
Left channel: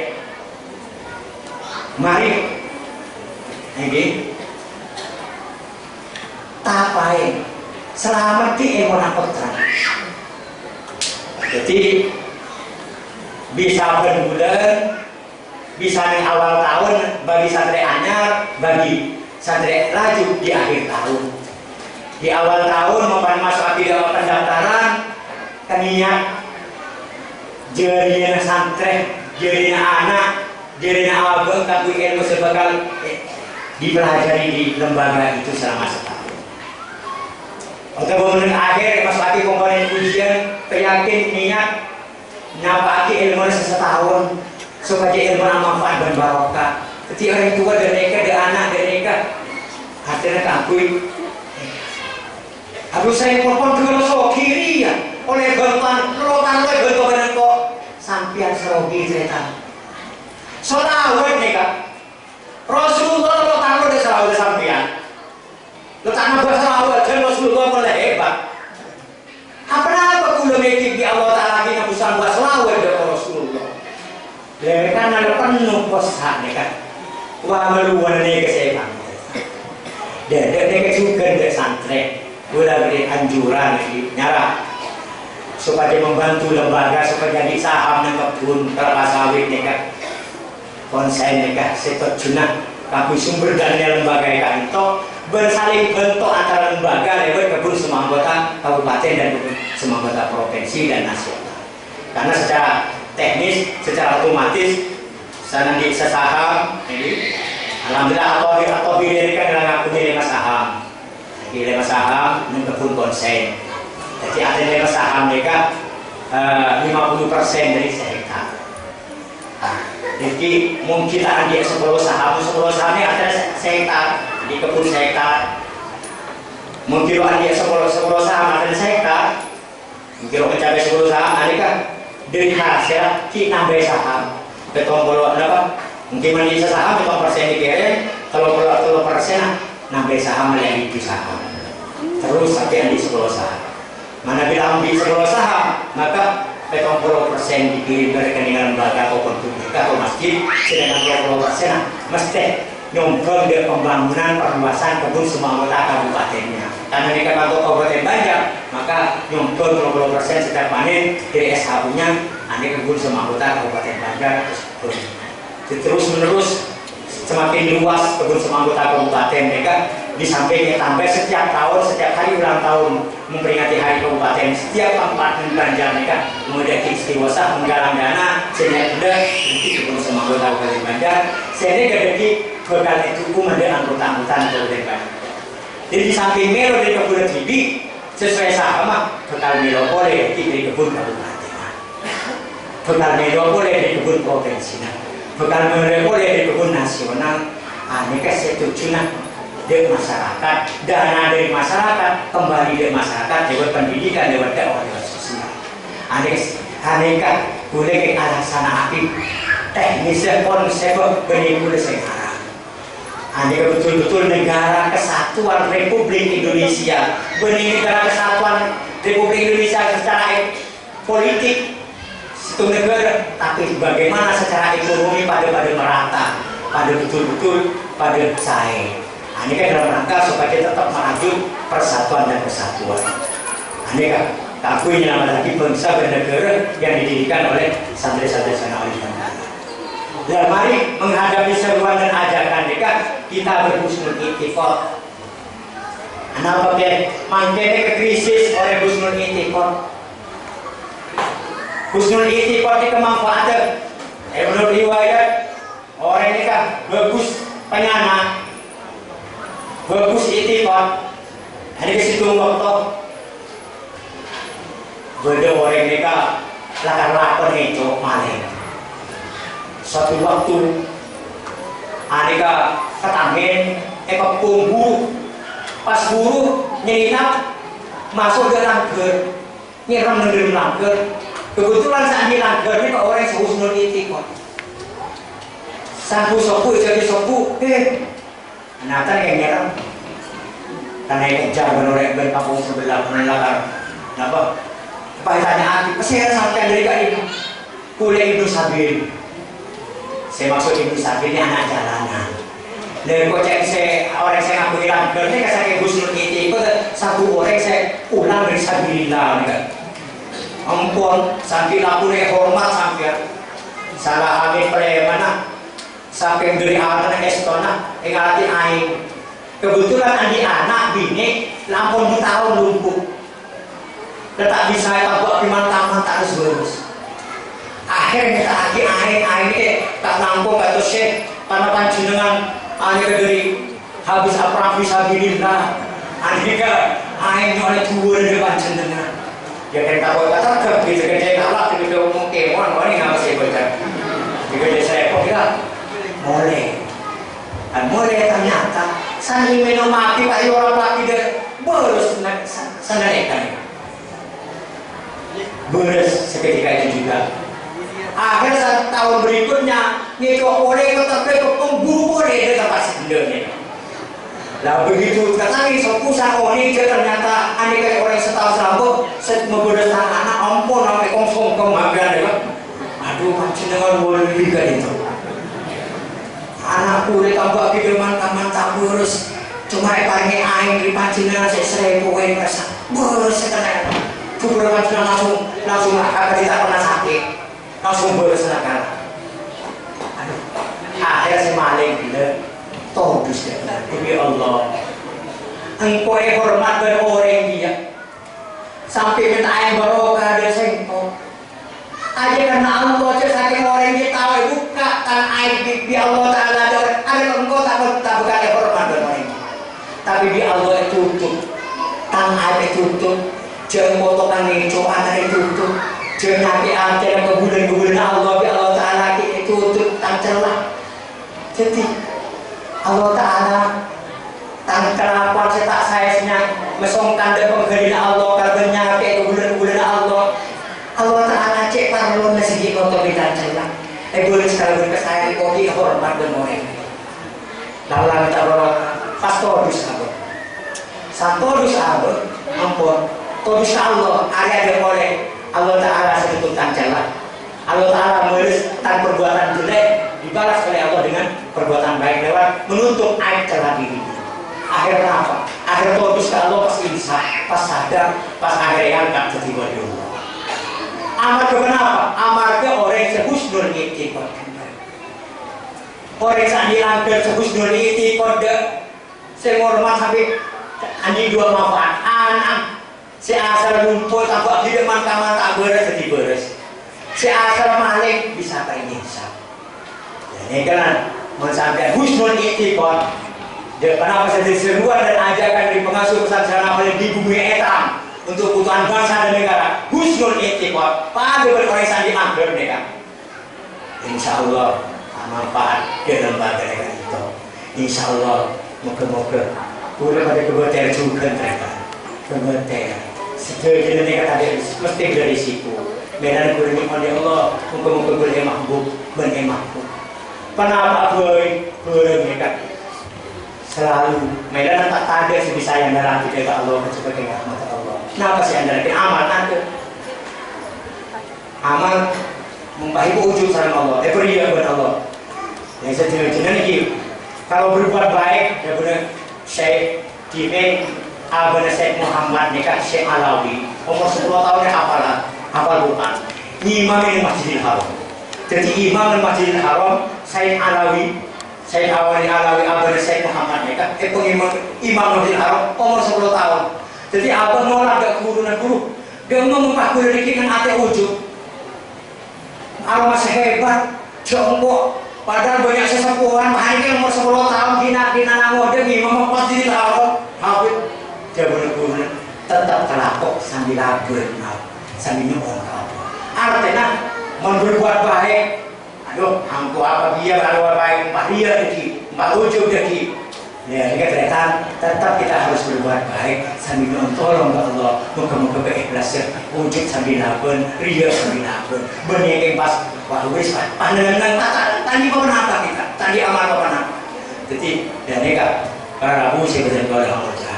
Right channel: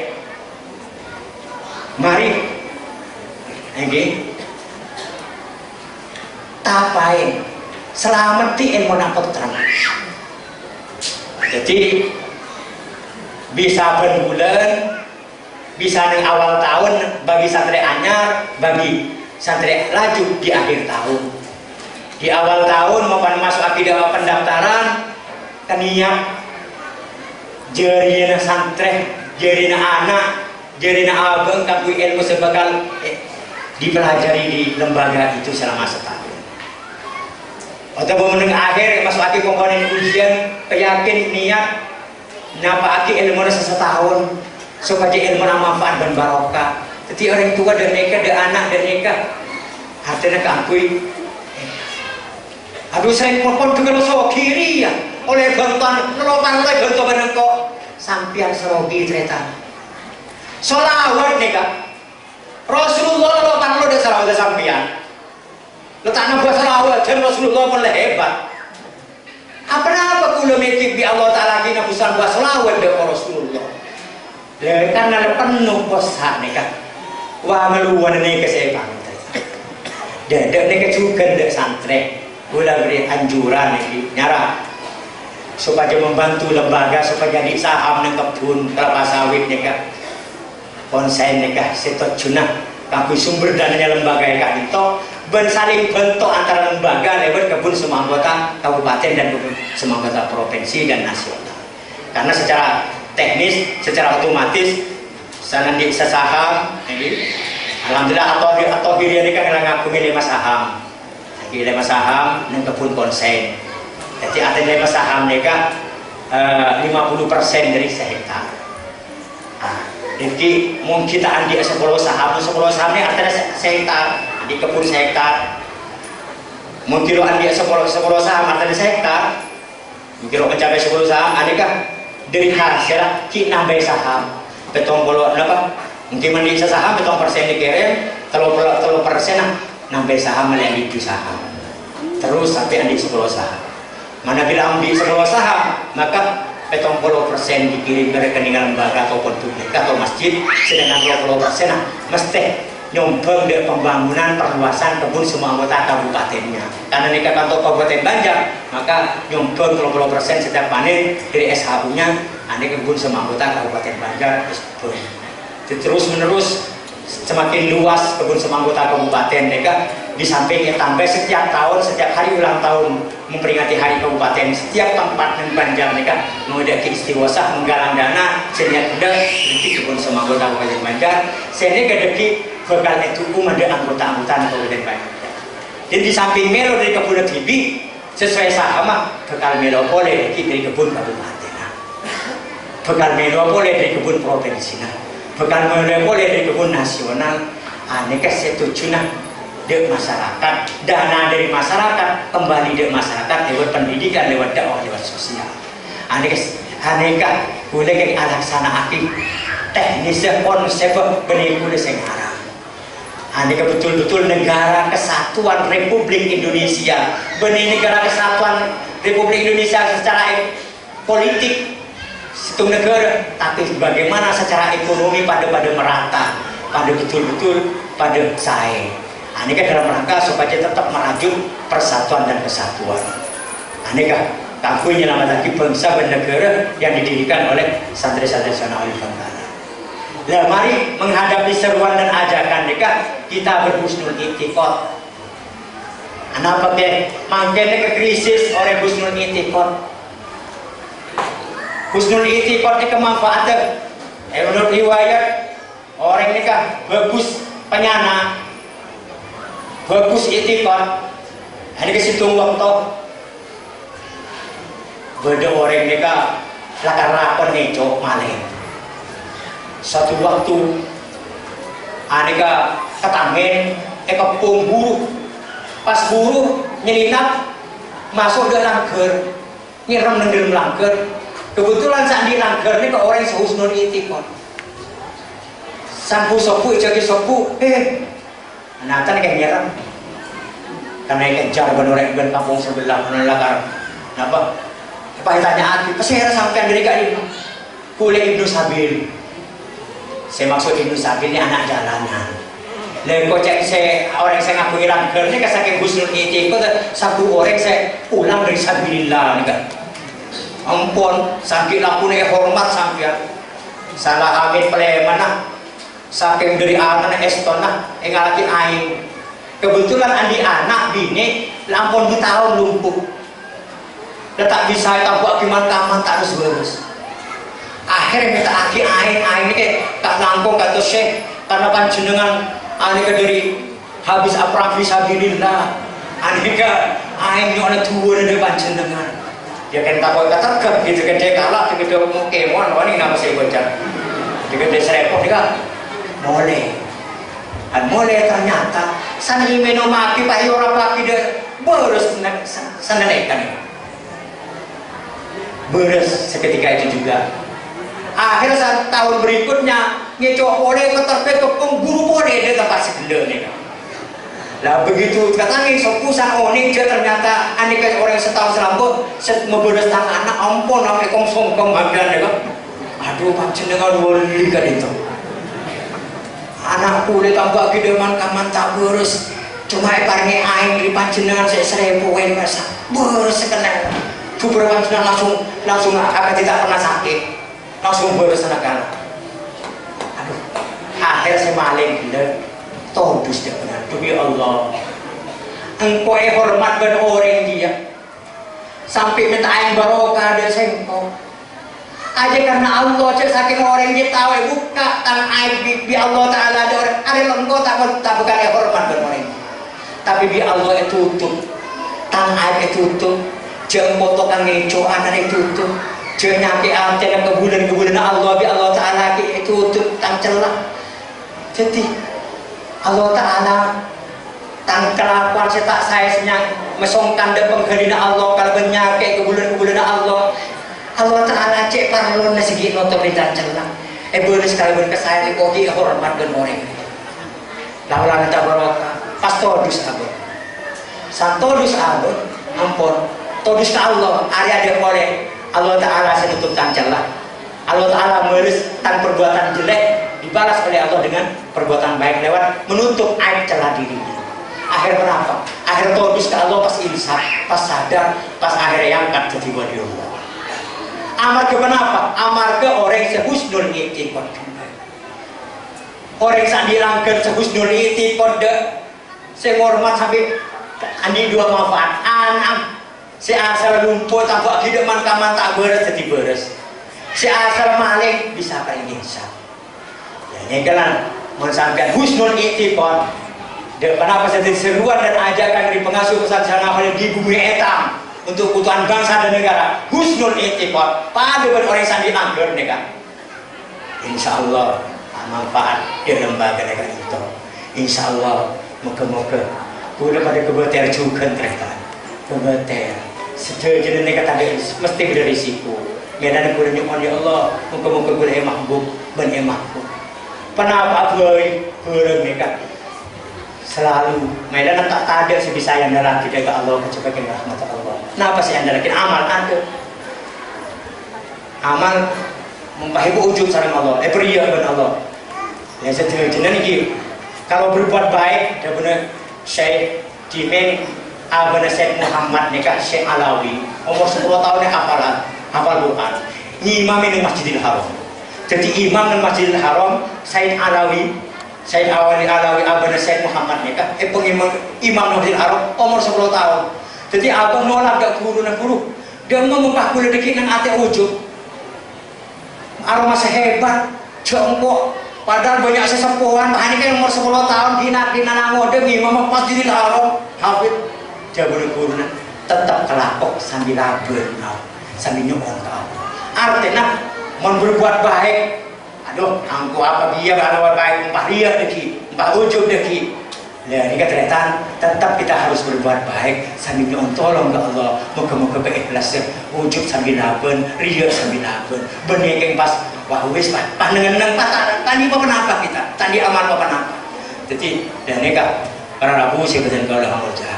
mari ini tapai selamat di ilmu terang. Jadi bisa berbulan, bisa di awal tahun bagi santri anyar, bagi santri laju di akhir tahun. Di awal tahun maupun masuk akidah pendaftaran, keniat jerina santri, jerina anak, jerina abang, kaku ilmu sebakal dipelajari di lembaga itu selama setahun. Atau meneng akhir masuk lagi komponen ujian, keyakin niat napa aki ilmu setahun supaya ilmu manfaat dan barokah. Jadi orang tua dan mereka, dan anak dan mereka hatinya kangkui. Aduh saya mohon dengan so kiri ya oleh bantuan kelopan oleh bantuan benengko sampian serogi cerita. Solawat nih kak. Rasulullah lo tanah lo udah selawat sampian. Lo tanah buat selawat dan Rasulullah mulai hebat. Apa kula mikir di Allah Taala lagi nabusan buat selawat dari Rasulullah. Karena ada penuh bosan nih kak. Wah meluan nih ke saya pantai. Dedek nih juga dek santri. Gula beri anjuran nih nyara supaya membantu lembaga supaya jadi saham nih kebun kelapa sawit nih kak. Konsen nikah setot junah kami sumber dana lembaga yang itu bersaling bentuk antara lembaga lewat kebun semua anggota kabupaten dan kebun semua anggota provinsi dan nasional. Karena secara teknis, secara otomatis sana di sesaham ini alhamdulillah atau diri kan ngaku milih mas saham, milih mas saham dan kebun konsen. Jadi artinya mas saham nikah 50% dari sehektar. Jadi mungkin andi 10 sahamnya ada sehektar di kebun sehektar. Mungkin andi 10 saham ada sehektar. Mungkin mencapai 10 saham ada kan dari hasil kita nambah saham. Betul kalau apa? Mungkin mandi saham betul persen dikirim, kalau persen nambah saham melalui saham. Terus sampai andi 10 saham. Mana bila ambil 10 saham maka 70% dikirim ke rekening lembaga ataupun atau masjid, sedangkan 20% mesti nyumbang dari pembangunan perluasan kebun semua anggota kabupatennya. Karena ini kantor Kabupaten Banjar, maka nyumbang 20% setiap panen dari SHU-nya, ini kebun semua anggota Kabupaten Banjar terus menerus semakin luas kebun semua anggota kabupaten mereka. Di sampingnya tambah setiap tahun, setiap hari ulang tahun memperingati hari kabupaten, setiap kabupaten Banjar mereka mengadakan istiwasa menggalang dana sehingga sudah di kebun semua anggota kabupaten Banjar sehingga kedeki bakal itu ada anggota-anggota kabupaten Banjar. Jadi di samping melo dari kebun bibi sesuai sama bakal melo boleh dari kebun kabupaten, bakal melo boleh dari kebun provinsi, bakal melo boleh dari kebun nasional. Aneka setuju dari masyarakat, dana dari masyarakat kembali dari masyarakat lewat pendidikan, lewat dakwah, lewat sosial. Aneka boleh ke alasan aktif teknisnya konsep berikut sekarang. Aneka betul-betul negara kesatuan Republik Indonesia, benih negara kesatuan Republik Indonesia secara politik satu negara, tapi bagaimana secara ekonomi pada merata, pada betul-betul pada saing. Ini kan dalam rangka supaya tetap merajut persatuan dan kesatuan. Ini kan takui nyelamat lagi bangsa dan negara yang didirikan oleh santri-santri sana Alif Bantana. Nah, mari menghadapi seruan dan ajakan mereka, kita berhusnul i'tiqad. Kenapa dia mangkene ke krisis oleh husnul i'tiqad? Husnul i'tiqad itu kemanfaatan. Menurut riwayat orang ini kan bagus penyana. Bagus i'tiqad. Ada ke situ waktu beda orang mereka lakar-lakar nih cowok maling. Suatu waktu aneka ketamen, buru, pas buru nyelinap masuk ke langgar, nyiram dalam langgar. Kebetulan saat di langgar ini kok orang sehusnul i'tiqad. Sampu sopu jadi sopu, nah kan kayak nyerang karena kejar benorek ben kampung sebelah karena lakar apa tanya hati pesir sampai dari kali itu kuliah Ibnu Sabil. Saya maksud Ibnu Sabil ini anak jalanan. Lalu kok cek saya orang saya ngaku hilang kerja kasih husnul i'tiqad satu orang saya pulang dari sabilillah kan. Ampun sampai aku nih hormat sampai salah amin mana saking dari anak estona ngalati aing. Kebetulan andi anak bini lampun di tahun lumpuh. Tetap bisa tabak piman-taman tak harus lurus. Akhirnya tak lagi aing ini tak lampung kata syekh karena panjenengan ahli dari habis perang fisabilillah aneka aing nyone tuwur de panjenengan dia kan takut kata gitu gede kalah gitu mau kemon ini nama saya baca gede serepot dia mulai ternyata san imeno mati pak orang laki dia beres senerekan beres seketika itu juga. Akhir tahun berikutnya ngecoh oleh keterpe pemburu boleh dia tempat sebenarnya. Lah begitu katanya sopusan oni dia ternyata aneka orang setahun selambut memberes tangan anak ampun sampai konsum kemanggilan ya. Aduh panjenengan wali kan itu. Anakku dia tambah gede man kaman tak beres. Cuma iparnya aing di panjenengan saya 1000 beres sekena. Kuburan langsung akan tidak pernah sakit. Langsung beres anak. Aduh, akhirnya si maling bila tobus dia benar. Demi Allah, engkau hormat pada orang dia, sampai minta air barokah dari sengkau. Aja karena Allah cek saking orang dia tahu buka tangan air di Allah Taala ada engkau tak bukan hormat pada orang dia. Tapi di Allah itu tutup, tangan air itu tutup, jangan potongan ngeco anak itu tutup. Jangan nyampe ante dan kebulan Allah bi Allah Taala itu tutup tang celah. Jadi Allah Taala tang kelakuan cetak saya senyang mesongkan de penggerina Allah kalau bernyake kebulan Allah. Allah Taala cek parlon segi motor di tang celah. Boleh sekali berkesayang kopi hormat dan orang. Laulah minta barokah pastodus abon. Santodus abon ampun. Todus Allah area dia boleh Allah Ta'ala setutup tancelah. Allah Ta'ala menulis tentang perbuatan jelek dibalas oleh Allah dengan perbuatan baik lewat menutup aib celah diri. Akhir kenapa? Akhir todus ke Allah pas insaf, pas sadar, pas akhir yang angkat jadi wali Allah. Amar ke kenapa? Amar ke orang sehusnul i'tiqad. Orang yang dilanggar sehusnul i'tiqad sehormat sampai ani dua manfaat anak. Si asal lumpur tambah hidup man tak beres jadi beres. Si asal maling bisa kayak insaf. Ini kan mensampaikan husnul i'tiqad. Kenapa saya diseruan dan ajakan di pengasuh pesantren Amal di bumi etam untuk kebutuhan bangsa dan negara. Husnul i'tiqad. Pada orang yang dianggur mereka. Insya Allah manfaat di lembaga negara itu. Insya Allah moga-moga boleh pada kebetulan juga mereka. Kebetulan. Sejauh-jauh ini kata dia mesti berisiko. Medan kurang oleh Allah, muka-muka boleh mahbub, benih mahbub. Kenapa boleh mereka selalu Medan tak ada sebisa yang darah kita ke Allah sebagai rahmat Allah. Kenapa sih anda lagi amal kan? Amal membaik ujung sarang Allah. Beriak kepada Allah. Yang sejauh-jauh ini kalau berbuat baik, dia benar Syekh Jimin Abana Syekh Muhammad nikah Syekh Alawi umur 10 tahun hafal Quran ngimamin Masjidil Haram. Jadi imam di Masjidil Haram Syekh Alawi Abana Syekh Muhammad nikah imam Masjidil Haram umur 10 tahun. Jadi abang nolak gak guru dia memupah kuliah dikit dengan hati ujung arah masih hebat jongkok padahal banyak sesepuhan hari ini umur 10 tahun gina nangode imam Masjidil Haram habib jabar guru tetap kelakok sambil label sambil nyomong artinya mau berbuat baik aduh angku apa dia kalau baik empat dia deki empat ujung deki ya ini ternyata tetap kita harus berbuat baik sambil tolong ke Allah moga-moga keikhlasan wujud sambil label ria sambil label benih yang pas wah wis pandangan tadi apa kenapa kita tadi amal apa kenapa jadi dan ini kak para rabu sih betul kalau Allah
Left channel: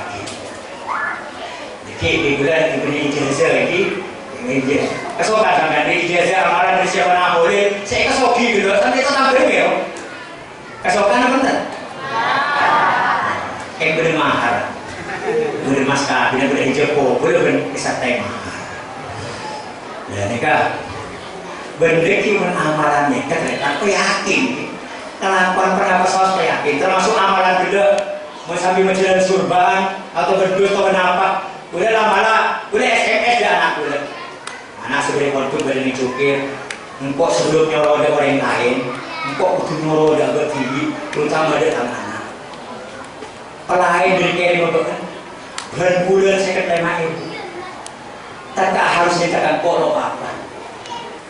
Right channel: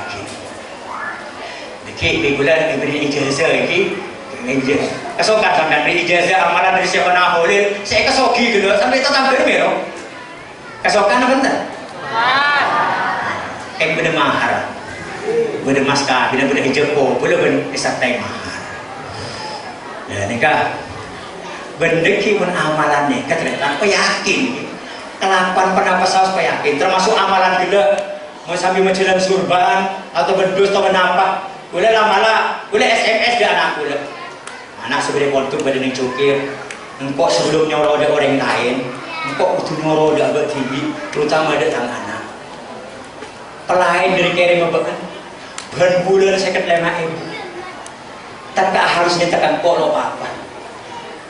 di bulan diberi ijazah lagi kesokan sampai beri ijazah amalan dari siapa naholin saya kesoki gitu sampai itu tampil ya kesokan apa enggak? Bener mahal bener maska bener hijau bener disertai mahal ya ini kak bendeki amalannya ternyata aku yakin kelakuan pendapat saya yakin termasuk amalan juga mau sambil menjalan surban atau berdus atau menapa boleh lama boleh SMS dia anak boleh anak sebagai kontuk badan cukir engkau sebelum nyoro ada orang lain engkau butuh nyoro ada bertibi terutama ada anak pelain dari kiri membekan berbulan saya ketelema ibu tak harus ditekan polo apa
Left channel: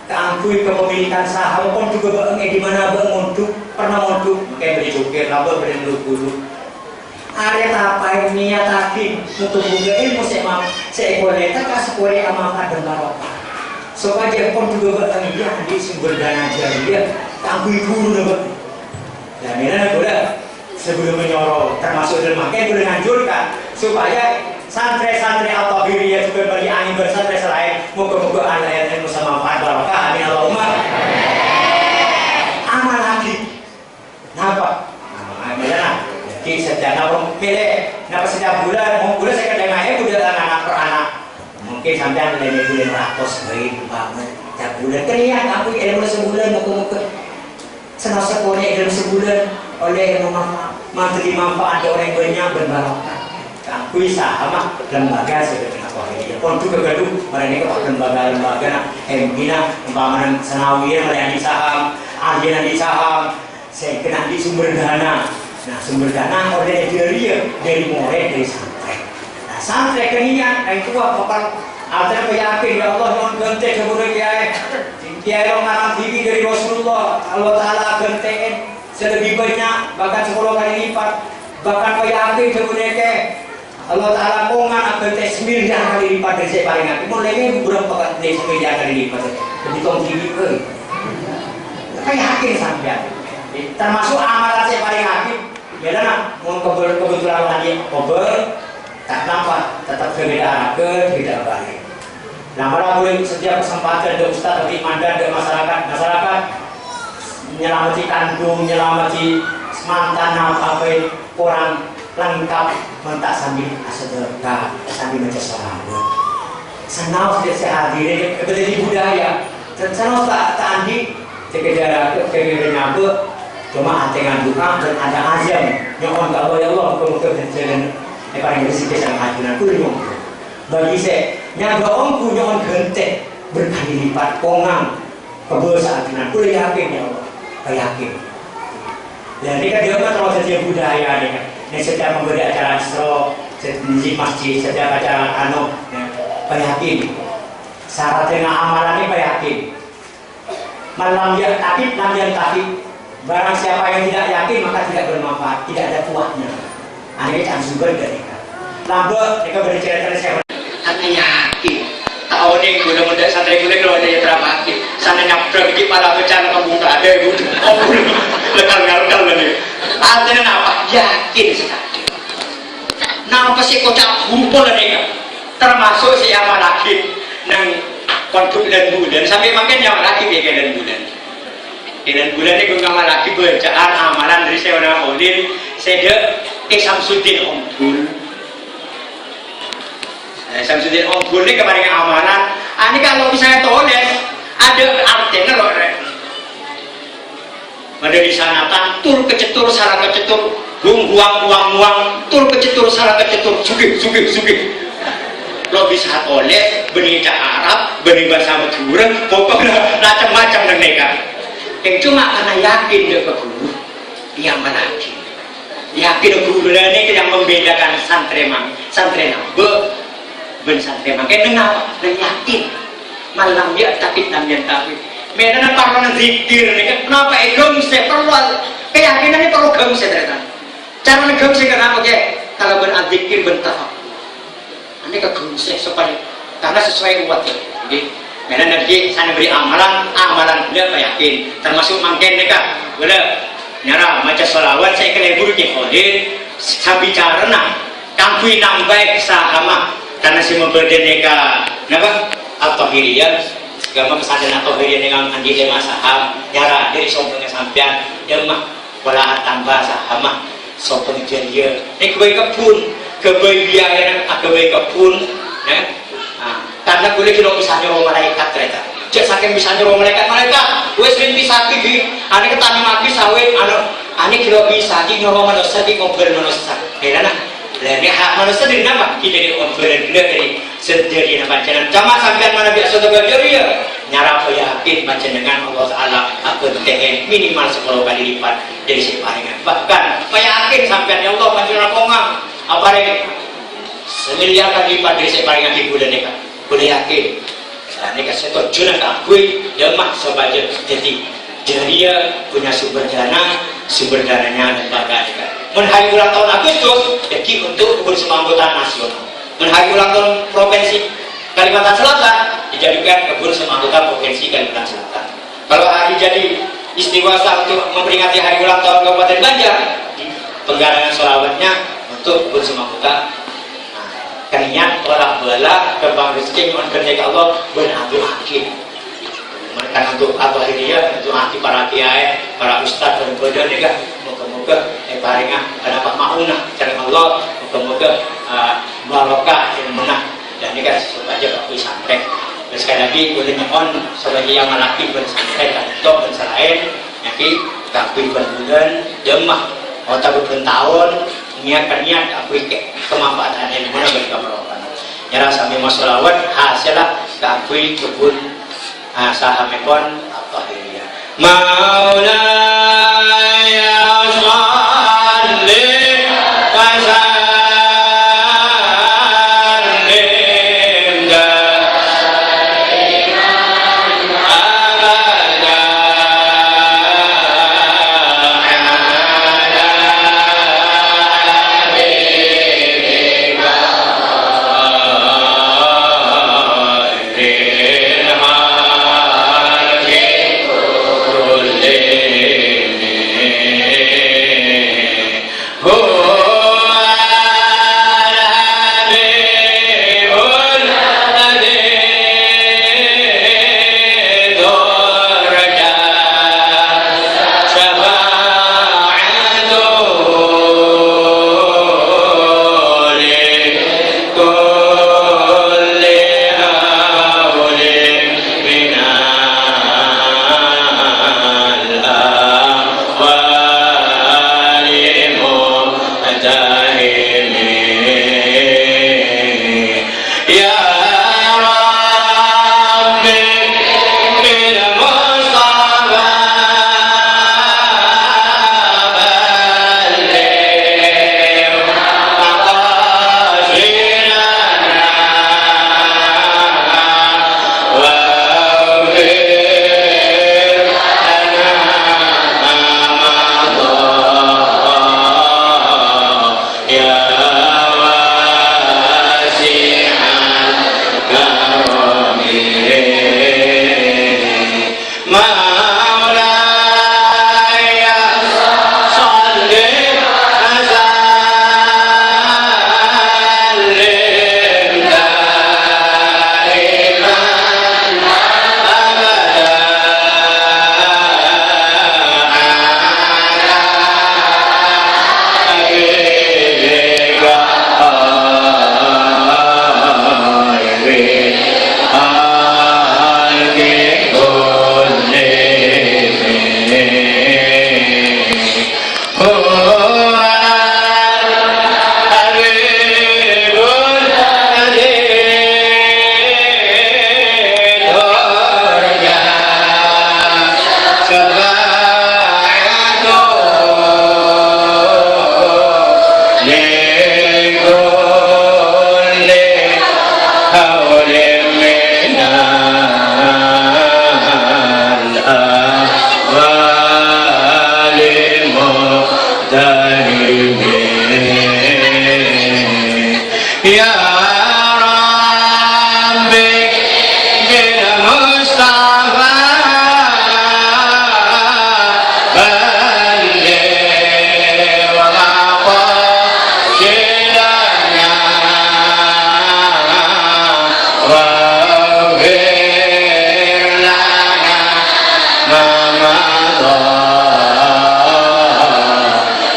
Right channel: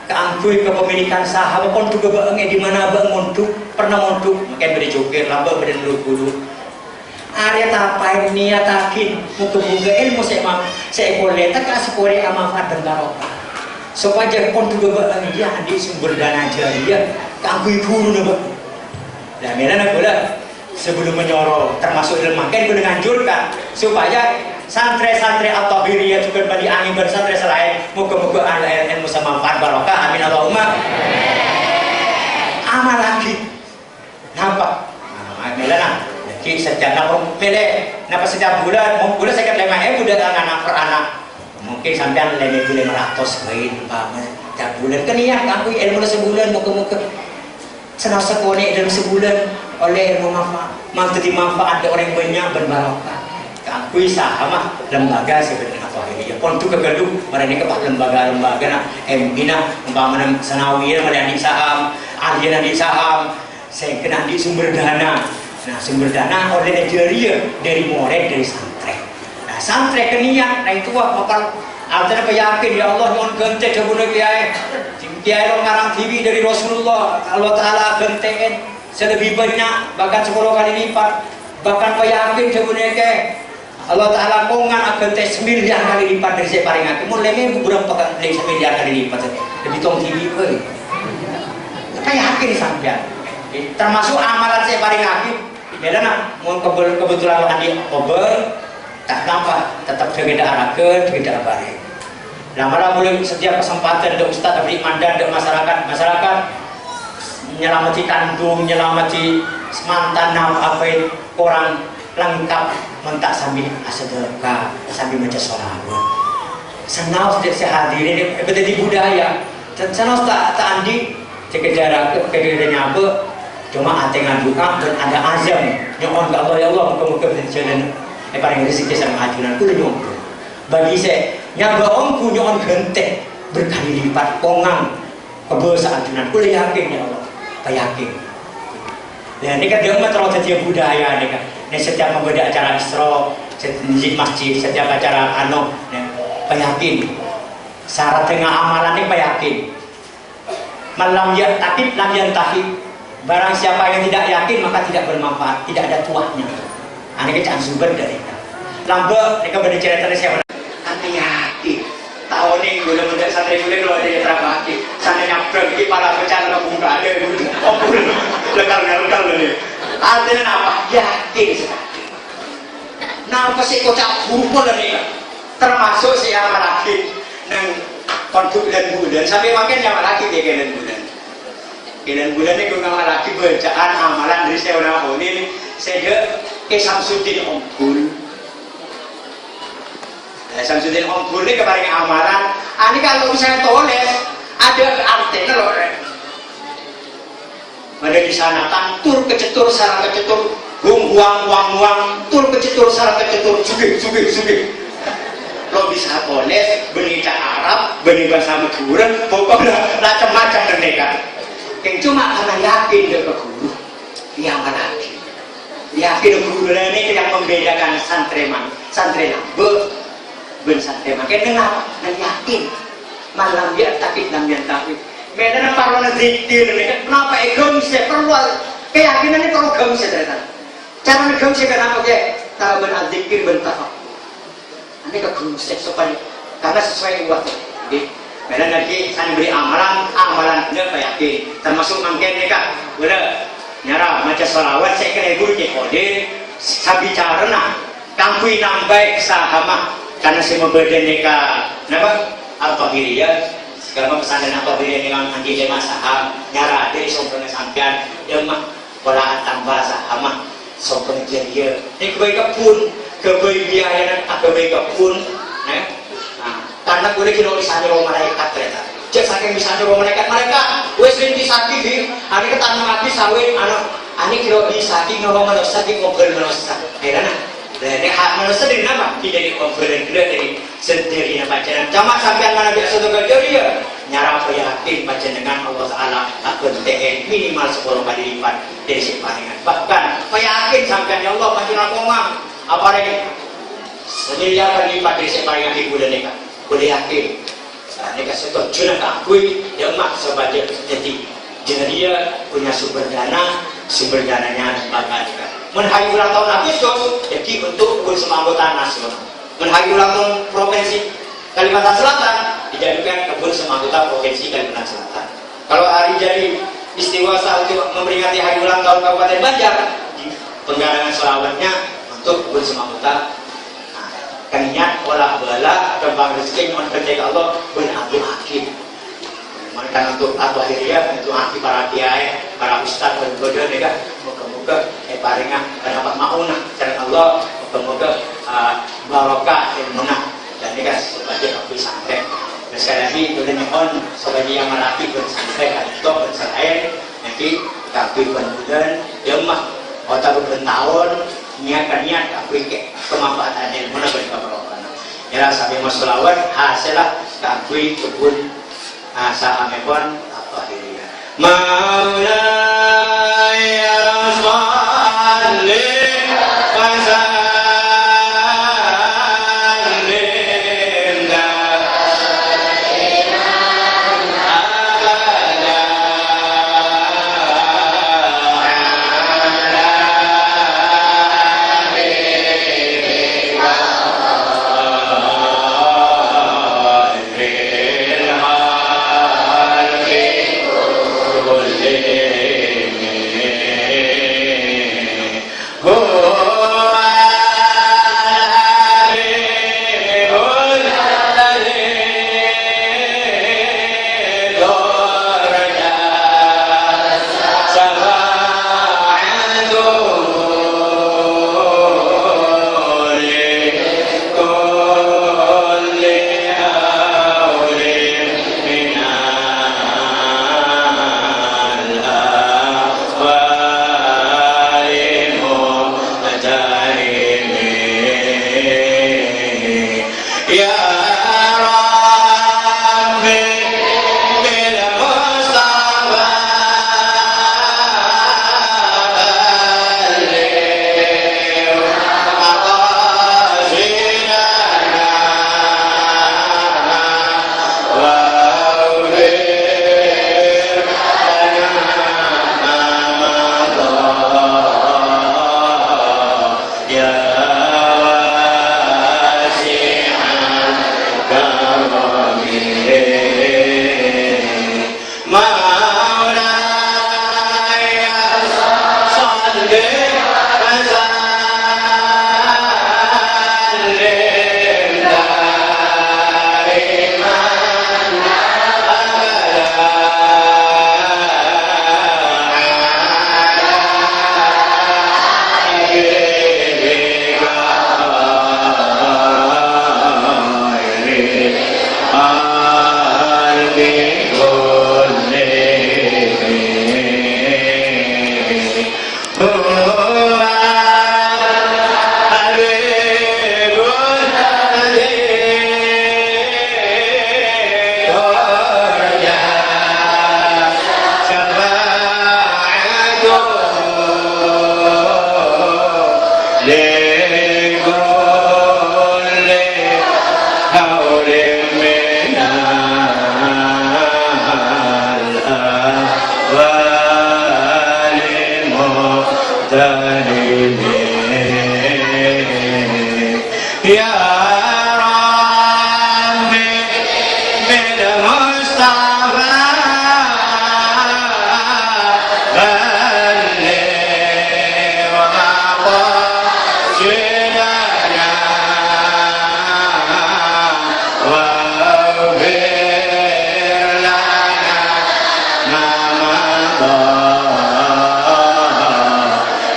keangkui kepemilikan saham pun juga bangnya di mana bang montuk pernah montuk mungkin beri jokir laba beri dulu area apa ini atakin untuk buka ilmu saya boleh tak kasih boleh amanfaat dan barokah supaya pun juga bangnya di sumber dana jariah keangkui guru dapat dan mana boleh sebelum menyorot termasuk dalam makin boleh nganjurkan supaya santri-santri atau dirinya juga bagi angin bersantri selain moga-moga anda ilmu sama manfaat barokah amin Allahumma amal lagi nampak nah jadi setiap napung pilih napa setiap bulan mau bulan saya kata bulan anak per anak mungkin sampai lebih bulan 100 baik banget setiap bulan kan iya aku ilmu sebulan moga-moga senang sekolah dalam sebulan oleh ilmu manfaat dimanfaat orang banyak berbarokah akui sama lembaga seperti apa ini pun tu kegaduh mereka kepak lembaga-lembaga nak bina umpamanan sanawiyah melayani saham ahlian di saham saya kena di sumber dana nah sumber dana oleh jariah dari murid dari santri nah santri kenian nah itu apa Altar yakin ya Allah mohon gente kepada kiai kiai ngarang TV dari Rasulullah Allah Ta'ala gentein selebih banyak bahkan 10 kali lipat bahkan yakin kepada kiai Allah Ta'ala kongan akan tes 9 kali lipat dari saya paling aku mulainya berapa kali 9 kali lipat lebih tong tinggi kayak yakin sampai termasuk amalan saya paling yakin beda nak mau kebetulan tadi kober tak nampak tetap berbeda arahkan tidak baik lama-lama mulai setiap kesempatan untuk Ustaz beri mandat untuk masyarakat menyelamati tandu menyelamati mantan apa orang lengkap mentak sambil sedekah sambil baca sholawat senang saya hadirin betul budaya dan senang tak andi sekedar nyampe cuma hati ngadukan dan ada azam nyohon ke Allah ya Allah muka-muka berjalan paling rezeki sama ajunan kuliah bagi saya yang baongku nyohon genteng berkali lipat kongang kebesa ajunan kuliah yakin ya Allah yakin dan ini kan dia terlalu jadi budaya ini kan ini setiap membeda acara isro di masjid setiap acara peyakin syarat dengan amalan ini peyakin malam ya tapi lam yang tahib barang siapa yang tidak yakin maka tidak bermanfaat tidak ada tuahnya ini kan sumber dari lambat mereka berbicara dari siapa hanya yakin tahu nih gula mendak santri gula kalau ada yang berapa hati sana nyaprek di para bencana membuka ada yang lekal bener artinya apa yakin sekali nah pasti kocak kumpul mereka termasuk siapa lagi nang kontuk dan bulan sampai makin yang lagi dia dan bulan ini gue lagi bacaan amalan dari saya orang Aulin saya Samsudin Ombul Samsudin Ombul ini kepada amalan ini kalau misalnya toles ada artinya loh ada di sana tantul kecetur sarang kecetur buang tul kecetur sarang kecetur sugih lo bisa toles benih Arab benih bahasa Madura pokoknya macam-macam mereka yang cuma karena yakin dia guru yang mana yakin guru ini yang membedakan santri nambe ben santri makin kenapa dan yakin malam dia takut namanya takut bedanya parlana zikir kenapa gemse perlu keyakinan ini perlu gemse ternyata cara gemse kenapa kayak kalau benar zikir bentar ini ke gemse supaya karena sesuai buat jadi beda dari sana beri amalan dia yakin termasuk mungkin mereka boleh nyara baca sholawat saya kena guru kiai sabi carana kampui nambah sahama karena si membeda mereka napa atau hiriyah gama pesantren atau hiriyah dengan anji jemaah saham nyara dari sombongnya sampean yang mah wala tambah sahama sombong dia ini kebaik biaya kebaik kebun karena boleh kira bisa nyuruh malaikat mereka cek saking bisa nyuruh malaikat mereka wes bisa gigi ini ketani mati sawit ini kira bisa gigi nyuruh manusia gigi ngobrol manusia karena ini hak manusia dari nama kita di ngobrol dari sendiri nama jalan cuma sampai mana biasa terjadi ya nyarap yakin macam dengan Allah Ta'ala akan mantengen minimal 10 kali lipat dari separingan. Bahkan yakin sampean ya Allah panjenengan kongang apa rek semiliar kali lipat dari separingan di bulan ini kan. Boleh yakin. Nah, ini kan setuju nak akui ya mak sebagai jadi dia punya sumber dananya lembaga kan. Menhari ulang tahun Agustus jadi untuk kebun semangkutan nasional. Menhari ulang tahun provinsi Kalimantan Selatan dijadikan kebun semangkutan provinsi Kalimantan Selatan. Kalau hari jadi istiwasa untuk memperingati hari ulang tahun Kabupaten Banjar, penggalangan selawatnya untuk kebun semangkutan. Nah, kaninya tolak bala kembang rezeki mohon ketika Allah berhati-hati. Mereka untuk apa dia untuk hati para kiai, para ustadz berbodoh juga. Moga-moga paringah dapat maunah karena Allah. Moga-moga barokah ilmunah. Dan ini kan sebagai kaki santai. Dan sekali lagi boleh nyemon sebagai yang menakib bersantai atau berselain nanti kaki bulan jemah otak tahun niat kaki kemanfaatan ilmunah bagi keberkahan. Nyerah sampai masolawat hasillah kaki kebun sahamekon apa dia Maulaya sholli wa sallim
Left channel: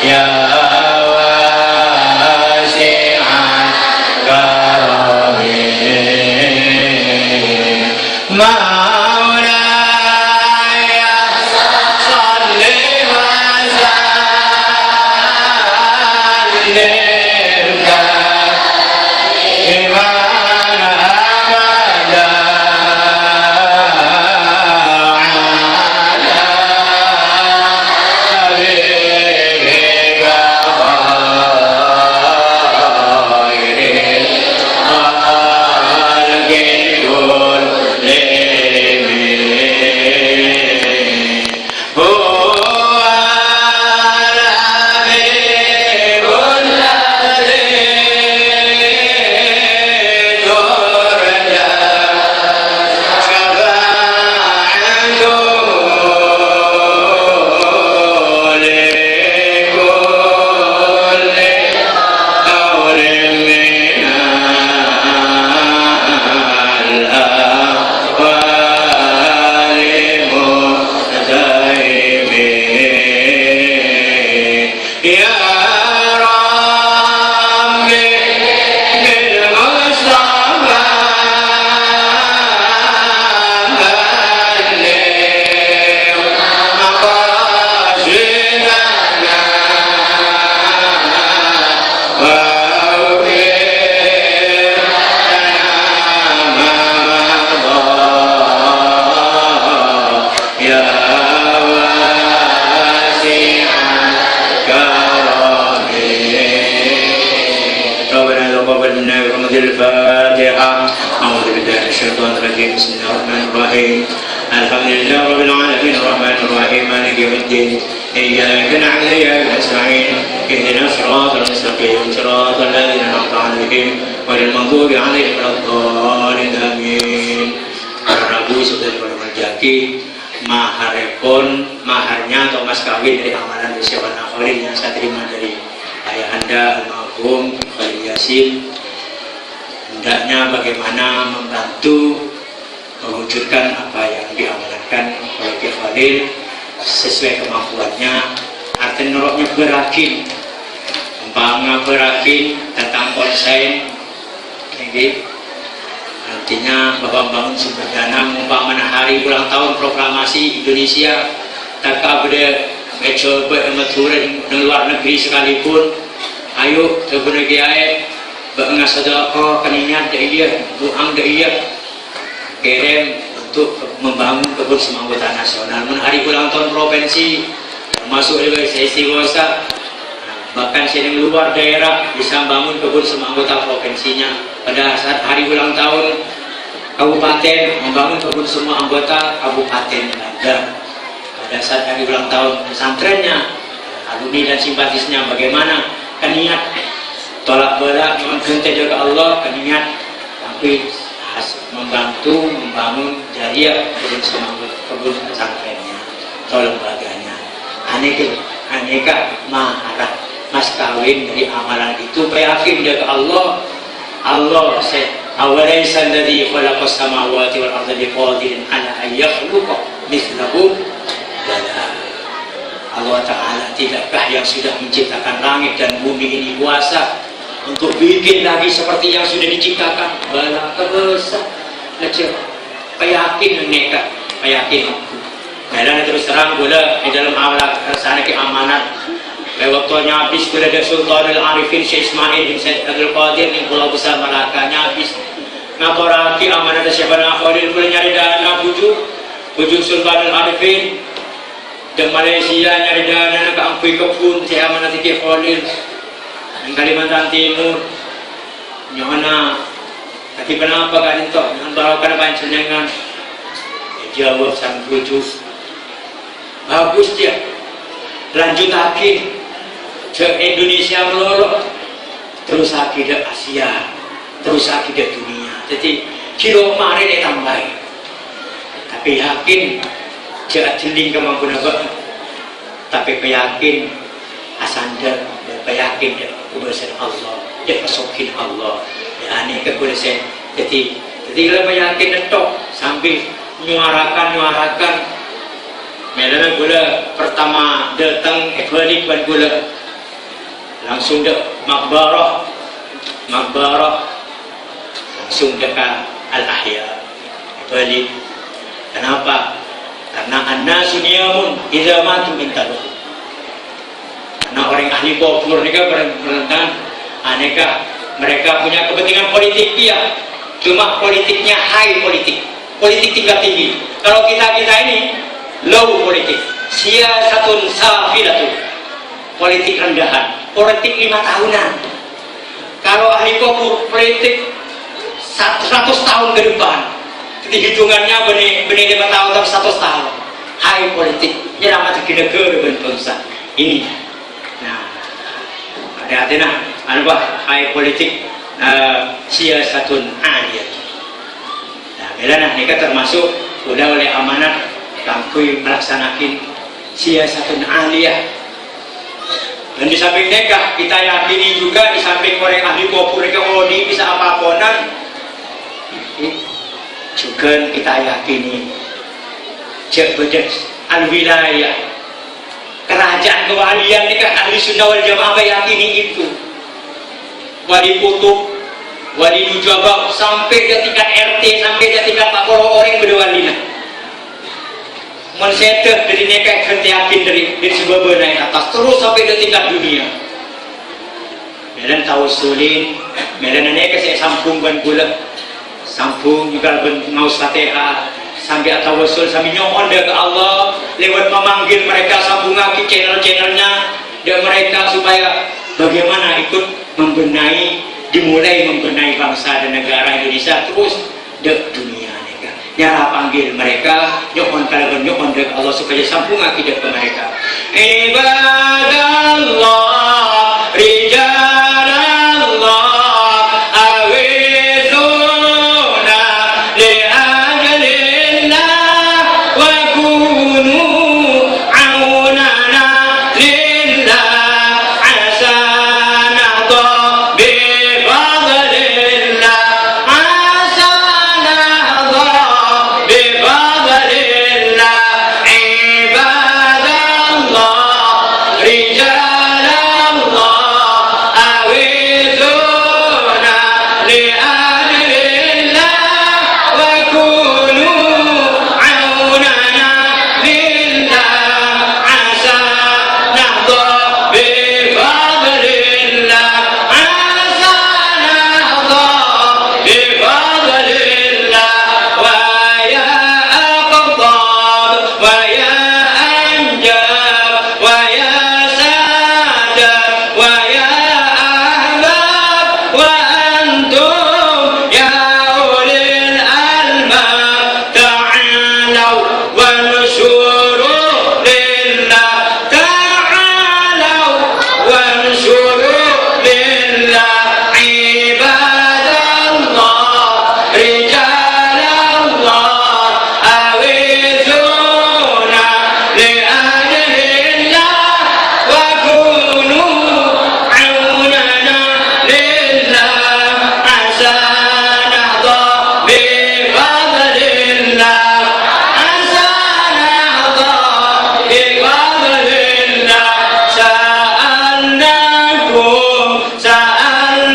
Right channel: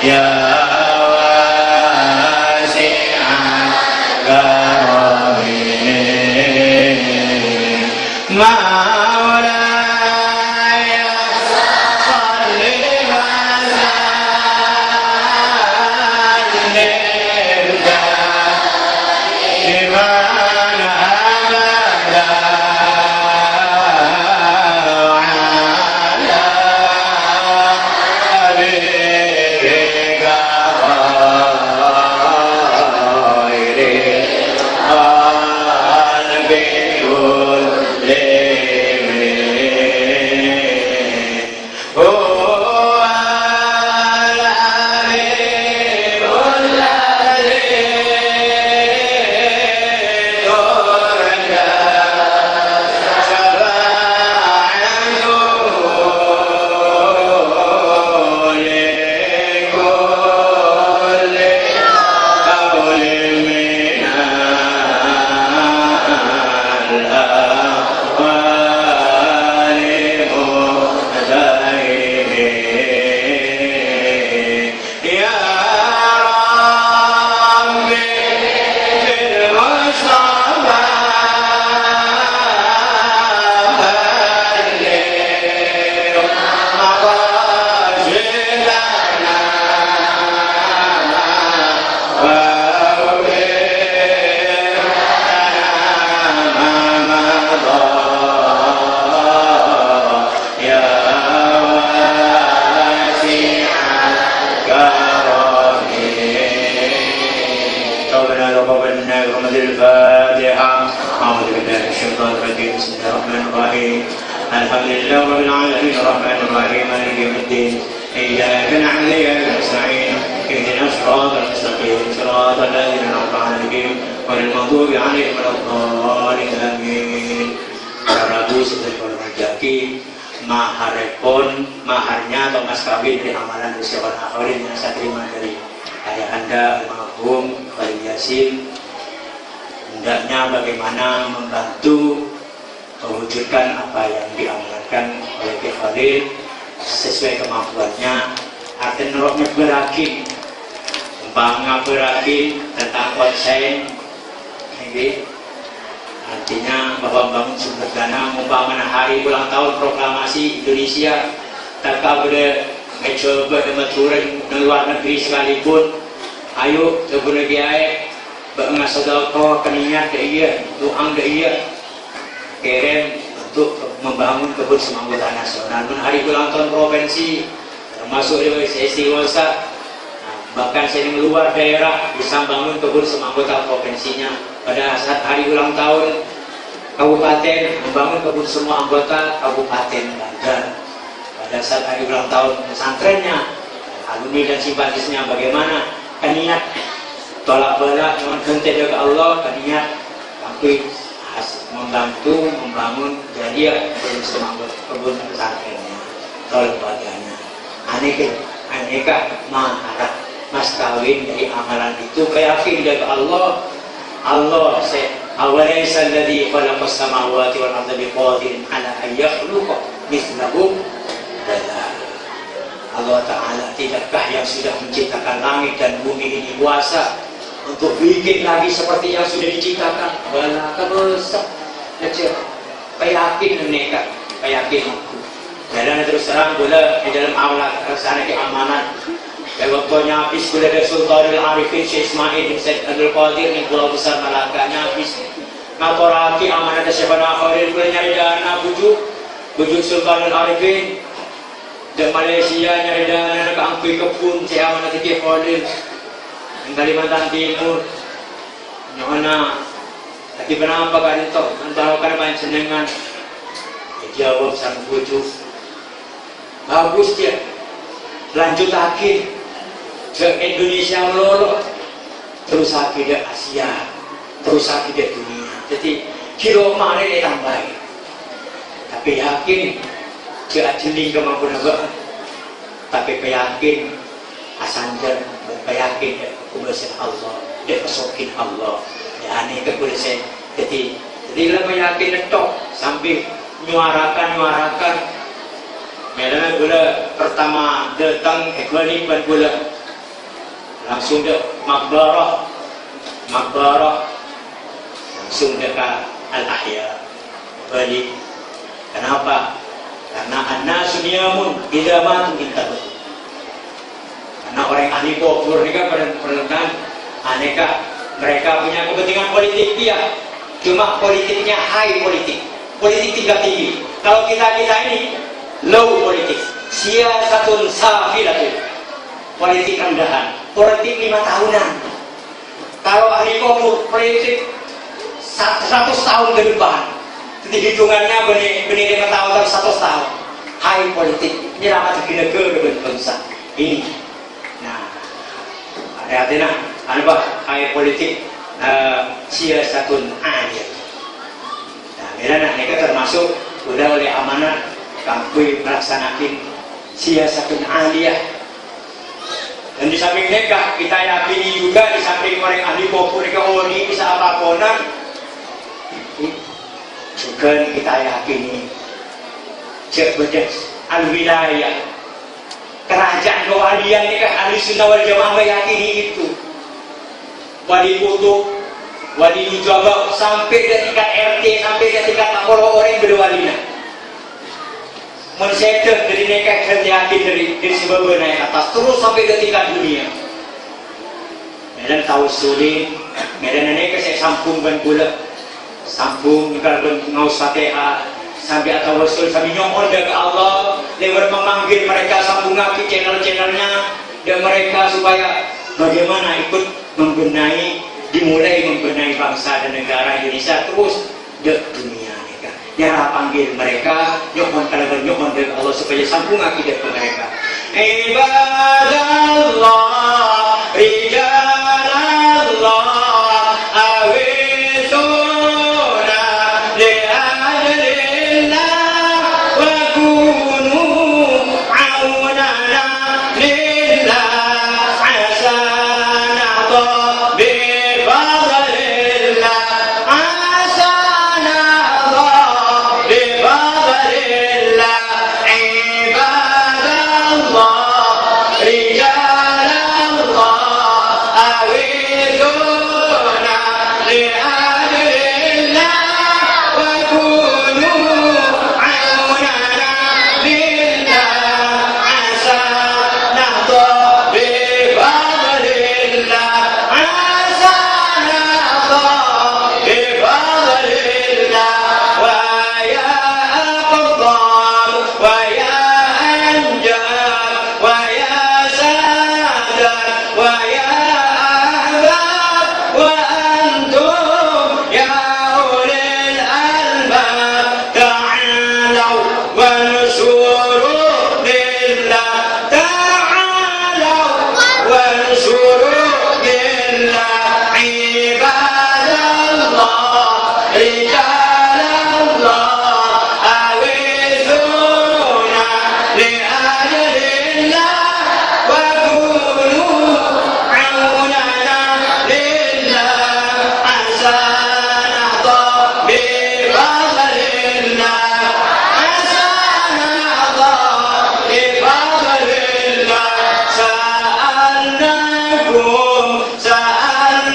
Ya wasi'an الفاتحة. أعوذ بالله من الشيطان الرجيم. بسم الله الرحمن الرحيم. الحمد لله رب العالمين الرحمن الرحيم مالك يوم الدين. إياك نعبد وإياك نستعين. اهدنا الصراط المستقيم صراط الذين أنعمت عليهم غير المغضوب عليهم ولا الضالين آمين. Rabu sudah menjadi maharekon, maharnya atau mas kawin dari amalan usia akhirin yang saya terima dari ayah anda almarhum Khalil Yasin. Hendaknya bagaimana membantu mewujudkan apa yang diamalkan oleh Kiai Khalil sesuai kemampuannya. Artinya noroknya berakin, umpama berakin tentang konsen ini. Artinya bahwa bangun sumber dana umpamanya hari ulang tahun proklamasi Indonesia tak ada mencoba maturan di luar negeri sekalipun, ayo terguna gaya bengas sedekah keniat dia doang dia kirim untuk membangun kebun semangkutan nasional. Hari ulang tahun provinsi termasuk di sesi Gosa, bahkan sering luar daerah bisa bangun kebun semangkutan provinsinya. Pada saat hari ulang tahun kabupaten membangun kebun semua anggota kabupaten Banjar. Pada saat hari ulang tahun pesantrennya, alumni dan simpatisnya bagaimana keniat tolak belak menghenti jaga Allah, keniat tapi membantu membangun jariah kebun semua kebun pesantrennya atau lembaganya. Aneka maharat mas kawin dari amalan itu yakin jaga Allah. Allah said, "Awalaysa alladhi khalaqas samawati wal arda biqadirin ala an yakhluqa mithlahum?" Bala. Allah Ta'ala, tidakkah yang sudah menciptakan langit dan bumi ini kuasa untuk bikin lagi seperti yang sudah diciptakan? Bala, kebesar aja. Payakin nekat, payakin. Dan terus terang gula di dalam awal sana keamanan. Waktunya habis bila ada Sultanul Arifin Syekh Ismail bin Said Abdul Qadir di Pulau Besar Malakanya habis ngaporati amanah Syekh Khalil boleh nyari dana bujuk Sultanul Arifin di Malaysia nyari dana ke Ampui Kebun Syekh amanah Syekh Khalil di Kalimantan Timur nyona lagi kenapa kan itu antara kan panjenengan jawab sang bujuk bagus dia lanjut lagi ke Indonesia melolot terus lagi ke Asia terus lagi ke dunia. Jadi kilo kemarin tambahin tapi yakin jangan jeling kemampuan apa tapi yakin asanda yakin ya kebesaran Allah ya kesokin Allah ya aneh kebesaran. Jadi lebih yakin netok sambil nyuarakan melana gula pertama datang balik ban gula langsung dek makbarah langsung dekat al-ahya balik. Kenapa? Karena an-nasu niyamun idza matu intahu. Karena orang ahli kubur ini kan berentan aneka mereka punya kepentingan politik ya, cuma politiknya high politik tingkat tinggi. Kalau kita ini low politik, siyasatun safilatun, politik rendahan, politik 5 tahunan. Kalau ahli kubur politik 100 tahun ke depan, jadi hitungannya benih 5 tahun atau 100 tahun. High politik, nyelamat negara berbangsa ini. Nah, hati-hati nah, high politik siyasatun aliyah. Nah, bila mereka termasuk udah oleh amanah kami melaksanakan siyasatun aliyah. Dan di samping nekah kita yakini juga di samping orang ahli kubur ini bisa apa-apaan juga kita yakini jabatan al-wilayah kerajaan kewalian ini kan ahli sunnah wal jamaah yakini itu wali kutub wali nujabah sampai ke tingkat RT sampai ke tingkat lapor orang berdewalina mensedah dari nekah yakin dari sebab naik atas terus sampai ke tingkat dunia. Medan tahu sulit, medan nekah saya sambungkan gula, sambung juga ngaus fatihah sampai atau wasul sampai nyokol ke Allah lewat memanggil mereka sambung lagi channel-channelnya dan mereka supaya bagaimana ikut membenahi dimulai membenahi bangsa dan negara Indonesia terus dek dunia mereka. Nyara panggil mereka, nyokon kalaban nyokon dek Allah supaya sambung akidah ke mereka. Ibadallah, rijalallah, awizuna li'ajalillah wa kunu aunana lillah asanah bifadlillah asanah bifadlillah ibadallah rijalallah awizuna li'ajalillah wa kunu aunana lillah asanah bifadlillah asanah bifadlillah wa ya aqtab wa ya anjab wa ya sadat wa ya ahbab wa antum ya ulil albab ta'alaw wa nusuru lillah ta'alaw wa nusuru lillah ibadallah rijalallah awizuna li'ajalillah wa kunu aunana lillah asanah bifadlillah asanah bifadlillah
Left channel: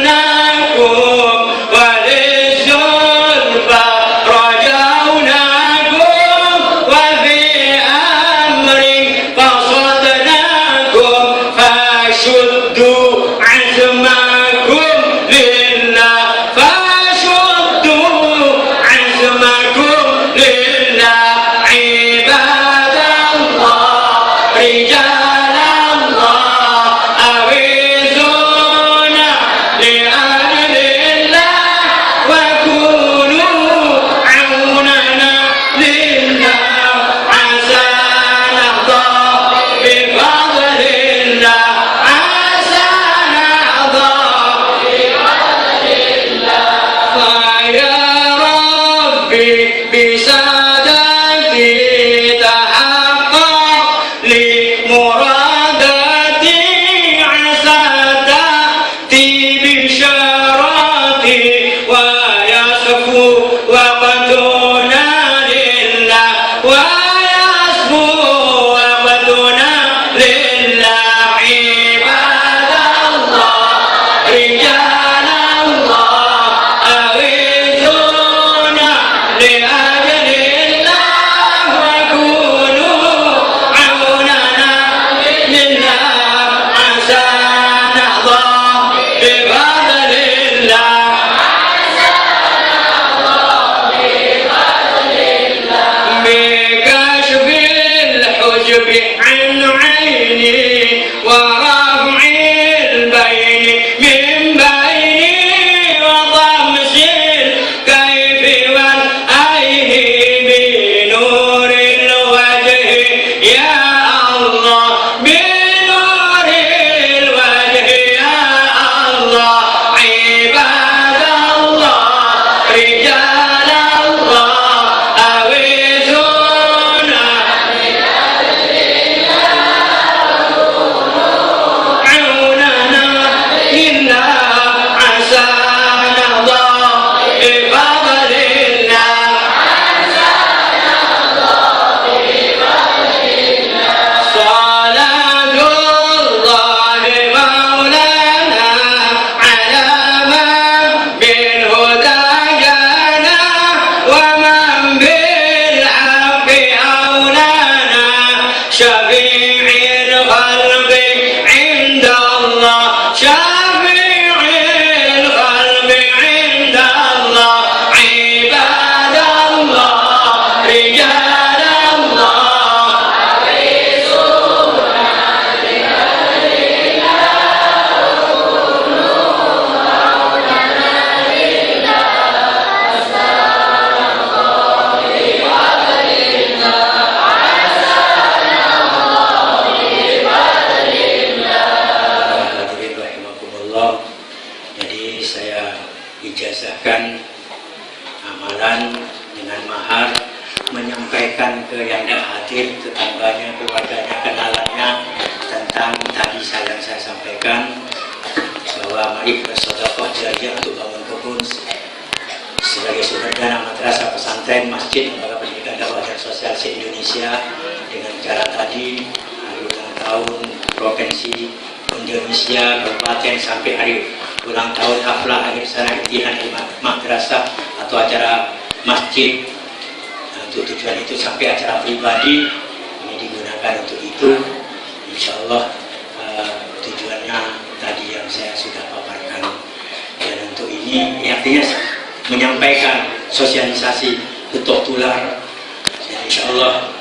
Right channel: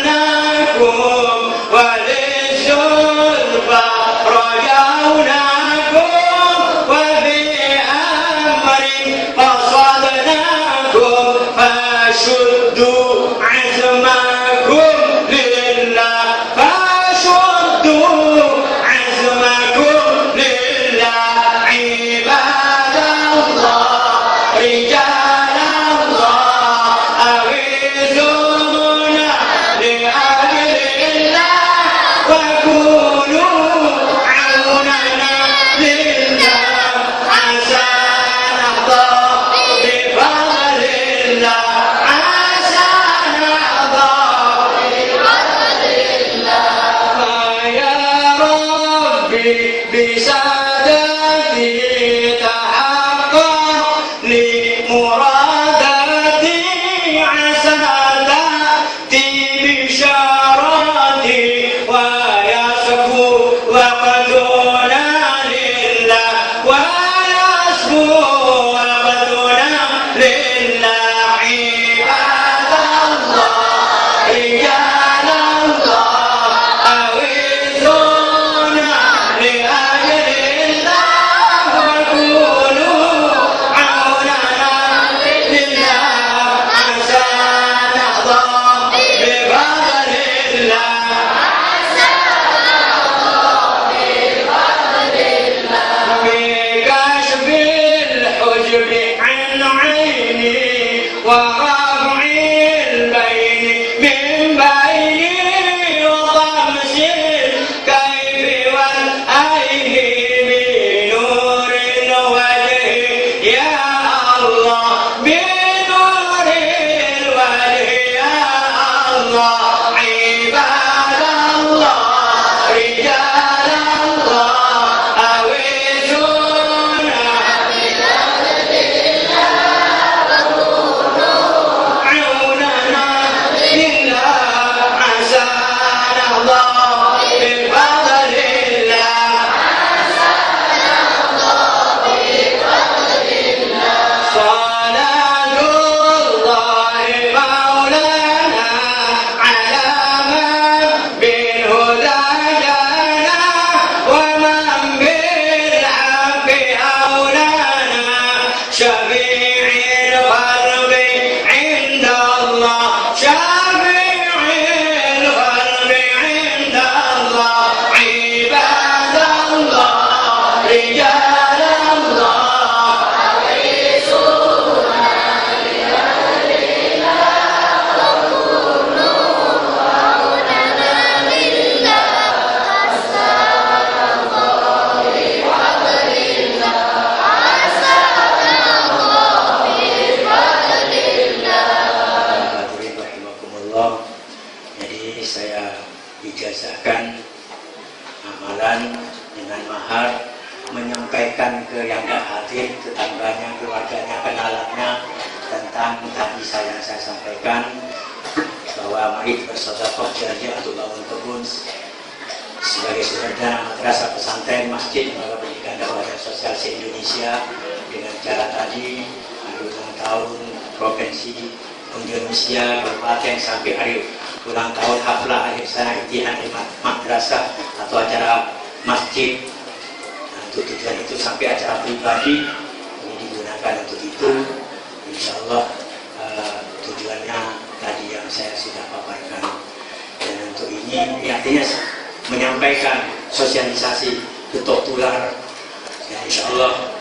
sa'alnakum walizulfa rajaunakum wa fi amrin fasadnakum fashuddu azmakum lillah fashuddu azmakum lillah ibadallah rijalallah awizuna li'ajalillah wa kunu aunana lillah asanah bifadlillah asanah bifadlillah ya Rabbi bisadati tahaqqaq li muradati asatati bisharati wa yasfu wa qaduna lillah wa yasfu wa qaduna lillah ibadallah rijalallah awizuna li'ajalillah wa kunu aunana lillah asanah bifadlillah بكشف الحجب عن عيني ورفع البين من بيني وطمس الكيف والعين بنور الوجه يا الله بنور الوجه يا الله عباد الله رجال الله أويسونا عوننا إلا عسانا الله بفضل الله صلاة الله مولانا على من بالهدى جانا ومن بالحق أولانا شفيع الخلق عند الله شفيع الخلق عند الله عباد الله رجال الله sampaikan bahwa mari bersedekah jariah untuk bangun kebun sebagai sumber dana madrasah, pesantren, masjid, lembaga pendidikan dakwah dan sosial se-Indonesia dengan cara tadi hari ulang tahun provinsi Indonesia, kabupaten sampai hari ulang tahun haflah akhir sana imtihan di madrasah atau acara masjid. Nah, untuk tujuan itu sampai acara pribadi ini digunakan untuk itu. Insya Allah tujuannya tadi yang saya sudah paparkan, dan untuk ini artinya menyampaikan sosialisasi getok tular, dan insya Allah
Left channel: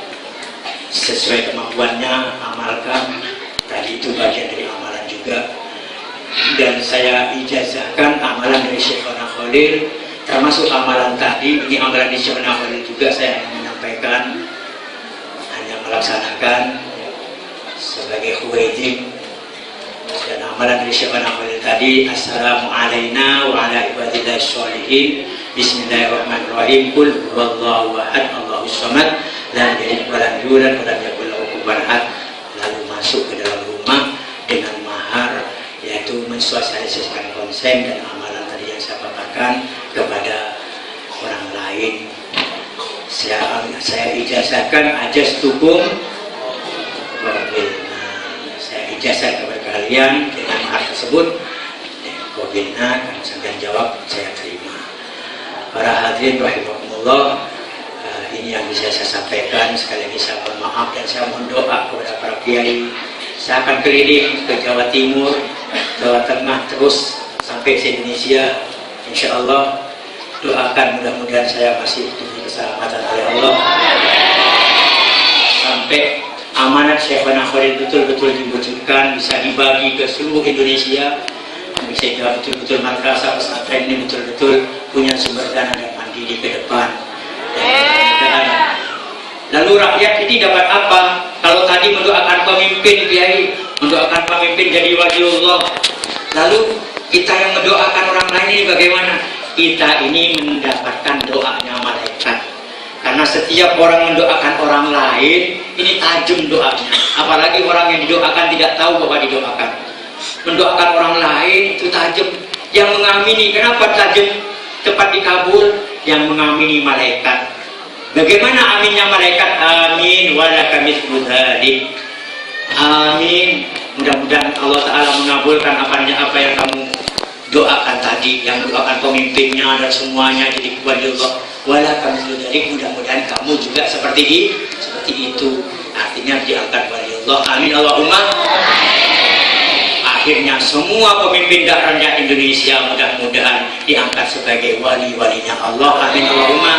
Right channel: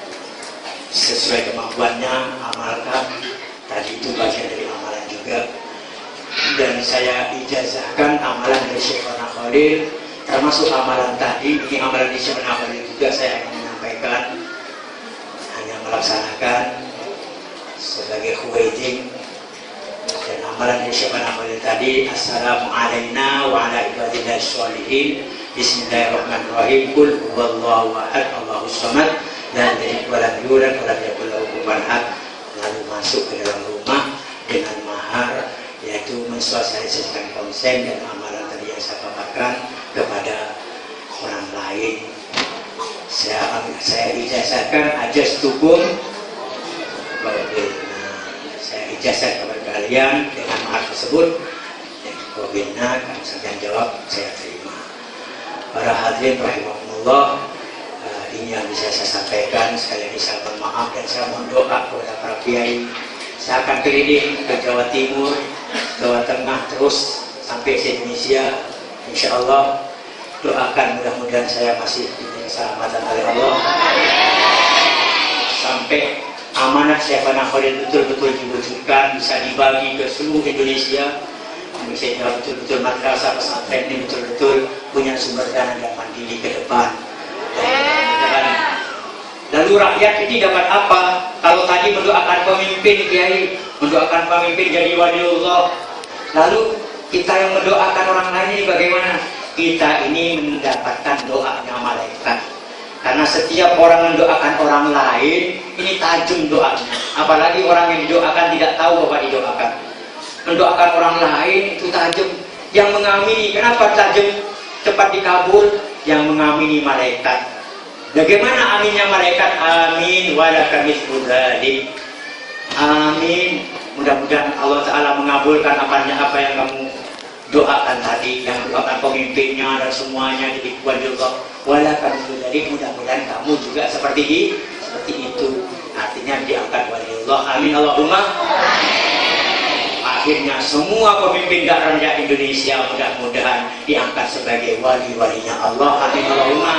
sesuai kemampuannya amalkan. Tadi itu bagian dari amalan juga, dan saya ijazahkan amalan dari Syekhona Khalil, termasuk amalan tadi ini amalan dari Syekhona Khalil juga. Saya menyampaikan, hanya melaksanakan sebagai khuwaidin. Dan amalan dari Syekhona Khalil tadi, assalamu alaina wa ala ibadillahi sholihin, bismillahirrahmanirrahim, qul huwallahu ahad, Allahus samad, lam yalid wa lam yulad wa lam yakul lahu kufuwan ahad. Lalu masuk ke dalam rumah dengan mahar, yaitu mensosialisasikan konsen dan amalan tadi yang saya paparkan kepada orang lain. Saya ijazahkan ajas tukum, saya ijazah kepada kalian dengan mahar tersebut. Kobina, kami sampai jawab, saya terima. Para hadirin rahimakumullah, ini yang bisa saya sampaikan. Sekali lagi saya mohon maaf dan saya mohon doa kepada para kiai. Saya akan keliling ke Jawa Timur, Jawa Tengah, terus sampai se Indonesia. Insya Allah doakan, mudah-mudahan saya masih diberi keselamatan oleh Allah sampai amanat Syekhona Khalil betul-betul diwujudkan, bisa dibagi ke seluruh Indonesia, bisa betul-betul madrasah pesantren ini betul-betul punya sumber dana dan mandiri ke depan. Lalu rakyat ini dapat apa? Kalau tadi mendoakan pemimpin kiai, mendoakan pemimpin jadi waliullah, lalu kita yang mendoakan orang lain ini bagaimana? Kita ini mendapatkan doanya malaikat. Karena setiap orang mendoakan orang lain, ini tajam doanya. Apalagi orang yang didoakan tidak tahu bahwa didoakan. Mendoakan orang lain itu tajam. Yang mengamini, kenapa tajam? Cepat dikabul. Yang mengamini malaikat. Bagaimana aminnya malaikat? Amin walaka mithlu dzalik. Amin. Mudah-mudahan Allah Ta'ala mengabulkan apa yang kamu doakan tadi, yang doakan pemimpinnya dan semuanya jadi waliullah. Walaka mithlu dzalik. Mudah-mudahan kamu juga seperti itu. Artinya diangkat waliullah. Amin Allahumma. Akhirnya semua pemimpin dan rakyat Indonesia mudah-mudahan diangkat sebagai wali-walinya Allah. Amin Allahumma.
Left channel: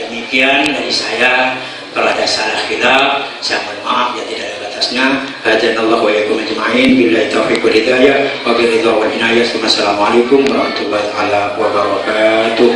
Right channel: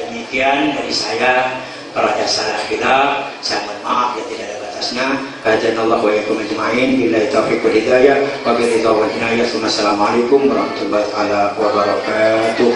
Demikian dari saya. Kalau ada salah khilaf, saya mohon maaf yang tidak ada batasnya. Hadanallahu wa iyyakum ajma'in. Billahi taufiq wal hidayah. Wa biridha wal inayah. Wassalamualaikum warahmatullahi wabarakatuh.